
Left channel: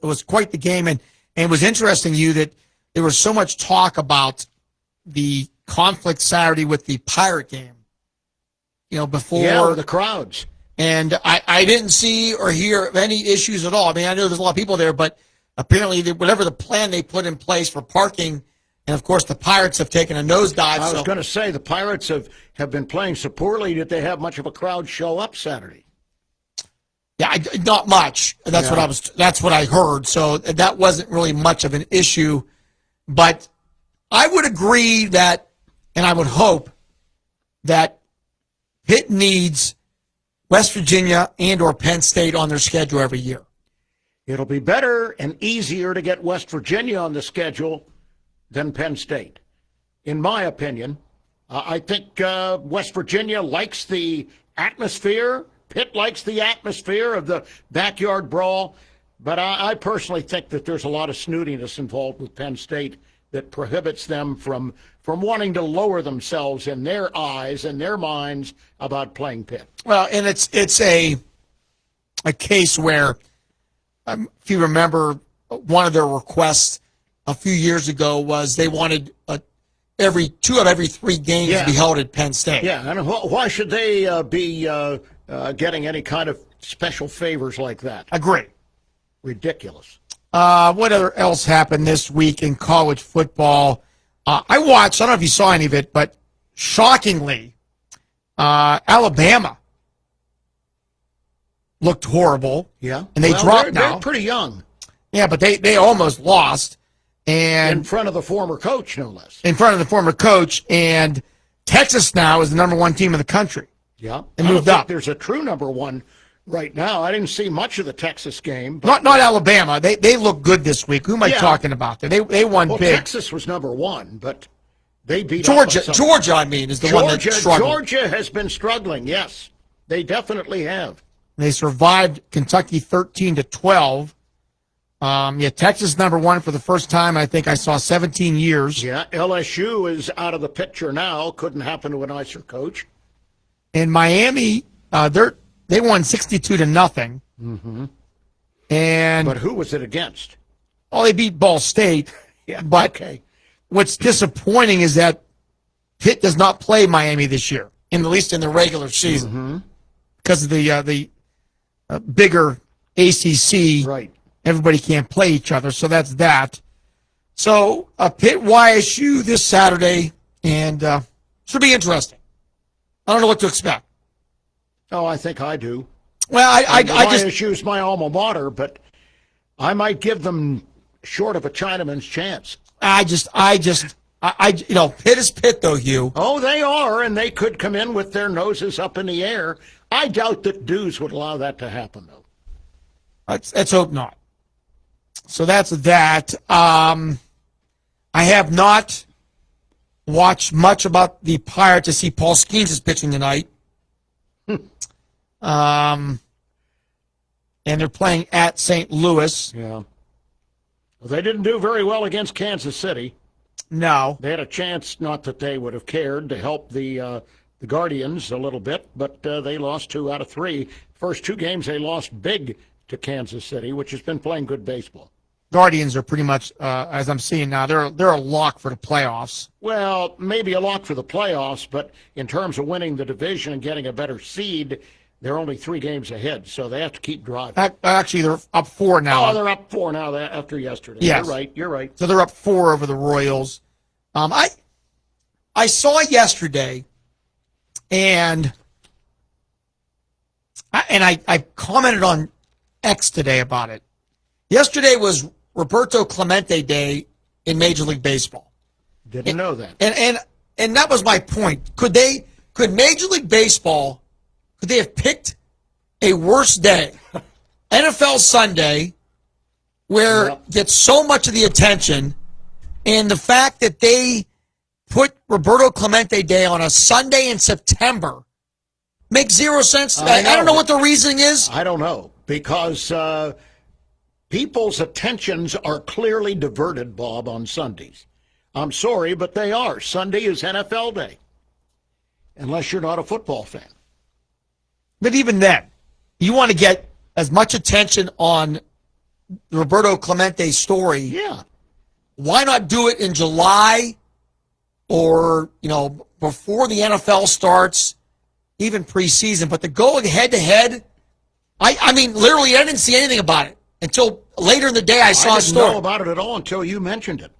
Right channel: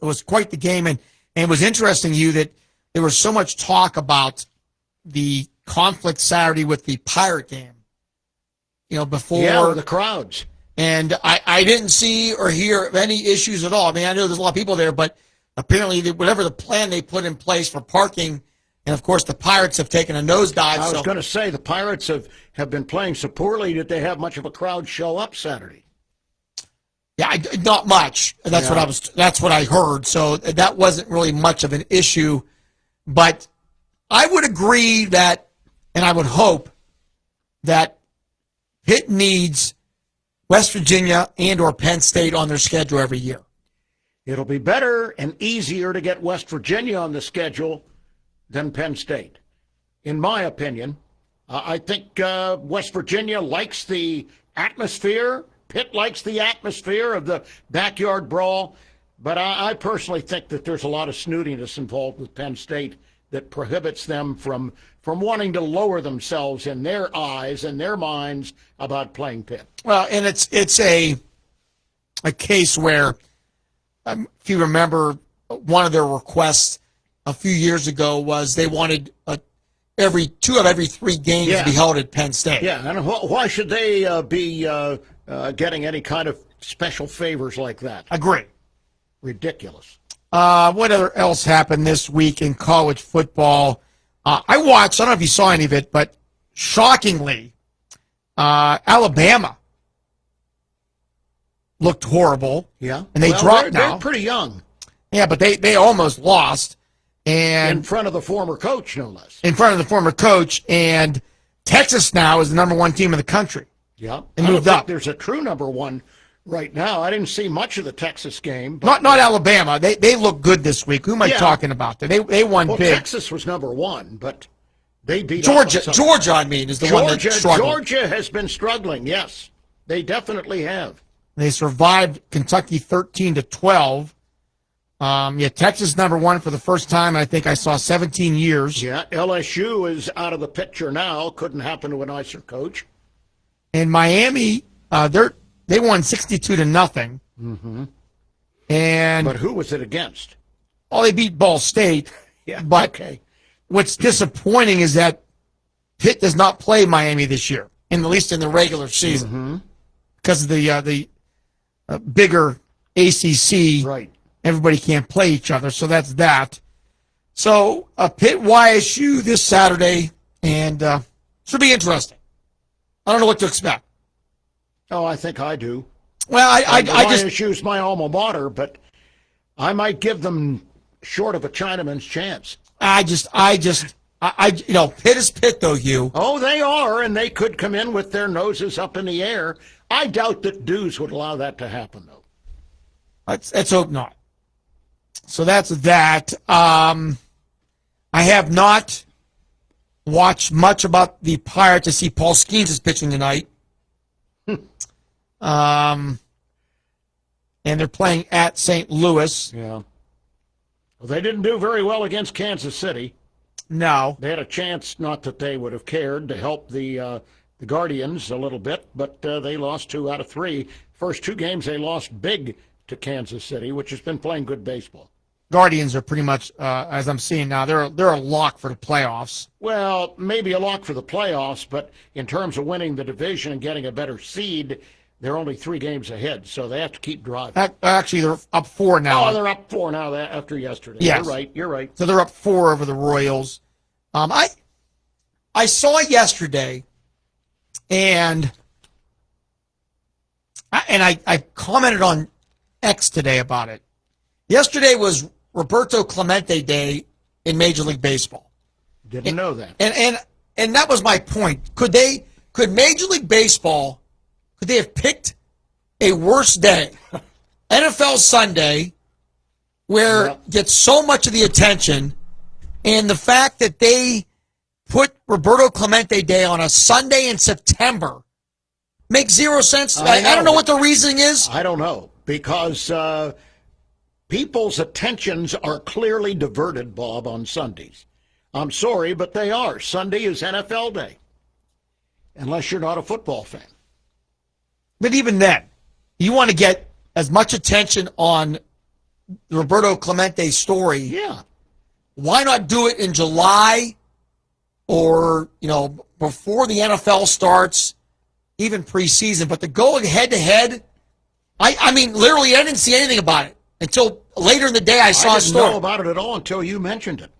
was quite the game, and it was interesting to you that there was so much talk about the conflict Saturday with the Pirate game. Before the crowds, and I didn't see or hear of any issues at all. I mean, I know there's a lot of people there, but apparently, whatever the plan they put in place for parking. And, of course, the Pirates have taken a nosedive. I was going to say, the Pirates have been playing so poorly that they have much of a crowd show up Saturday. Yeah, not much. That's what I heard. So that wasn't really much of an issue. But I would agree that, and I would hope that Pitt needs West Virginia and or Penn State on their schedule every year. It'll be better and easier to get West Virginia on the schedule than Penn State, in my opinion. I think West Virginia likes the atmosphere. Pitt likes the atmosphere of the backyard brawl. But I personally think that there's a lot of snootiness involved with Penn State that prohibits them from wanting to lower themselves in their eyes and their minds about playing Pitt. Well, and it's a case where, if you remember, one of their requests a few years ago was they wanted every 2 out of every 3 games to be held at Penn State. Yeah, and why should they be getting any kind of special favors like that? Agree. Ridiculous. What else happened this week in college football? I watched, I don't know if you saw any of it, but shockingly, Alabama looked horrible. Yeah. And they dropped now. They're pretty young. Yeah, but they almost lost. And in front of the former coach, no less. In front of the former coach. And Texas now is the number 1 team in the country. Yeah. And moved up. There's a true number 1 right now. I didn't see much of the Texas game. But not Alabama. They look good this week. Who am I talking about? They won big. Texas was number 1, but they beat Georgia. Georgia, I mean, is the one that's struggling. Georgia has been struggling, yes. They definitely have. They survived Kentucky 13-12. Texas number 1 for the first time, I think I saw 17 years. Yeah, LSU is out of the picture now. Couldn't happen to a nicer coach. And Miami, they won 62-0. Mm-hmm. And but who was it against? Oh, they beat Ball State. Yeah. But what's disappointing is that Pitt does not play Miami this year, at least in the regular season, because of the bigger ACC. Right. Everybody can't play each other, so that's that. So Pitt YSU this Saturday, and it'll be interesting. I don't know what to expect. Oh, I think I do. Well, I just YSU's my alma mater, but I might give them short of a Chinaman's chance. Pitt is Pitt, though, Hugh. Oh, they are, and they could come in with their noses up in the air. I doubt that Dews would allow that to happen, though. Let's hope not. So that's that. I have not watched much about the Pirates to see Paul Skeens is pitching tonight. And they're playing at St. Louis. Yeah. Well, they didn't do very well against Kansas City. No. They had a chance, not that they would have cared, to help the Guardians a little bit, but they lost 2 out of 3. First 2 games they lost big to Kansas City, which has been playing good baseball. Guardians are pretty much, as I'm seeing now, they're a lock for the playoffs. Well, maybe a lock for the playoffs, but in terms of winning the division and getting a better seed, they're only 3 games ahead, so they have to keep driving. Actually, they're up 4 now. Oh, they're up 4 now after yesterday. Yes. You're right. So they're up 4 over the Royals. I saw yesterday, and I commented on X today about it. Yesterday was Roberto Clemente Day in Major League Baseball. Didn't know that. And that was my point. Could Major League Baseball, could they have picked a worse day? NFL Sunday, where it gets so much of the attention, and the fact that they put Roberto Clemente Day on a Sunday in September? Makes zero sense. I don't know what the reasoning is. I don't know, because people's attentions are clearly diverted, Bob, on Sundays. I'm sorry, but they are. Sunday is NFL Day, unless you're not a football fan. But even then, you want to get as much attention on the Roberto Clemente story. Yeah. Why not do it in July or, before the NFL starts, even preseason? But the going head-to-head, I mean, literally, I didn't see anything about it until later in the day I saw a story. I didn't know about it at all until you mentioned it.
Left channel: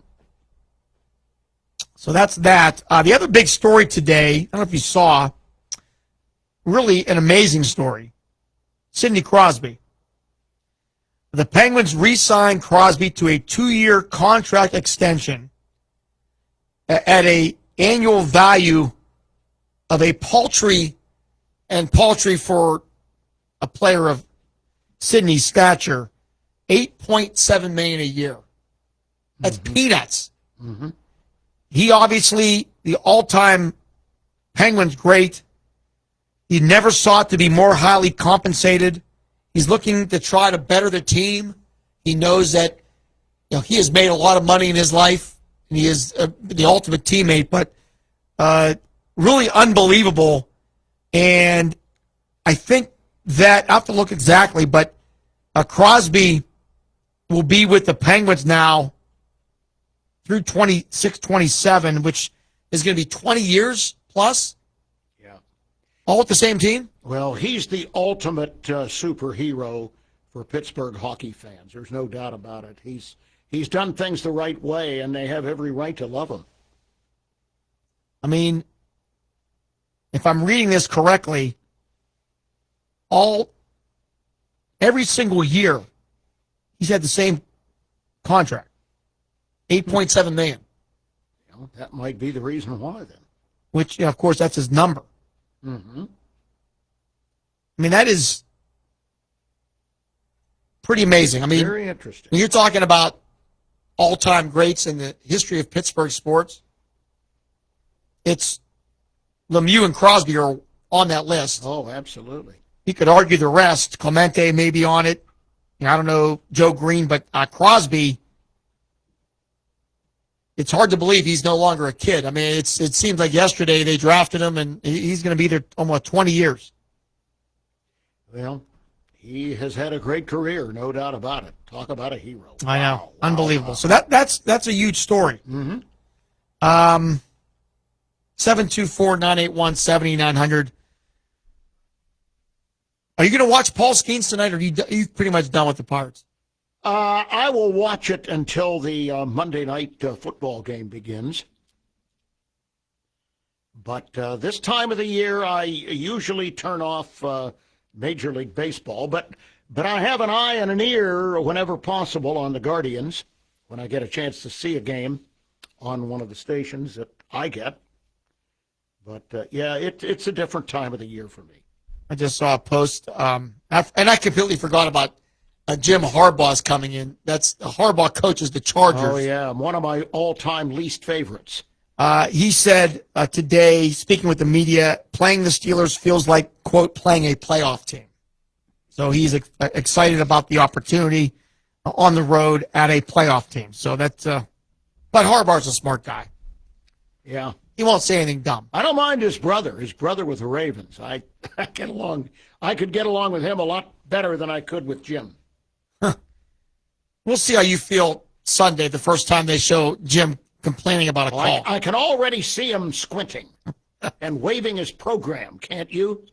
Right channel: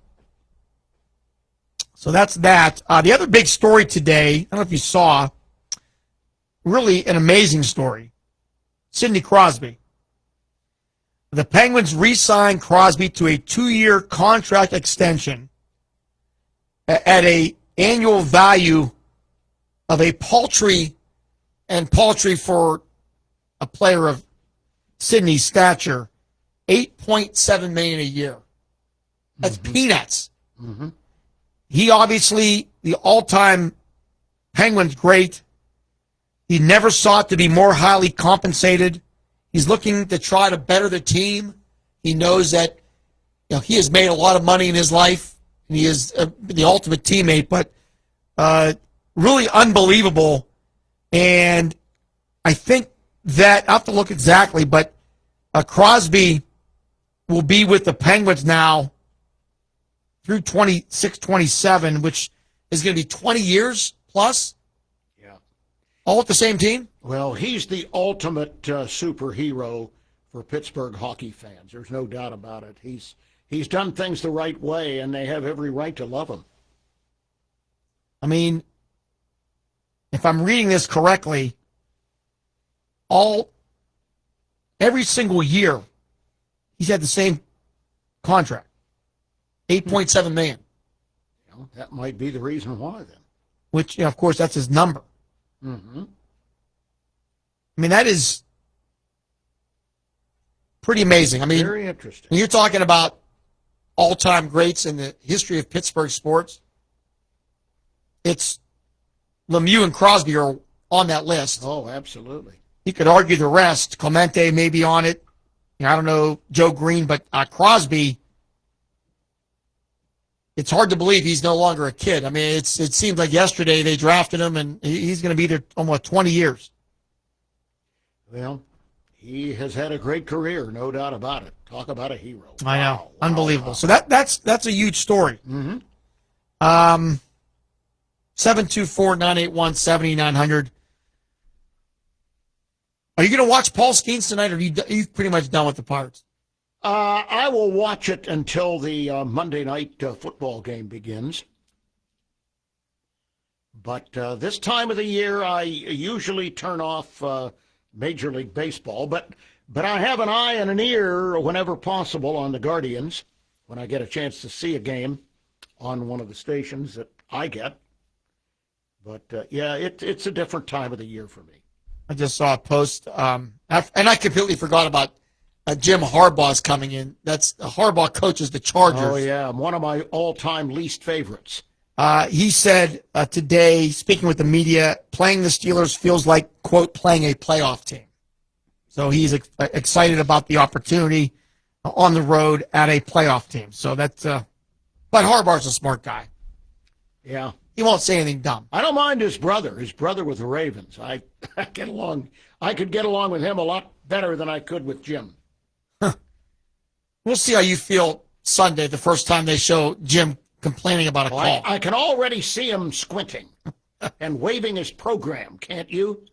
So that's that. The other big story today, I don't know if you saw, really an amazing story. Sidney Crosby. The Penguins re-signed Crosby to a 2-year contract extension at an annual value of a paltry for a player of Sidney's stature, $8.7 million a year. That's peanuts. Mm-hmm. He obviously, the all-time Penguins great. He never sought to be more highly compensated. He's looking to try to better the team. He knows that he has made a lot of money in his life, and he is the ultimate teammate, but really unbelievable. And I think that, I have to look exactly, but Crosby will be with the Penguins now through 26-27, which is going to be 20 years plus. Yeah. All with the same team? Well, he's the ultimate superhero for Pittsburgh hockey fans. There's no doubt about it. He's done things the right way, and they have every right to love him. I mean, if I'm reading this correctly, every single year he's had the same contract, $8.7 million. That might be the reason why, then. Which, of course, that's his number. Mm-hmm. I mean, that is pretty amazing. I mean, very interesting. When you're talking about all-time greats in the history of Pittsburgh sports, it's Lemieux and Crosby are on that list. Oh, absolutely. You could argue the rest. Clemente may be on it. I don't know, Joe Green, but Crosby, it's hard to believe he's no longer a kid. I mean, it seemed like yesterday they drafted him, and he's going to be there almost 20 years. Well, he has had a great career, no doubt about it. Talk about a hero. I know. Wow. Unbelievable. So that's a huge story. Mm-hmm. 724-981-7900. Are you going to watch Paul Skeens tonight, or are you pretty much done with the Pirates? I will watch it until the Monday night football game begins. But this time of the year, I usually turn off Major League Baseball. But I have an eye and an ear whenever possible on the Guardians when I get a chance to see a game on one of the stations that I get. But, it's a different time of the year for me. I just saw a post, and I completely forgot about Jim Harbaugh's coming in. Harbaugh coaches the Chargers. Oh, yeah, one of my all-time least favorites. He said today, speaking with the media, playing the Steelers feels like, quote, playing a playoff team. So he's excited about the opportunity on the road at a playoff team. So that's, but Harbaugh's a smart guy. Yeah. He won't say anything dumb. I don't mind his brother with the Ravens. I get along. I could get along with him a lot better than I could with Jim. Huh. We'll see how you feel Sunday, the first time they show Jim complaining about a call. I can already see him squinting and waving his program, can't you?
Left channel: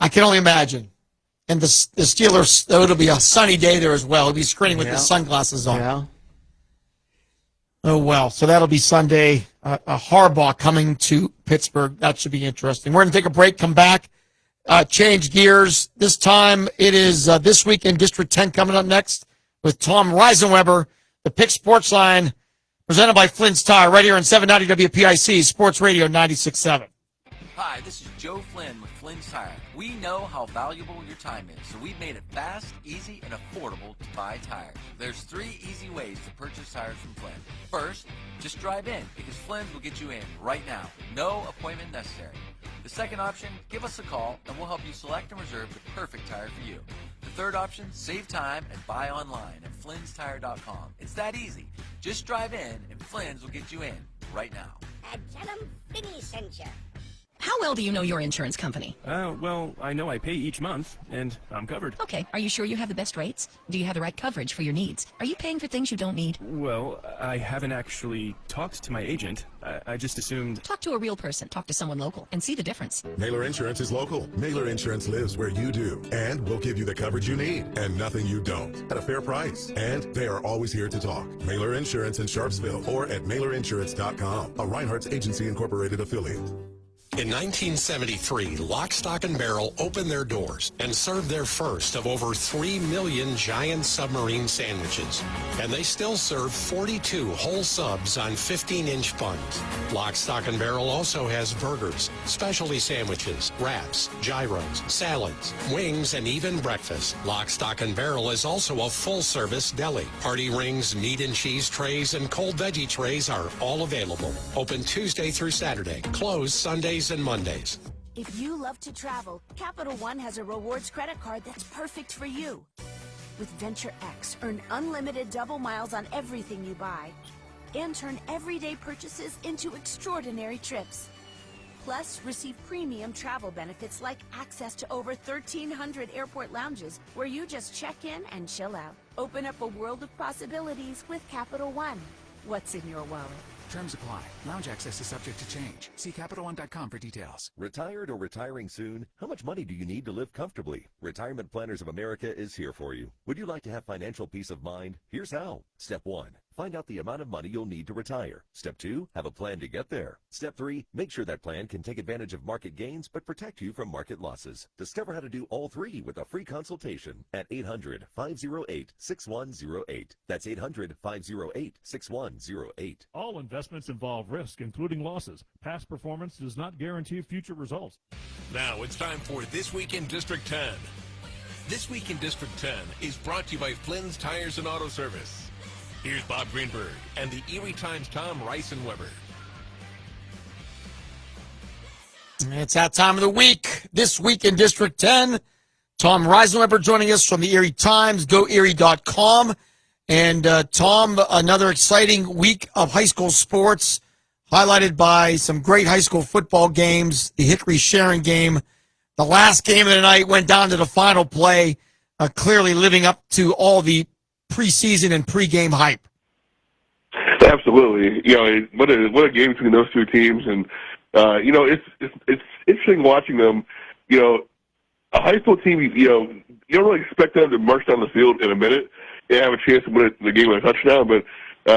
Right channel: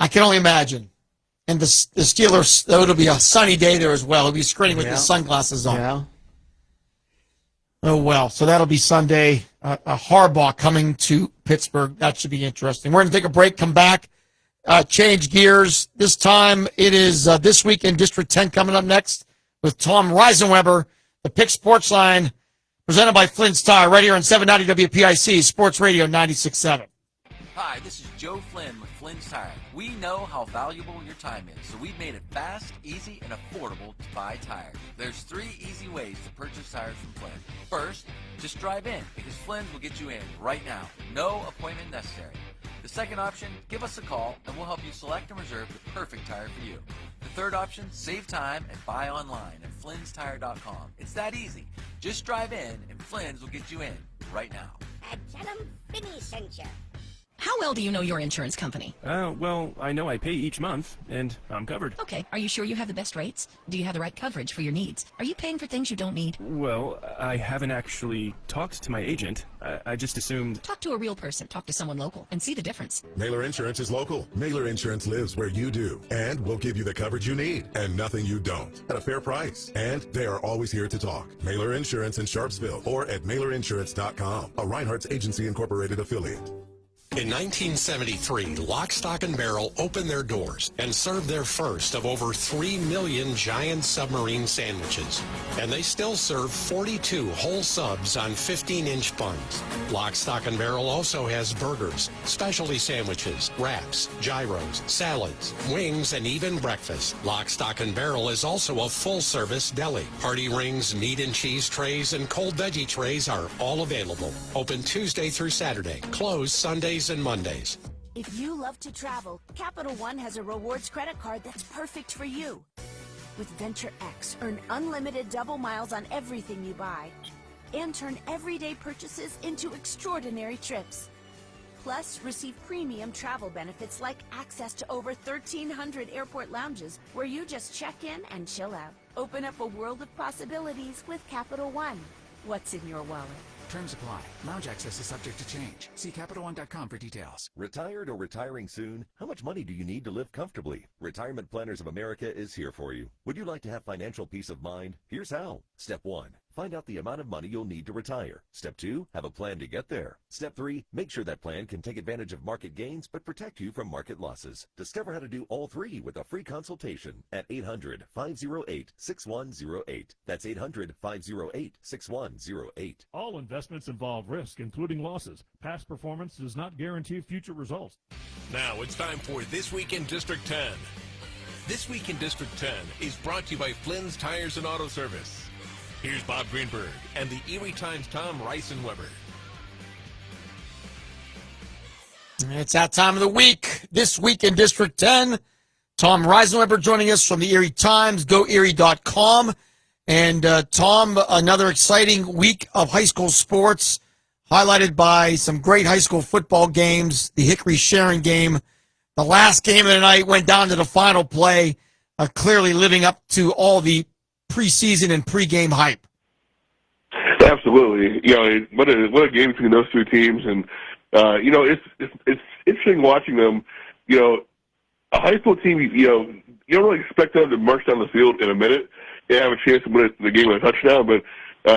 I can only imagine. And the Steelers, it'll be a sunny day there as well. He'll be screening with his sunglasses on. Yeah. Oh, well, so that'll be Sunday. Harbaugh coming to Pittsburgh. That should be interesting. We're going to take a break, come back, change gears. This time it is This Week in District 10 coming up next with Tom Reisenweber, the Pick Sports Line, presented by Flynn's Tire, right here on 790 WPIC, Sports Radio 96.7. Hi, this is Joe Flynn with Flynn's Tire. We know how valuable your time is, so we've made it fast, easy, and affordable to buy tires. There's 3 easy ways to purchase tires from Flynn. First, just drive in, because Flynn's will get you in right now. No appointment necessary. The second option, give us a call, and we'll help you select and reserve the perfect tire for you. The third option, save time and buy online at Flynn'sTire.com. It's that easy. Just drive in, and Flynn's will get you in right now. And tell them Vinny sent you. How well do you know your insurance company? Well, I know I pay each month, and I'm covered. Okay, are you sure you have the best rates? Do you have the right coverage for your needs? Are you paying for things you don't need? Well, I haven't actually talked to my agent. I just assumed... Talk to a real person. Talk to someone local and see the difference. Mailer Insurance is local. Mailer Insurance lives where you do. And we'll give you the coverage you need and nothing you don't at a fair price. And they are always here to talk. Mailer Insurance in Sharpsville or at MailerInsurance.com, a Reinhardt's Agency Incorporated affiliate. In 1973, Lock, Stock, and Barrel opened their doors and served their first of over 3 million giant submarine sandwiches. And they still serve 42 whole subs on 15-inch buns. Lock, Stock, and Barrel also has burgers, specialty sandwiches, wraps, gyros, salads, wings, and even breakfast. Lock, Stock, and Barrel is also a full-service deli. Party rings, meat and cheese trays, and cold veggie trays are all available. Open Tuesday through Saturday. Closed Sundays and Mondays. If you love to travel, Capital One has a rewards credit card that's perfect for you. With Venture X, earn unlimited double miles on everything you buy and turn everyday purchases into extraordinary trips. Plus, receive premium travel benefits like access to over 1,300 airport lounges where you just check in and chill out. Open up a world of possibilities with Capital One. What's in your wallet? Terms apply. Lounge access is subject to change. See CapitalOne.com for details. Retired or retiring soon? How much money do you need to live comfortably? Retirement Planners of America is here for you. Would you like to have financial peace of mind? Here's how. Step 1. Find out the amount of money you'll need to retire. Step 2, have a plan to get there. Step 3, make sure that plan can take advantage of market gains but protect you from market losses. Discover how to do all 3 with a free consultation at 800-508-6108. That's 800-508-6108. All investments involve risk, including losses. Past performance does not guarantee future results. Now it's time for This Week in District 10. This Week in District 10 is brought to you by Flynn's Tires and Auto Service. Here's Bob Greenberg and the Erie Times' Tom Reisenweber. It's that time of the week. This Week in District 10. Tom Reisenweber joining us from the Erie Times, GoErie.com. And Tom, another exciting week of high school sports, highlighted by some great high school football games, the Hickory-Sharon game. The last game of the night went down to the final play, clearly living up to all the preseason and pregame hype. Absolutely. What a game between those two teams. And, it's interesting watching them. A high school team, you don't really expect them to march down the field in a minute and have a chance to win the game with a touchdown. But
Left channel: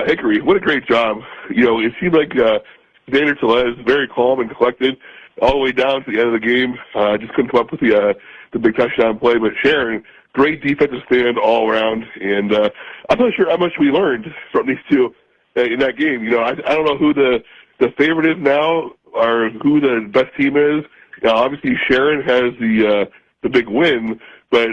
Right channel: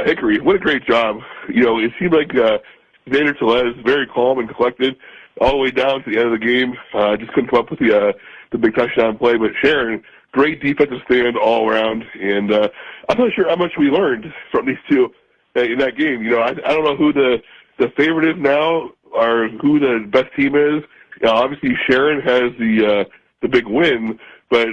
Hickory, what a great job. It seemed like Xander Tellez, very calm and collected all the way down to the end of the game. Just couldn't come up with the big touchdown play. But Sharon, great defensive stand all around. And I'm not sure how much we learned from these two in that game. I don't know who the favorite is now or who the best team is. Obviously, Sharon has the big win, but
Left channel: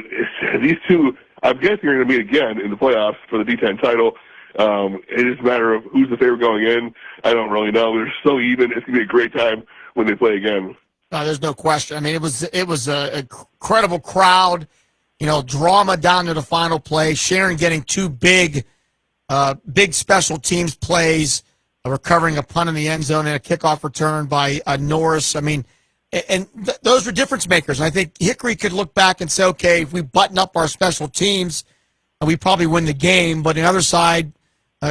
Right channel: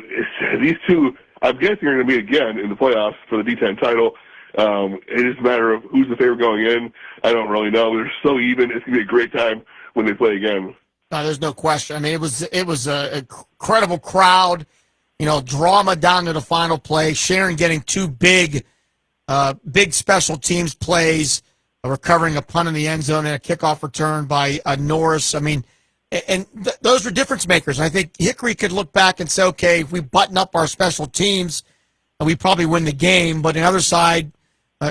these two, I'm guessing, are going to meet again in the playoffs for the D10 title. It is a matter of who's the favorite going in. I don't really know. They're so even. It's going to be a great time when they play again. No, there's no question. I mean, it was an incredible crowd. Drama down to the final play. Sharon getting 2 big special teams plays, recovering a punt in the end zone and a kickoff return by Norris. I mean, those were difference makers. I think Hickory could look back and say, okay, if we button up our special teams, we probably win the game. But on the other side,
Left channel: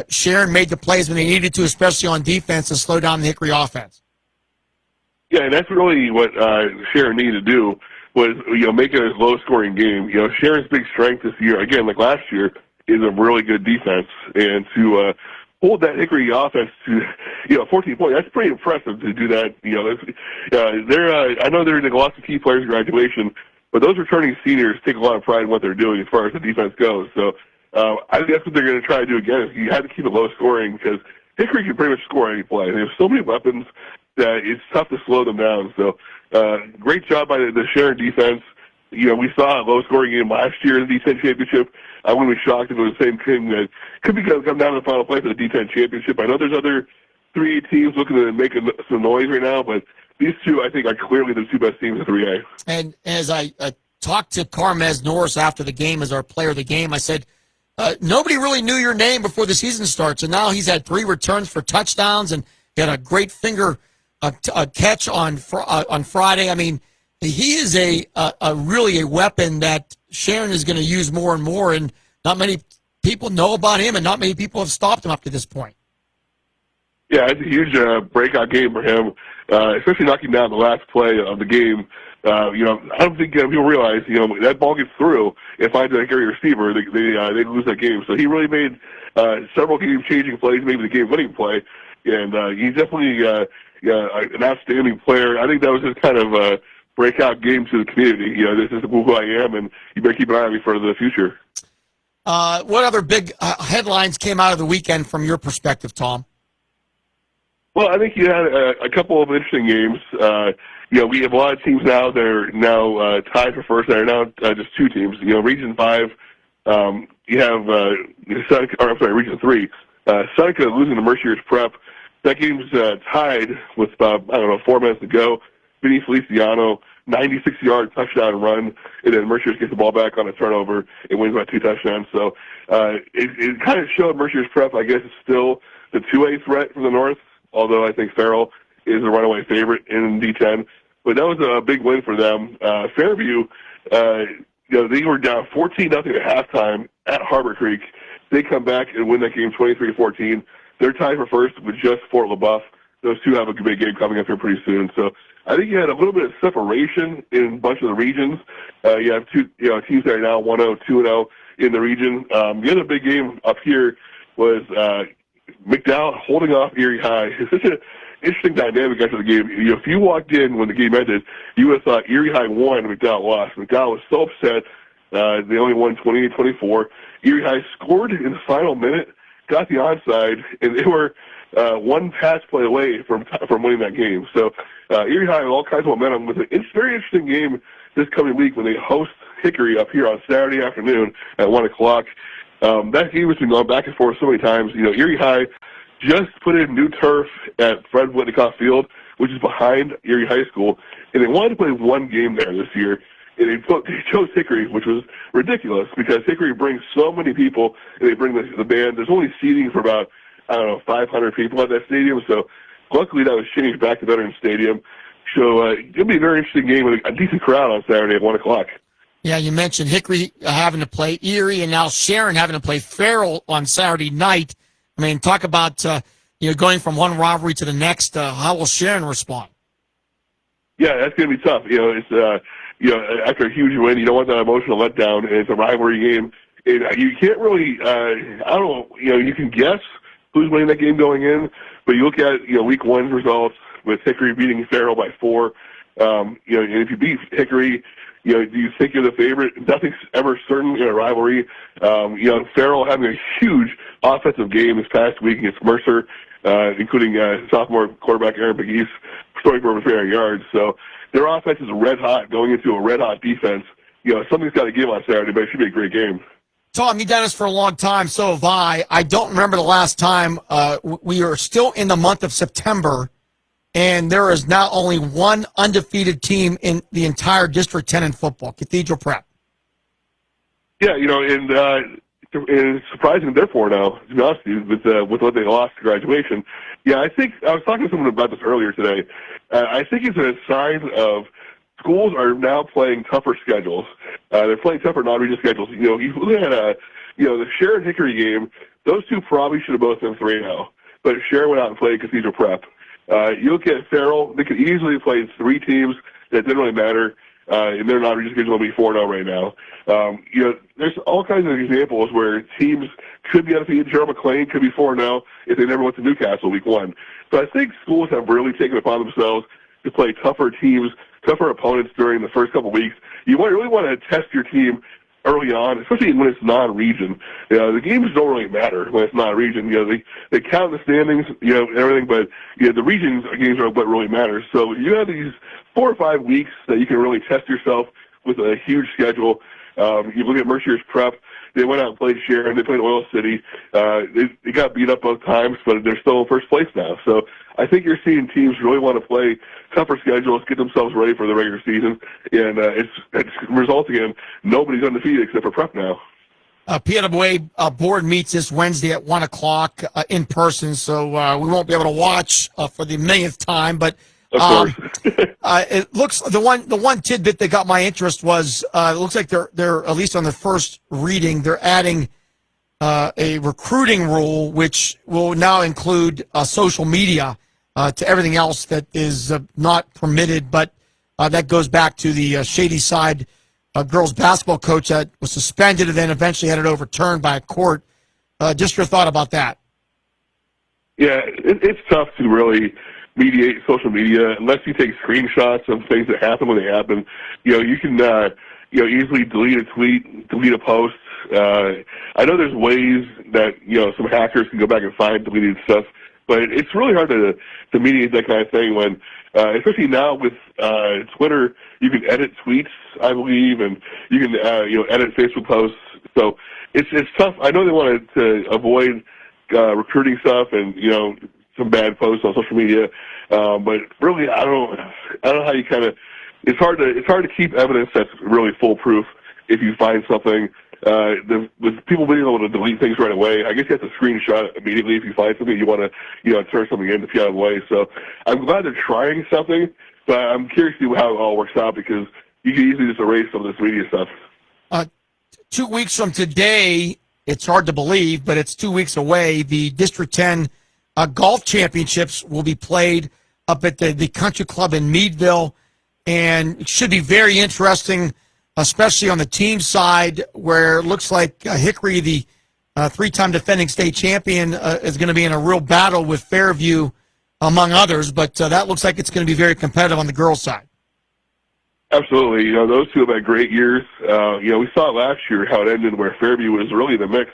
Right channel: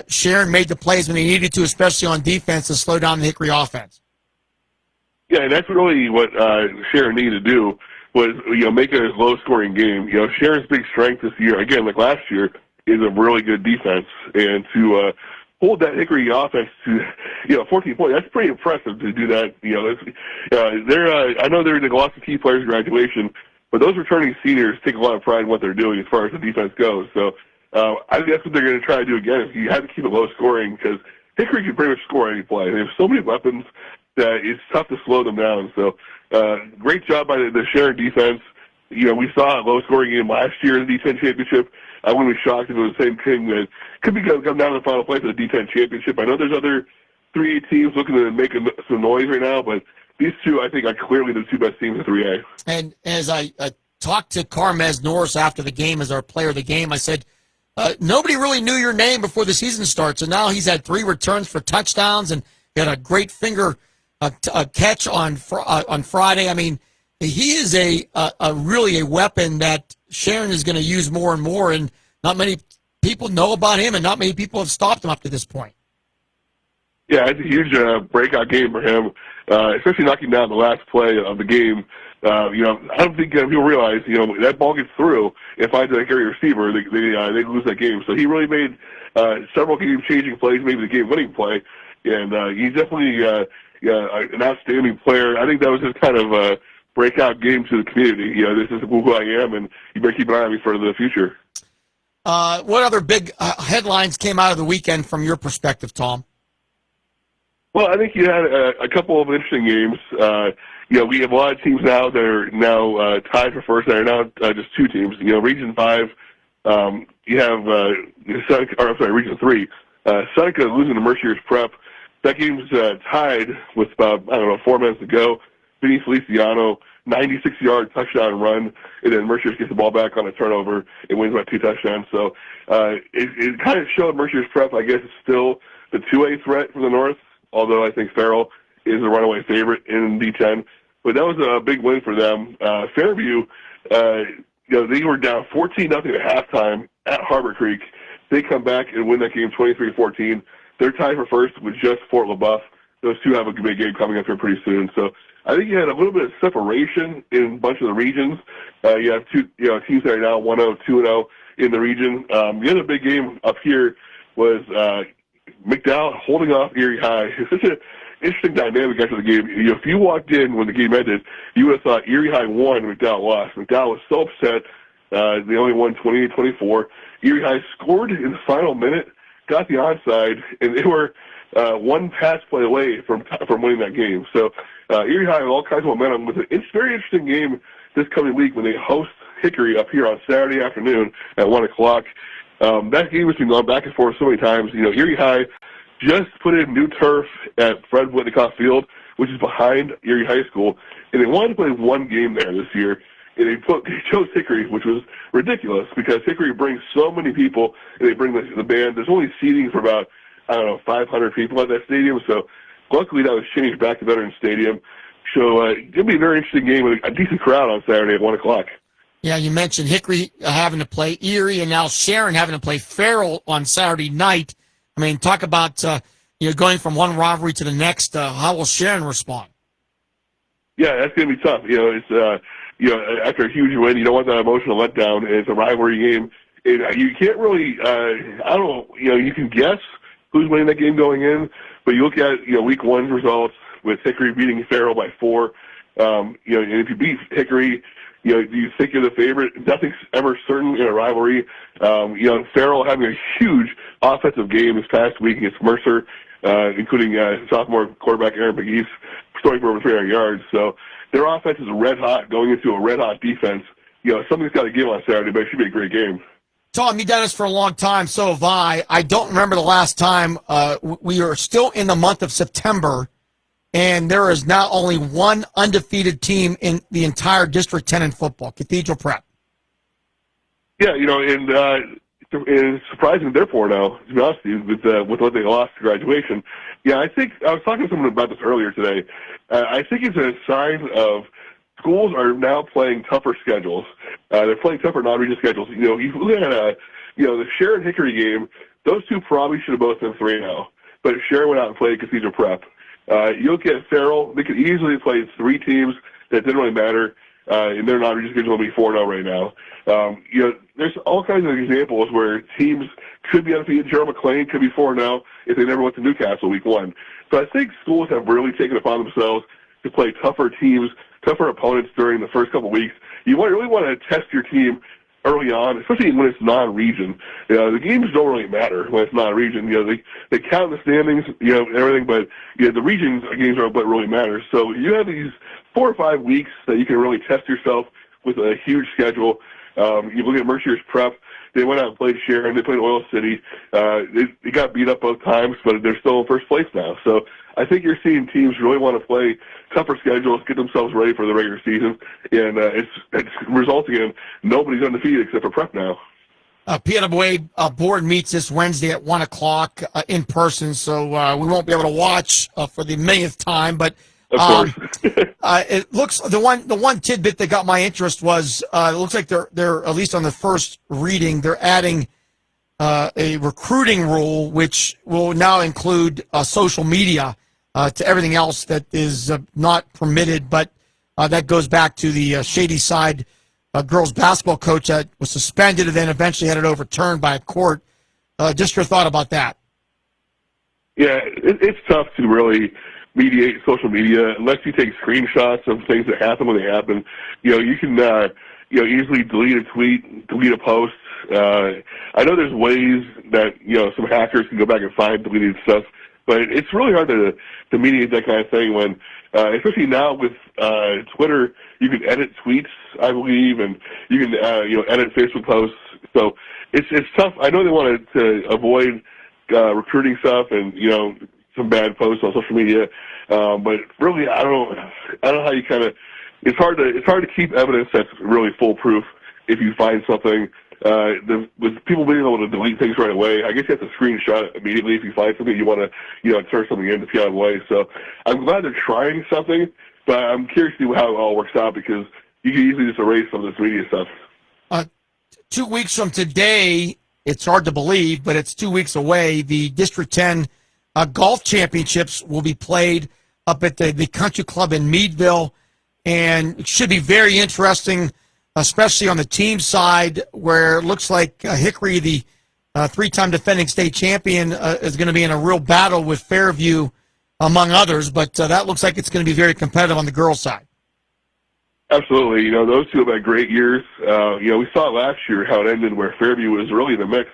Sharon made the plays when they needed to, especially on defense, to slow down the Hickory offense. Yeah, and that's really what Sharon needed to do was, make it a low-scoring game. Sharon's big strength this year, again, like last year, is a really good defense. And to hold that Hickory offense to, 14 points, that's pretty impressive to do that. I know they're lots of key players graduation, but those returning seniors take a lot of pride in what they're doing as far as the defense goes. So I think that's what they're going to try to do again. You have to keep it low-scoring because Hickory can pretty much score any play. They have so many weapons. it's tough to slow them down. So great job by the Sharon defense. We saw a low-scoring game last year in the D10 championship. I wouldn't be shocked if it was the same thing that could come down to the final play for the D10 championship. I know there's other 3A teams looking to make some noise right now, but these two, I think, are clearly the two best teams in 3A. And as I talked to Carmez Norris after the game as our player of the game, I said, nobody really knew your name before the season starts, and now he's had 3 returns for touchdowns and he had a great finger catch on Friday. I mean, he is really a weapon that Sharon is going to use more and more, and not many people know about him, and not many people have stopped him up to this point. Yeah, it's a huge breakout game for him, especially knocking down the last play of the game. I don't think you'll realize, that ball gets through and finds a carry receiver, they lose that game. So he really made several game-changing plays, maybe the game-winning play, and he's definitely an outstanding player. I think that was just kind of a breakout game to the community. This is who I am, and you better keep an eye on me for the future. What other big headlines came out of the weekend from your perspective, Tom? Well, I think you had a couple of interesting games. We have a lot of teams now that are now tied for first. There are now just 2 teams. Region 5, you have Region 3. Seneca losing to Mercier's Prep. That game's tied with, 4 minutes to go. Vinny Feliciano, 96-yard touchdown run, and then Mercier gets the ball back on a turnover and wins by 2 touchdowns. So it kind of showed Mercier's Prep, I guess, is still the 2A threat from the north, although I think Farrell is a runaway favorite in D10. But that was a big win for them. Fairview, they were down 14-0 at halftime at Harbor Creek. They come back and win that game 23-14. They're tied for first with just Fort LaBeouf. Those two have a big game coming up here pretty soon. So I think you had a little bit of separation in a bunch of the regions. You have two teams that are now 1-0, 2-0 in the region. The other big game up here was McDowell holding off Erie High. It's such an interesting dynamic after the game. If you walked in when the game ended, you would have thought Erie High won and McDowell lost. McDowell was so upset. They only won 28-24. Erie High scored in the final minute, got the onside, and they were one pass play away from winning that game. So Erie High had all kinds of momentum with a very interesting game this coming week when they host Hickory up here on Saturday afternoon at 1 o'clock. That game has been going back and forth so many times. Erie High just put in new turf at Fred Whitneycoff Field, which is behind Erie High School, and they wanted to play one game there this year. And they chose Hickory, which was ridiculous because Hickory brings so many people, and they bring the band. There's only seating for about 500 people at that stadium. So luckily that was changed back to Veterans Stadium. So it'll be a very interesting game with a decent crowd on Saturday at 1 o'clock. Yeah, you mentioned Hickory having to play Erie, and now Sharon having to play Farrell on Saturday night. I mean, talk about going from one rivalry to the next. How will Sharon respond? Yeah, that's going to be tough. It's after a huge win, you don't want that emotional letdown, and it's a rivalry game. You can't really, you can guess who's winning that game going in, but you look at, week 1 results with Hickory beating Farrell by 4. And if you beat Hickory, do you think you're the favorite? Nothing's ever certain in a rivalry. Farrell having a huge offensive game this past week against Mercer, including sophomore quarterback Aaron McGee's throwing for over 300 yards. So their offense is red hot going into a red hot defense. Something's got to give on Saturday, but it should be a great game. Tom, you've done this for a long time, so have I. I don't remember the last time. We are still in the month of September, and there is now only one undefeated team in the entire District 10 in football, Cathedral Prep. Yeah, and it's surprising therefore now, to be honest with you, with what they lost to graduation. Yeah, I think I was talking to someone about this earlier today. I think it's a sign of schools are now playing tougher schedules. They're playing tougher non-region schedules. You look at the Sharon Hickory game, those two probably should have both been 3-0. But Sharon went out and played Cathedral Prep. You look at Farrell, they could easily play 3 teams that didn't really matter. And their non-region schedule will be 4-0 right now. There's all kinds of examples where teams could be undefeated. Gerald McLean could be 4-0 if they never went to Newcastle week 1. So I think schools have really taken it upon themselves to play tougher teams, tougher opponents during the first couple weeks. You really want to test your team early on, especially when it's non-region. The games don't really matter when it's non-region. They count the standings, and everything, but the region games are what really matters. So you have these 4 or 5 weeks that you can really test yourself with a huge schedule. You look at Mercier's Prep. They went out and played Sharon. They played Oil City. They got beat up both times, but they're still in first place now. So I think you're seeing teams really want to play tougher schedules, get themselves ready for the regular season, and it's resulting in nobody's undefeated except for Prep now. PNWA board meets this Wednesday at 1 o'clock in person, so we won't be able to watch for the millionth time, but it looks the one tidbit that got my interest was it looks like they're at least on the first reading they're adding a recruiting rule which will now include social media to everything else that is not permitted, but that goes back to the Shady Side girls basketball coach that was suspended and then eventually had it overturned by a court. Just your thought about that. Yeah, it's tough to really mediate social media unless you take screenshots of things that happen when they happen. You can easily delete a tweet, delete a post. I know there's ways that some hackers can go back and find deleted stuff, but it's really hard to mediate that kind of thing when, especially now with Twitter, you can edit tweets, I believe, and you can edit Facebook posts. So it's tough. I know they wanted to avoid recruiting stuff and some bad posts on social media, but really I don't know how you kind of. It's hard to keep evidence that's really foolproof if you find something. With people being able to delete things right away, I guess you have to screenshot it immediately if you find something you want to turn something in to see out of the way. So I'm glad they're trying something, but I'm curious to see how it all works out because you can easily just erase some of this media stuff. 2 weeks from today, it's hard to believe, but it's 2 weeks away. The District 10 golf championships will be played up at the country club in Meadville, and it should be very interesting, especially on the team side where it looks like Hickory, the three-time defending state champion, is going to be in a real battle with Fairview, among others, but that looks like it's going to be very competitive on the girls' side. Absolutely. Those two have had great years. We saw it last year how it ended where Fairview was really in the mix.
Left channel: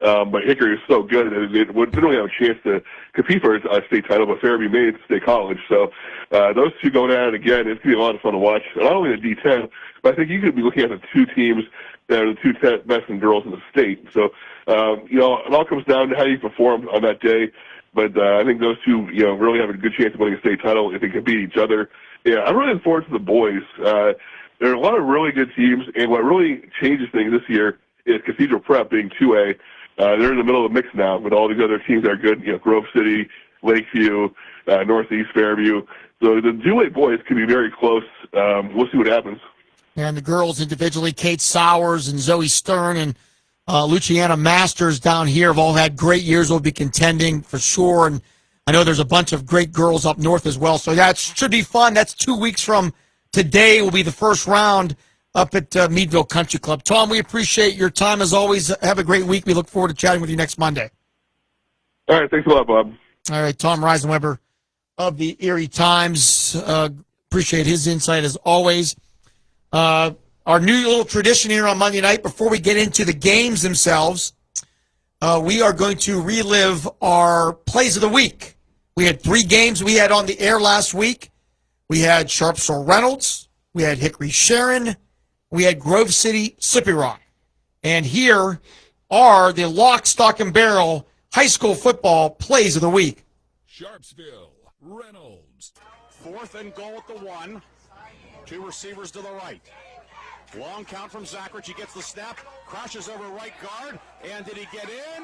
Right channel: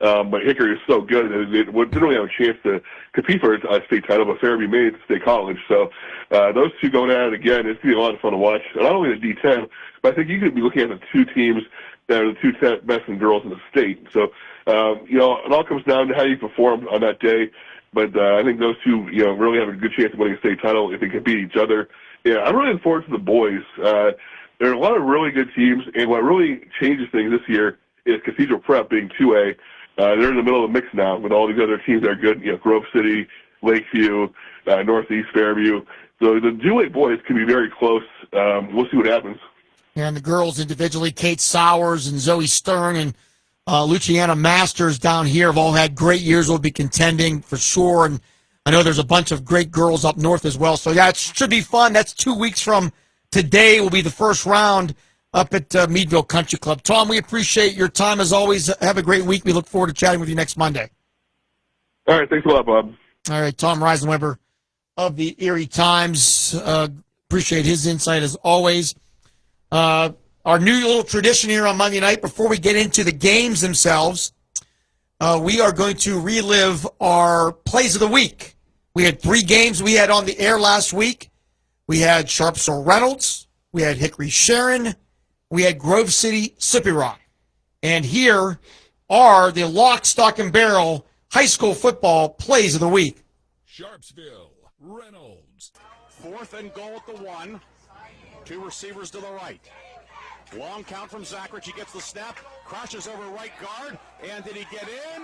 But Hickory is so good that it didn't really have a chance to compete for a state title, but Fairview made it to state college. So those two going at it again, it's going to be a lot of fun to watch. Not only the D10, but I think you could be looking at the two teams that are the two best in girls in the state. So, it all comes down to how you perform on that day. But I think those two, really have a good chance of winning a state title if they can beat each other. Yeah, I'm really looking forward to the boys. There are a lot of really good teams, and what really changes things this year is Cathedral Prep being 2A. They're in the middle of the mix now with all these other teams that are good, Grove City, Lakeview, Northeast Fairview. So the 2A boys can be very close. We'll see what happens. And the girls individually, Kate Sowers and Zoe Stern and Luciana Masters down here have all had great years. Will be contending for sure. And I know there's a bunch of great girls up north as well. So, yeah, it should be fun. That's 2 weeks from today will be the first round up at Meadville Country Club. Tom, we appreciate your time as always. Have a great week. We look forward to chatting with you next Monday. All right. Thanks a lot, Bob. All right. Tom Reisenweber of the Erie Times. Appreciate his insight as always. Our new little tradition here on Monday night, before we get into the games themselves, we are going to relive our plays of the week. We had 3 games we had on the air last week. We had Sharpsville Reynolds. We had Hickory Sharon. We had Grove City Slippy Rock. And here are the lock, stock, and barrel high school football plays of the week. Sharpsville Reynolds. 4th and goal at the 1. 2 receivers to the right. Long count from Zachary. He gets the snap, crashes over right guard, and did he get in?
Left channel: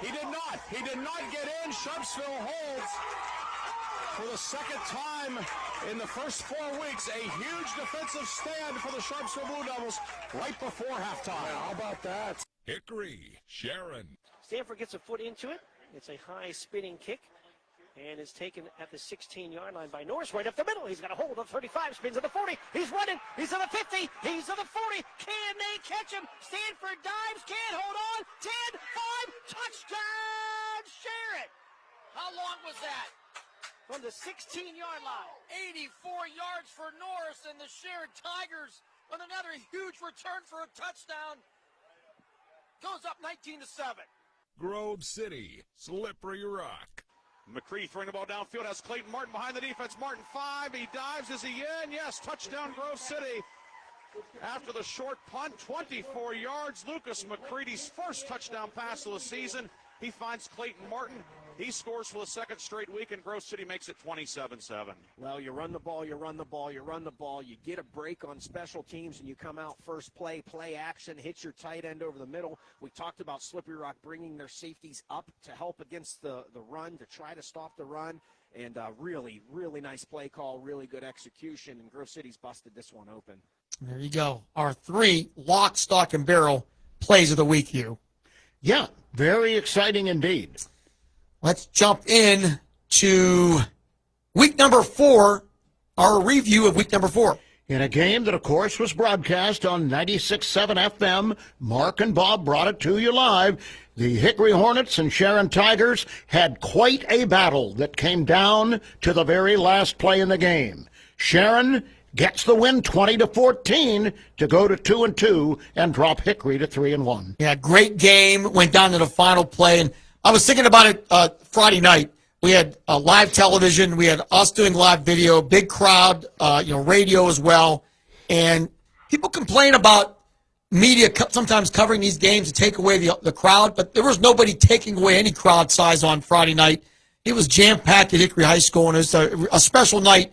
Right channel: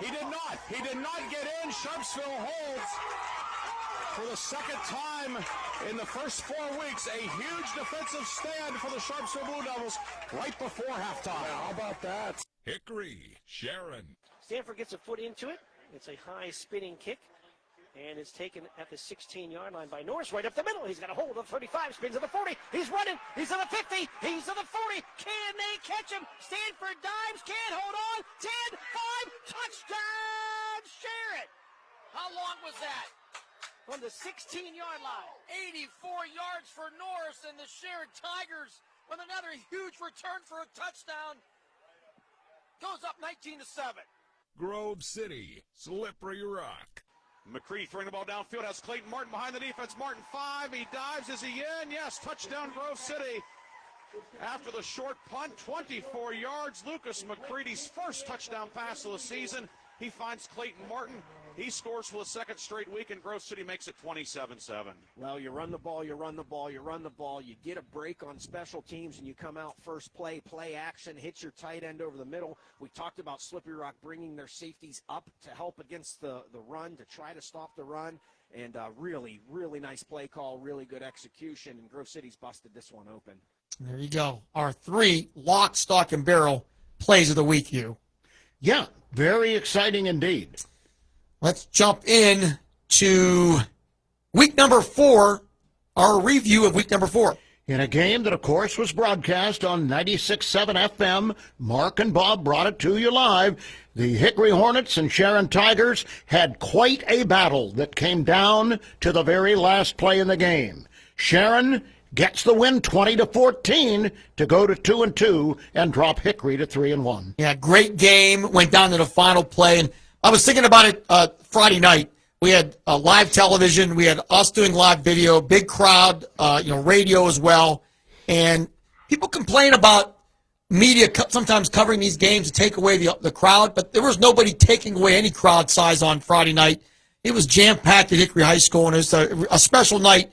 He did not. He did not get in. Sharpsville holds for the second time in the first 4 weeks. A huge defensive stand for the Sharpsville Blue Devils right before halftime. How about that? Hickory Sharon. Stanford gets a foot into it. It's a high spinning kick. And is taken at the 16-yard line by Norris, right up the middle. He's got a hold on 35, spins to the 40. He's running. He's on the 50. He's on the 40. Can they catch him? Stanford dives. Can't hold on. 10, 5, touchdown, Sharon. How long was that? from the 16-yard line. 84 yards for Norris, and the Sharon Tigers with another huge return for a touchdown. Goes up 19-7. Grove City, Slippery Rock. McCready throwing the ball downfield, has Clayton Martin behind the defense. Martin 5, he dives, is he in? Yes, touchdown Grove City. After the short punt, 24 yards, Lucas McCready's first touchdown pass of the season. He finds Clayton Martin. He scores for the second straight week, and Grove City makes it 27-7. Well, you run the ball, you run the ball, you run the ball. You get a break on special teams, and you come out first play action, hit your tight end over the middle. We talked about Slippery Rock bringing their safeties up to help against the run, to try to stop the run. And really, really nice play call, really good execution, and Grove City's busted this one open. There you go. Our 3 lock, stock, and barrel plays of the week, Hugh. Yeah, very exciting indeed. Let's jump in to week number 4, our review of week number 4. In a game that, of course, was broadcast on 96.7 FM, Mark and Bob brought it to you live. The Hickory Hornets and Sharon Tigers had quite a battle that came down to the very last play in the game. Sharon gets the win 20-14 to go to 2-2 and drop Hickory to 3-1. Yeah, great game. Went down to the final play. And I was thinking about it Friday night. We had live television. We had us doing live video, big crowd, radio as well. And people complain about media sometimes covering these games to take away the crowd, but there was nobody taking away any crowd size on Friday night. It was jam-packed at Hickory High School, and it's a special night.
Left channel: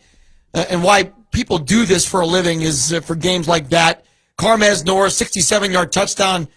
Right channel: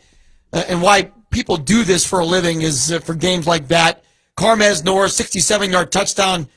And why people do this for a living is for games like that. Carmez Norris, 67-yard touchdown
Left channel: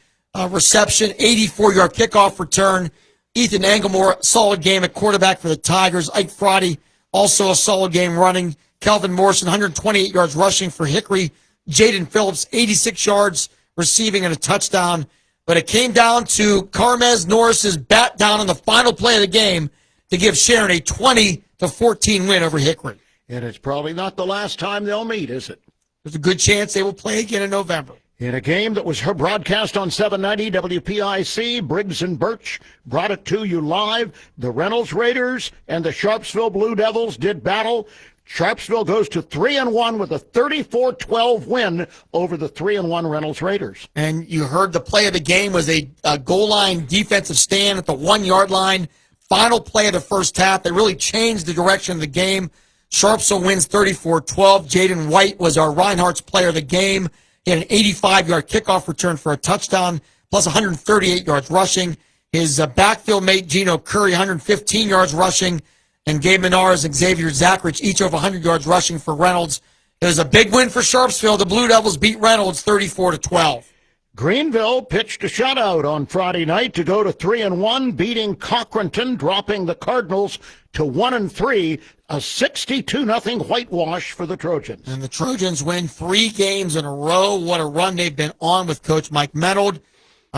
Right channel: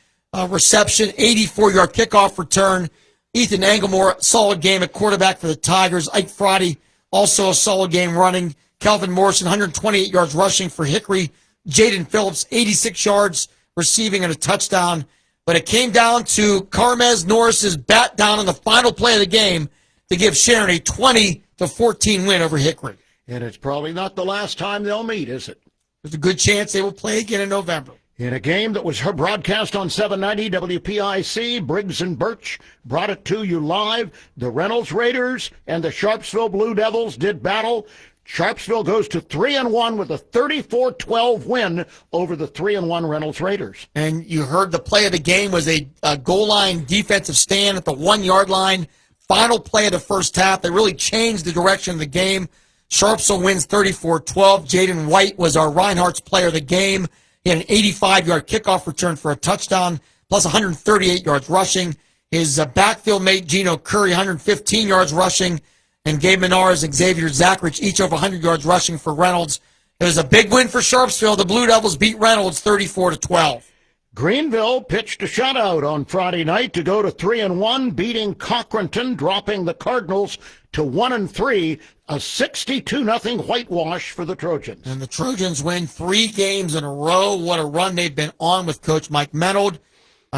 reception, 84-yard kickoff return. Ethan Engelmore, solid game at quarterback for the Tigers. Ike Friday, also a solid game running. Kelvin Morrison, 128 yards rushing for Hickory. Jaden Phillips, 86 yards receiving and a touchdown. But it came down to Carmez Norris's bat down in the final play of the game to give Sharon a 20-14 win over Hickory. And it's probably not the last time they'll meet, is it? There's a good chance they will play again in November. In a game that was broadcast on 790 WPIC, Briggs and Birch brought it to you live. The Reynolds Raiders and the Sharpsville Blue Devils did battle. Sharpsville goes to 3-1 with a 34-12 win over the 3-1 Reynolds Raiders. And you heard the play of the game was a goal line defensive stand at the 1-yard line. Final play of the first half that really changed the direction of the game. Sharpsville wins 34-12. Jaden White was our Reinhardt's player of the game. He had an 85-yard kickoff return for a touchdown, plus 138 yards rushing. His backfield mate, Gino Curry, 115 yards rushing, and Gabe Menards and Xavier Zachrich, each over 100 yards rushing for Reynolds. It is a big win for Sharpsville. The Blue Devils beat Reynolds 34-12. Greenville pitched a shutout on Friday night to go to 3-1, beating Cochranton, dropping the Cardinals to 1-3, a 62-0 whitewash for the Trojans. And the Trojans win 3 games in a row. What a run they've been on with Coach Mike Menold.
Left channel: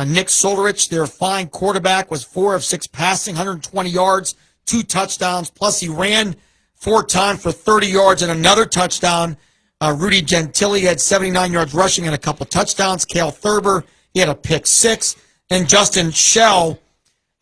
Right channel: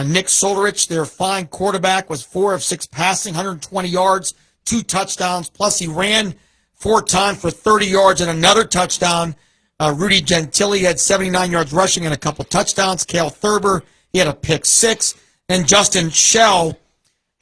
Nick Solerich, their fine quarterback, was 4 of 6 passing, 120 yards, 2 touchdowns, plus he ran 4 times for 30 yards and another touchdown. Rudy Gentili had 79 yards rushing and a couple touchdowns. Cale Thurber, he had a pick 6. And Justin Schell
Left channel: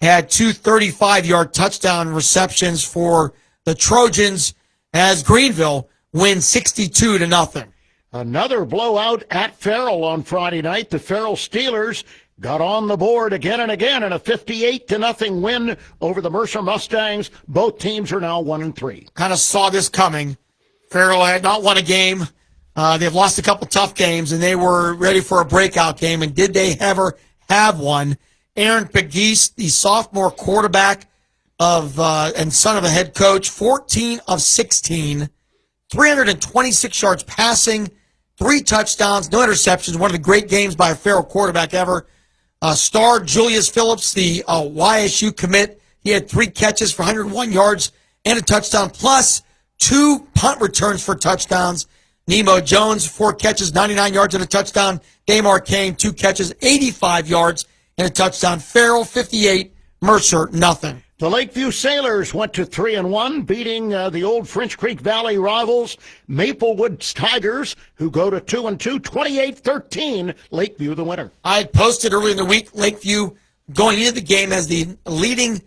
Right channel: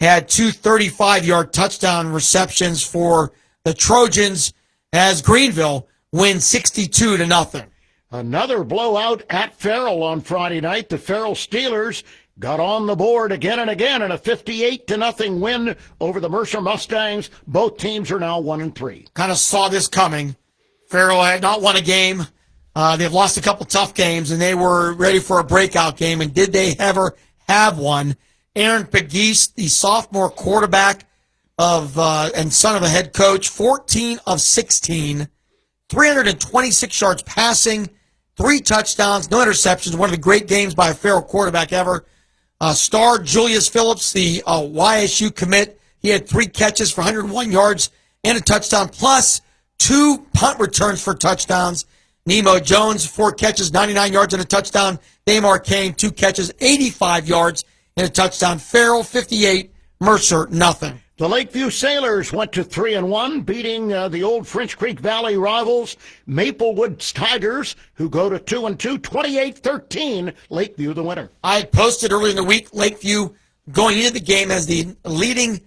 had 2 35-yard touchdown receptions for the Trojans as Greenville wins 62-0. Another blowout at Farrell on Friday night. The Farrell Steelers got on the board again and again in a 58-0 win over the Mercer Mustangs. Both teams are now 1-3. Kind of saw this coming. Farrell had not won a game. They've lost a couple tough games, and they were ready for a breakout game. And did they ever have one? Aaron Pegues, the sophomore quarterback and son of a head coach, 14 of 16, 326 yards passing, 3 touchdowns, no interceptions. One of the great games by a Farrell quarterback ever. Star Julius Phillips, the YSU commit, he had 3 catches for 101 yards and a touchdown, plus 2 punt returns for touchdowns. Nemo Jones, 4 catches, 99 yards and a touchdown. Damar Kane, 2 catches, 85 yards and a touchdown. Farrell, 58, Mercer, nothing. The Lakeview Sailors went to 3-1, beating the old French Creek Valley rivals, Maplewood Tigers, who go to 2-2, 28-13, Lakeview the winner. I had posted early in the week, Lakeview going into the game as the leading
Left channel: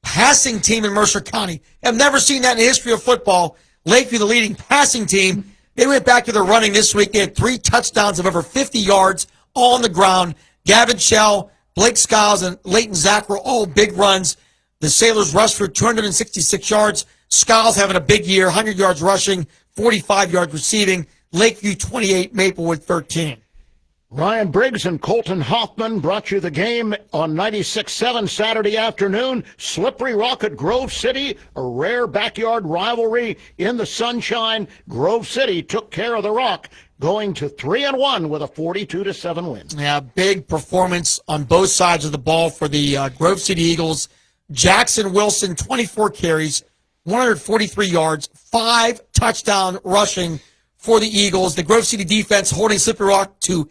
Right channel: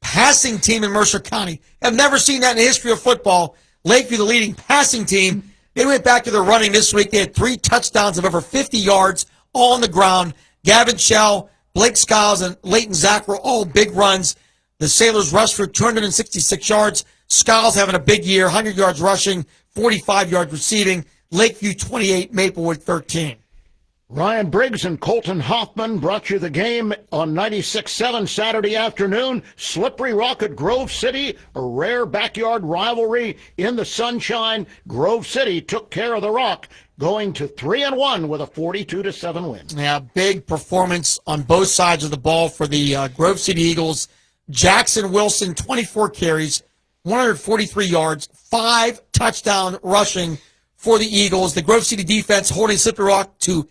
passing team in Mercer County. I've never seen that in the history of football. Lakeview, the leading passing team, they went back to their running this week. They had 3 touchdowns of over 50 yards all on the ground. Gavin Shell, Blake Skiles, and Leighton Zach were all big runs. The Sailors rushed for 266 yards. Skiles having a big year, 100 yards rushing, 45 yards receiving. Lakeview 28, Maplewood 13. Ryan Briggs and Colton Hoffman brought you the game on 96.7 Saturday afternoon. Slippery Rock at Grove City, a rare backyard rivalry in the sunshine. Grove City took care of the Rock, going to 3-1 with a 42-7 win. Yeah, big performance on both sides of the ball for the Grove City Eagles. Jackson Wilson, 24 carries, 143 yards, 5 touchdown rushing for the Eagles. The Grove City defense holding Slippery Rock to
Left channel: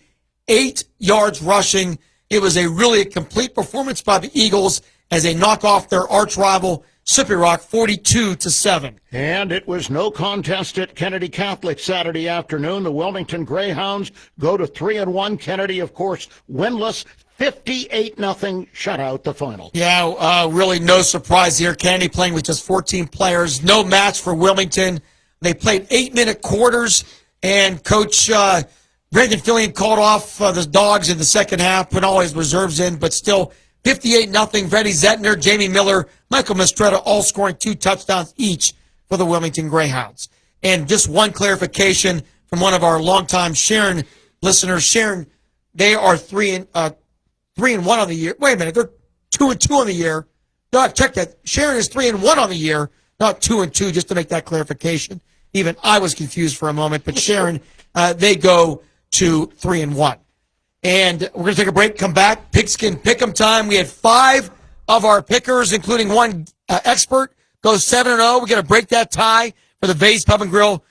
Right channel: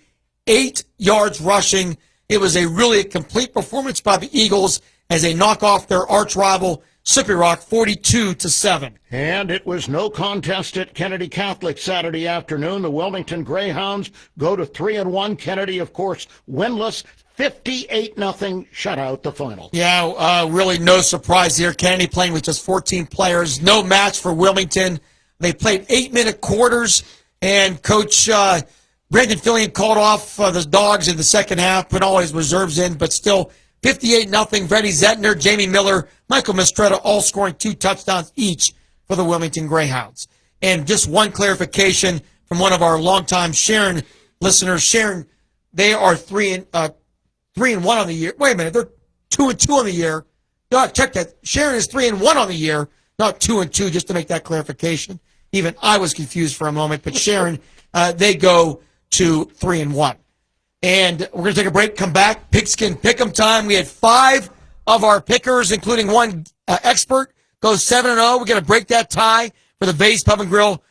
8 yards rushing. It was a really complete performance by the Eagles as they knock off their arch rival Slippery Rock 42-7. And it was no contest at Kennedy Catholic Saturday afternoon. The Wilmington Greyhounds go to 3-1. Kennedy, of course, winless. 58-0 shutout the final. Yeah, really no surprise here. Kennedy playing with just 14 players. No match for Wilmington. They played 8-minute quarters, and Coach Brendan Fillion called off the Dogs in the second half, put all his reserves in, but still 58-0. Freddie Zettner, Jamie Miller, Michael Mistretta all scoring 2 touchdowns each for the Wilmington Greyhounds. And just one clarification from one of our longtime Sharon listeners. Sharon, they are 3-1 on the year. Wait a minute, they're 2-2 on the year. No, check that. Sharon is 3-1 on the year, not 2-2. Just to make that clarification. Even I was confused for a moment, but Sharon, they go to 3-1. And we're going to take a break, come back, Pigskin Pick'em time. We had 5 of our pickers, including one expert, go 7-0. We're going to break that tie for the Vase Pub and Grill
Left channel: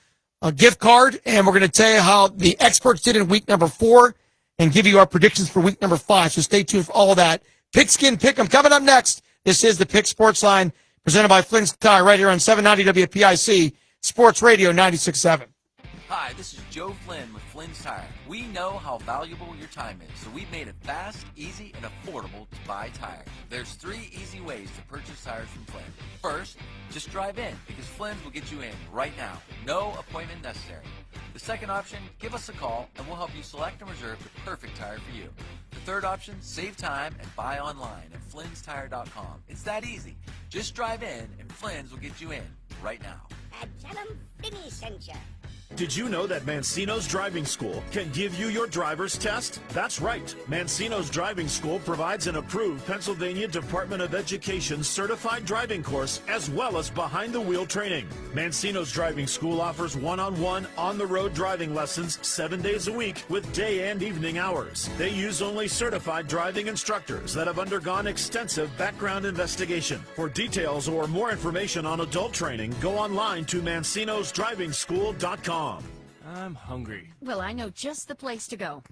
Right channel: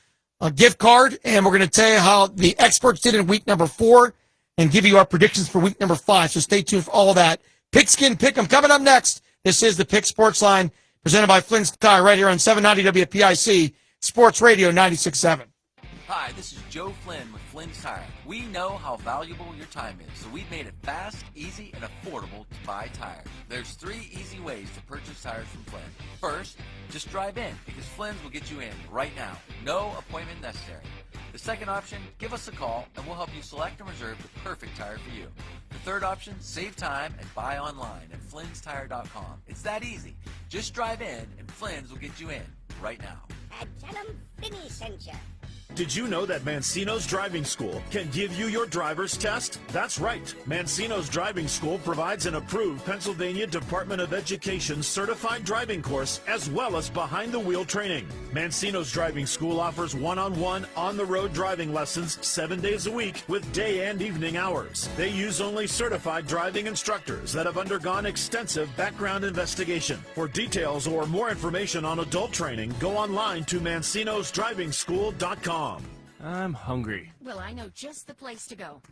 gift card, and we're going to tell you how the experts did in week number 4 and give you our predictions for week number 5. So stay tuned for all of that. Pigskin Pick'em coming up next. This is the Pick Sports Line presented by Flynn's Tire right here on 790 WPIC Sports Radio 96.7. Hi, this is Joe Flynn with Flynn's Tire. We know how valuable your time is, so we've made it fast, easy, and affordable to buy tires. There's 3 easy ways to purchase tires from Flynn. First, just drive in, because Flynn will get you in right now. No appointment necessary. The second option, give us a call, and we'll help you select and reserve the perfect tire for you. The third option, save time and buy online at Flynn'sTire.com. It's that easy. Just drive in, and Flynn's will get you in right now. Did you know that Mancino's Driving School can give you your driver's test? That's right. Mancino's Driving School provides an approved Pennsylvania Department of Education certified driving course as well as behind-the-wheel training. Mancino's Driving School offers one-on-one, on-the-road driving lessons 7 days a week with day and evening hours. They use only certified driving instructors that have undergone extensive background investigation. For details or more information on adult training, go online to mancinosdrivingschool.com. I'm hungry. Well, I know just the place to go.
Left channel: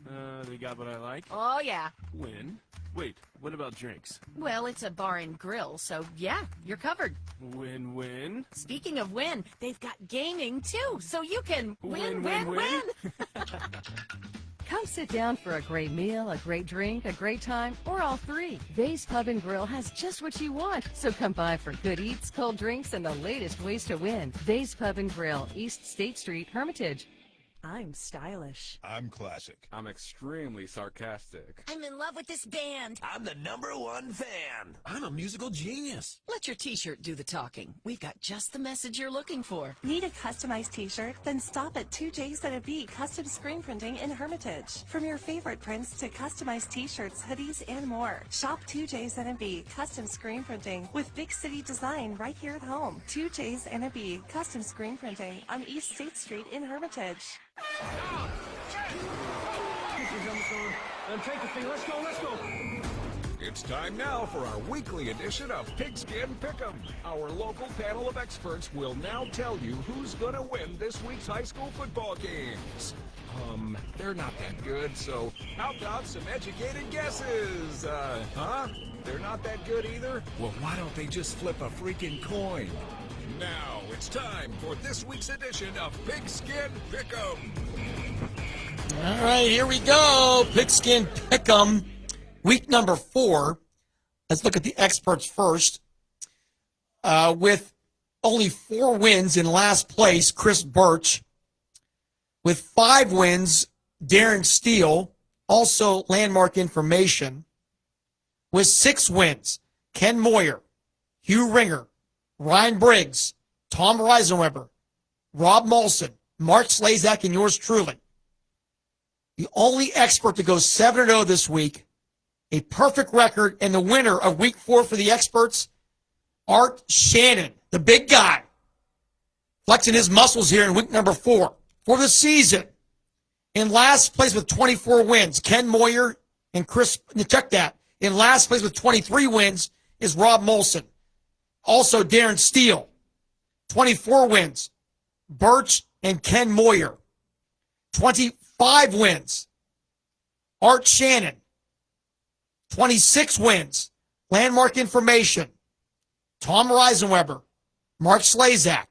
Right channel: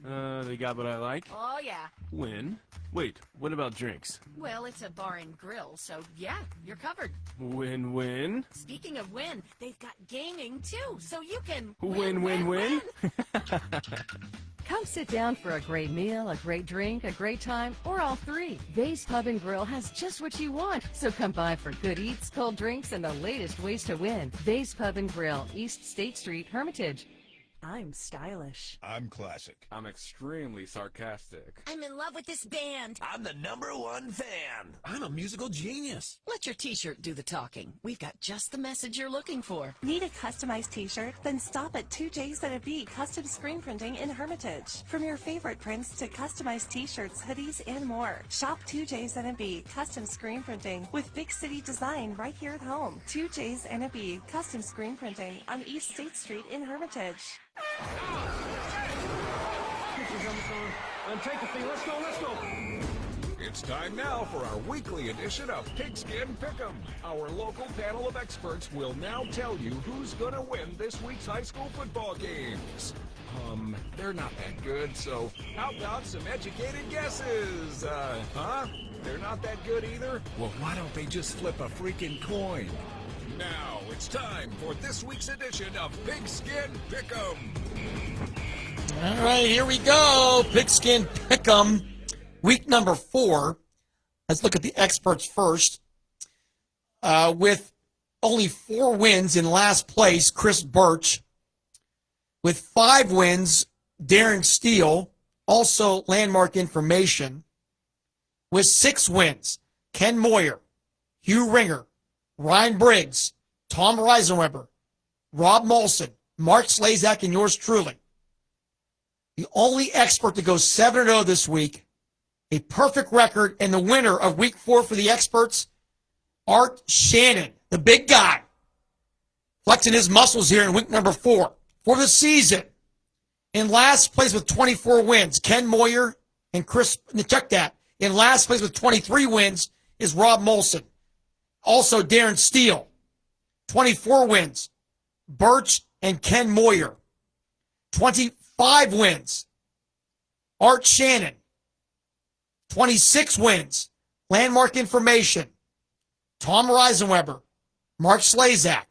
They got what I like? Oh, yeah. When? Wait, what about drinks? Well, it's a bar and grill, so yeah, you're covered. Win-win? Speaking of win, they've got gaming, too, so you can Win. Come sit down for a great meal, a great drink, a great time, or all 3. Vase Pub and Grill has just what you want. So come by for good eats, cold drinks, and the latest ways to win. Vase Pub and Grill, East State Street, Hermitage. I'm stylish. I'm classic. I'm extremely sarcastic. I'm in love with this band. I'm the #1 fan. I'm a musical genius. Let your t-shirt do the talking. We've got just the message you're looking for. Need a customized t-shirt? Then stop at 2J's and a B Custom Screen Printing in Hermitage. From your favorite prints to customized t-shirts, hoodies, and more. Shop 2J's and a B Custom Screen Printing with big city design right here at home. 2J's and a B Custom Screen Printing on East State Street in Hermitage. It's time now for our weekly edition of Pigskin Pick'em. Our local panel of experts will now tell you who's going to win this week's high school football games. They're not that good, so how about some educated guesses? They're not that good either? Well, why don't they just flip a freaking coin? Now, it's time for this week's edition of Pigskin Pick'em. All right, here we go. Pigskin Pick'em, week number 4. Let's look at the experts first. with only 4 wins in last place, Chris Birch. With 5 wins, Darren Steele, also Landmark Information. With 6 wins, Ken Moyer, Hugh Ringer, Ryan Briggs, Tom Reisenweber, Rob Molson, Mark Slazak, and yours truly. The only expert to go 7-0 this week, a perfect record, and the winner of week 4 for the experts, Art Shannon, the big guy, flexing his muscles here in week number 4 for the season. In last place with 24 wins, Ken Moyer and Chris, check that. In last place with 23 wins is Rob Molson. Also Darren Steele, 24 wins, Birch and Ken Moyer. 25 wins, Art Shannon. 26 wins, Landmark Information, Tom Reisenweber, Mark Slazak.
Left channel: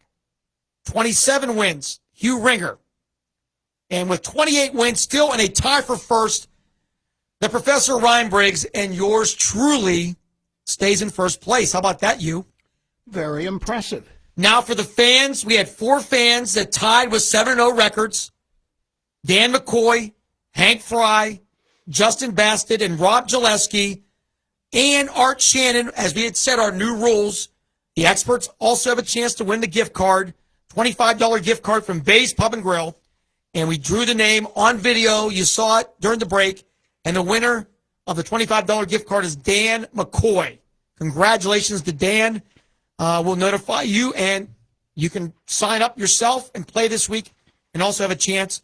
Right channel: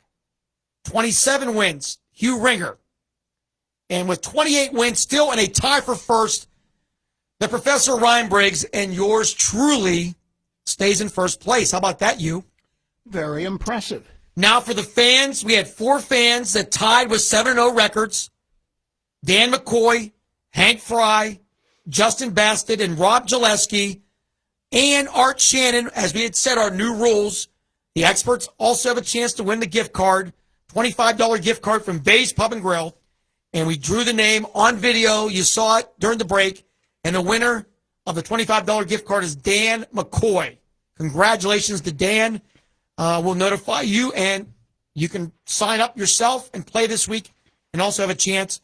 27 wins, Hugh Ringer. And with 28 wins, still in a tie for first, the Professor Ryan Briggs, and yours truly stays in first place. How about that, you? Very impressive. Now for the fans, we had 4 fans that tied with 7-0 records. Dan McCoy, Hank Fry, Justin Basted, and Rob Gillespie, and Art Shannon. As we had said, our new rules, the experts also have a chance to win the gift card, $25 gift card from Bay's Pub and Grill. And we drew the name on video. You saw it during the break. And the winner of the $25 gift card is Dan McCoy. Congratulations to Dan. We'll notify you, and you can sign up yourself and play this week and also have a chance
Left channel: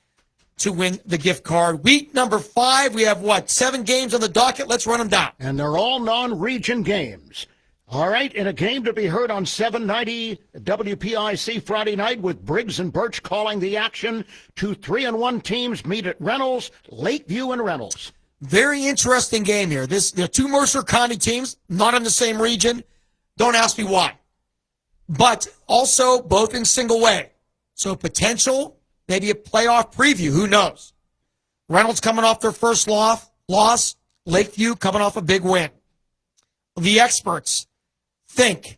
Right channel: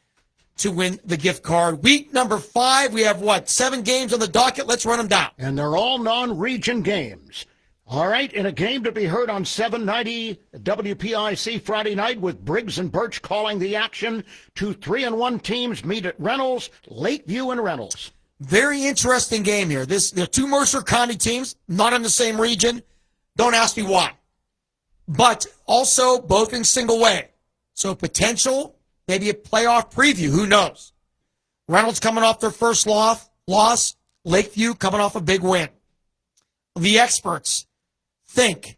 to win the gift card. Week number 5, we have, 7 games on the docket? Let's run them down. And they're all non-region games. All right, in a game to be heard on 790 WPIC Friday night with Briggs and Birch calling the action. 2 3-1 teams meet at Reynolds, Lakeview and Reynolds. Very interesting game here. There are 2 Mercer County teams, not in the same region. Don't ask me why. But also both in single way. So potential, maybe a playoff preview. Who knows? Reynolds coming off their first loss. Lakeview coming off a big win. The experts think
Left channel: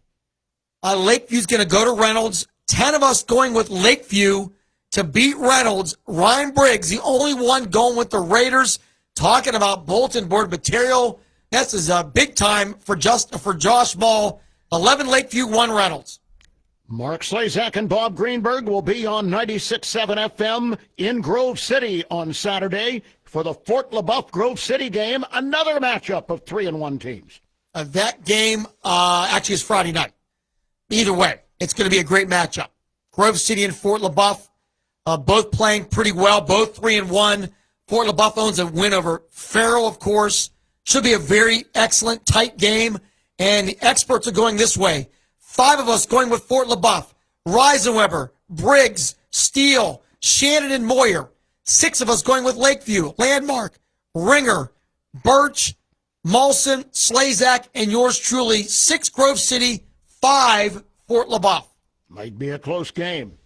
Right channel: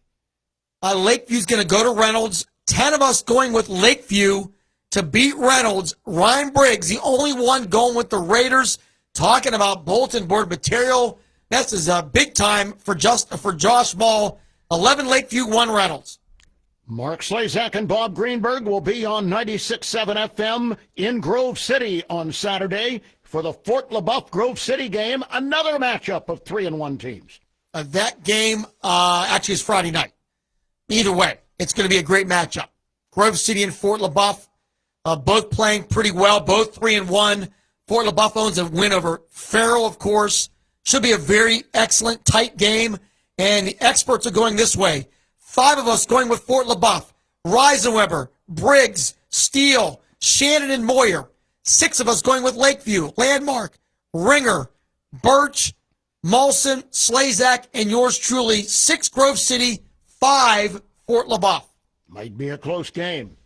Lakeview's going to go to Reynolds. 10 of us going with Lakeview to beat Reynolds. Ryan Briggs, the only one going with the Raiders, talking about bulletin board material. That's big time for Josh Ball. 11 Lakeview, 1 Reynolds. Mark Slazak and Bob Greenberg will be on 96.7 FM in Grove City on Saturday for the Fort LaBeouf Grove City game, another matchup of 3-1 teams. That game actually is Friday night. Either way, it's going to be a great matchup. Grove City and Fort LaBeouf both playing pretty well, both 3-1. Fort LaBeouf owns a win over Farrell, of course. Should be a very excellent, tight game. And the experts are going this way. 5 of us going with Fort LaBeouf. Reisenweber, Briggs, Steele, Shannon, and Moyer. 6 of us going with Lakeview, Landmark, Ringer, Birch, Molson, Slazak, and yours truly. 6 Grove City, 5 Fort LaBeouf. Might be a close game.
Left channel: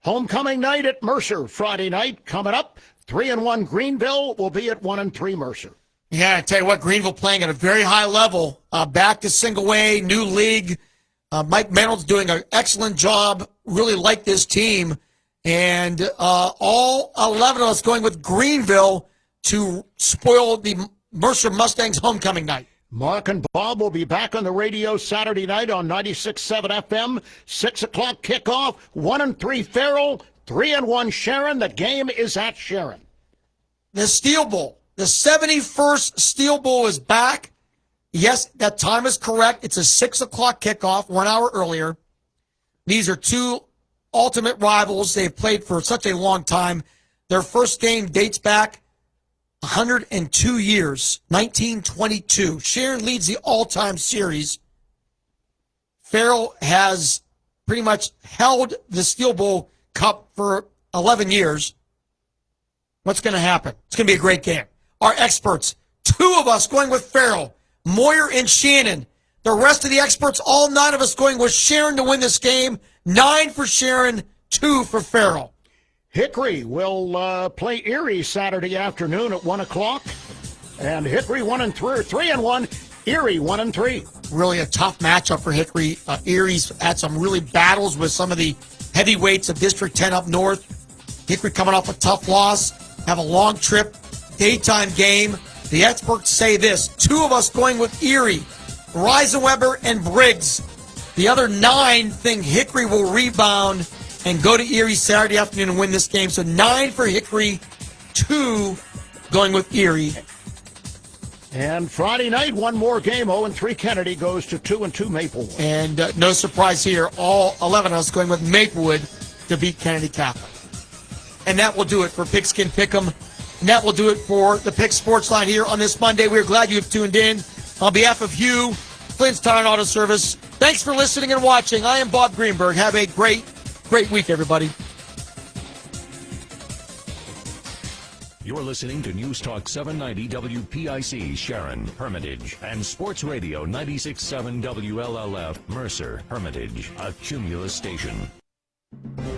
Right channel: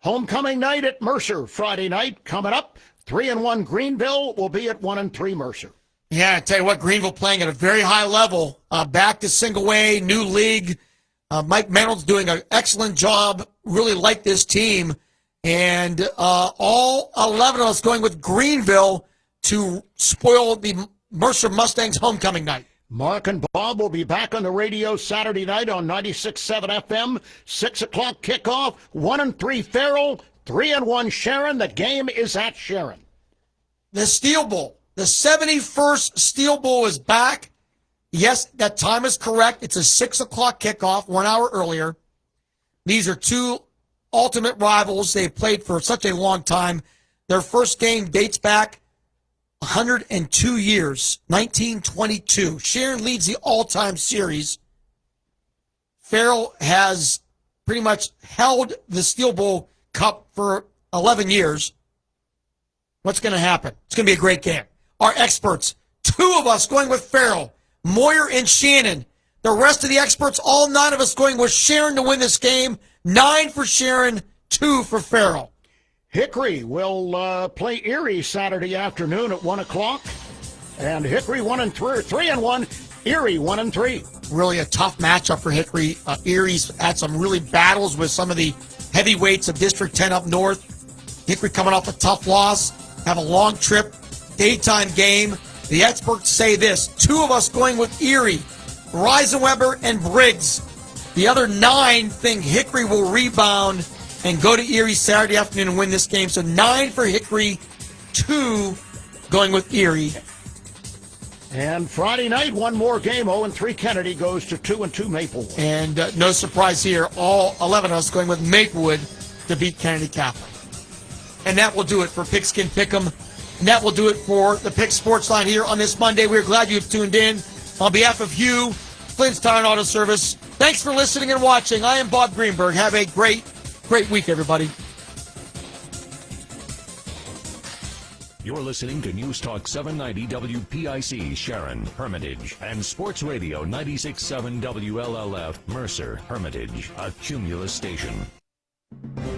Homecoming night at Mercer Friday night coming up. 3-1 Greenville will be at 1-3 Mercer. Yeah, I tell you what, Greenville playing at a very high level. Back to single way, new league. Mike Mennel's doing an excellent job. Really like this team. And all 11 of us going with Greenville to spoil the Mercer Mustangs homecoming night. Mark and Bob will be back on the radio Saturday night on 96.7 FM. 6 o'clock kickoff. 1-3 Farrell. 3-1 Sharon. The game is at Sharon. The Steel Bowl. The 71st Steel Bowl is back. Yes, that time is correct. It's a 6 o'clock kickoff, 1 hour earlier. These are 2 ultimate rivals. They have played for such a long time. Their first game dates back 102 years, 1922. Sharon leads the all-time series. Farrell has pretty much held the Steel Bowl Cup for 11 years. What's going to happen? It's going to be a great game. Our experts, 2 of us going with Farrell, Moyer and Shannon. The rest of the experts, all 9 of us going with Sharon to win this game. 9 for Sharon, 2 for Farrell. Hickory will play Erie Saturday afternoon at 1 o'clock. And Hickory 3-1. Erie 1-3. Really a tough matchup for Hickory. Erie's had some really battles with some of the heavyweights of District 10 up north. Hickory coming off a tough loss, have a long trip, daytime game. The experts say this, 2 of us going with Erie, Reisenweber and Briggs. The other 9 think Hickory will rebound and go to Erie Saturday afternoon and win this game. So 9 for Hickory, 2 going with Erie. And Friday night, one more game. 0-3 Kennedy goes to 2-2 Maplewood. And no surprise here, all 11 of us going with Maplewood to beat Kennedy Catholic. And that will do it for Pigskin Pick'em. And that will do it for the Pick Sports Line here on this Monday. We're glad you've tuned in. On behalf of you, Flynn's Tire and Auto Service, thanks for listening and watching. I am Bob Greenberg. Have a great week, everybody. You're listening to News Talk 790 WPIC, Sharon, Hermitage, and Sports Radio 96.7 WLLF, Mercer, Hermitage, a Cumulus station.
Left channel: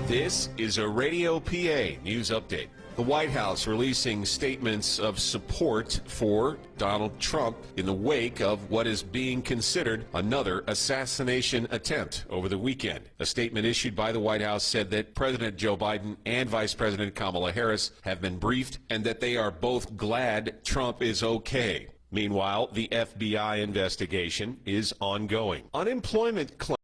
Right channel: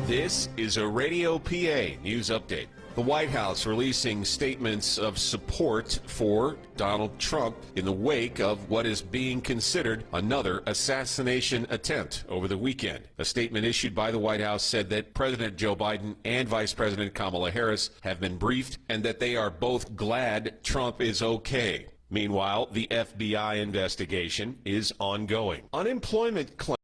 This is a Radio PA news update. The White House releasing statements of support for Donald Trump in the wake of what is being considered another assassination attempt over the weekend. A statement issued by the White House said that President Joe Biden and Vice President Kamala Harris have been briefed and that they are both glad Trump is okay. Meanwhile, the FBI investigation is ongoing. Unemployment claims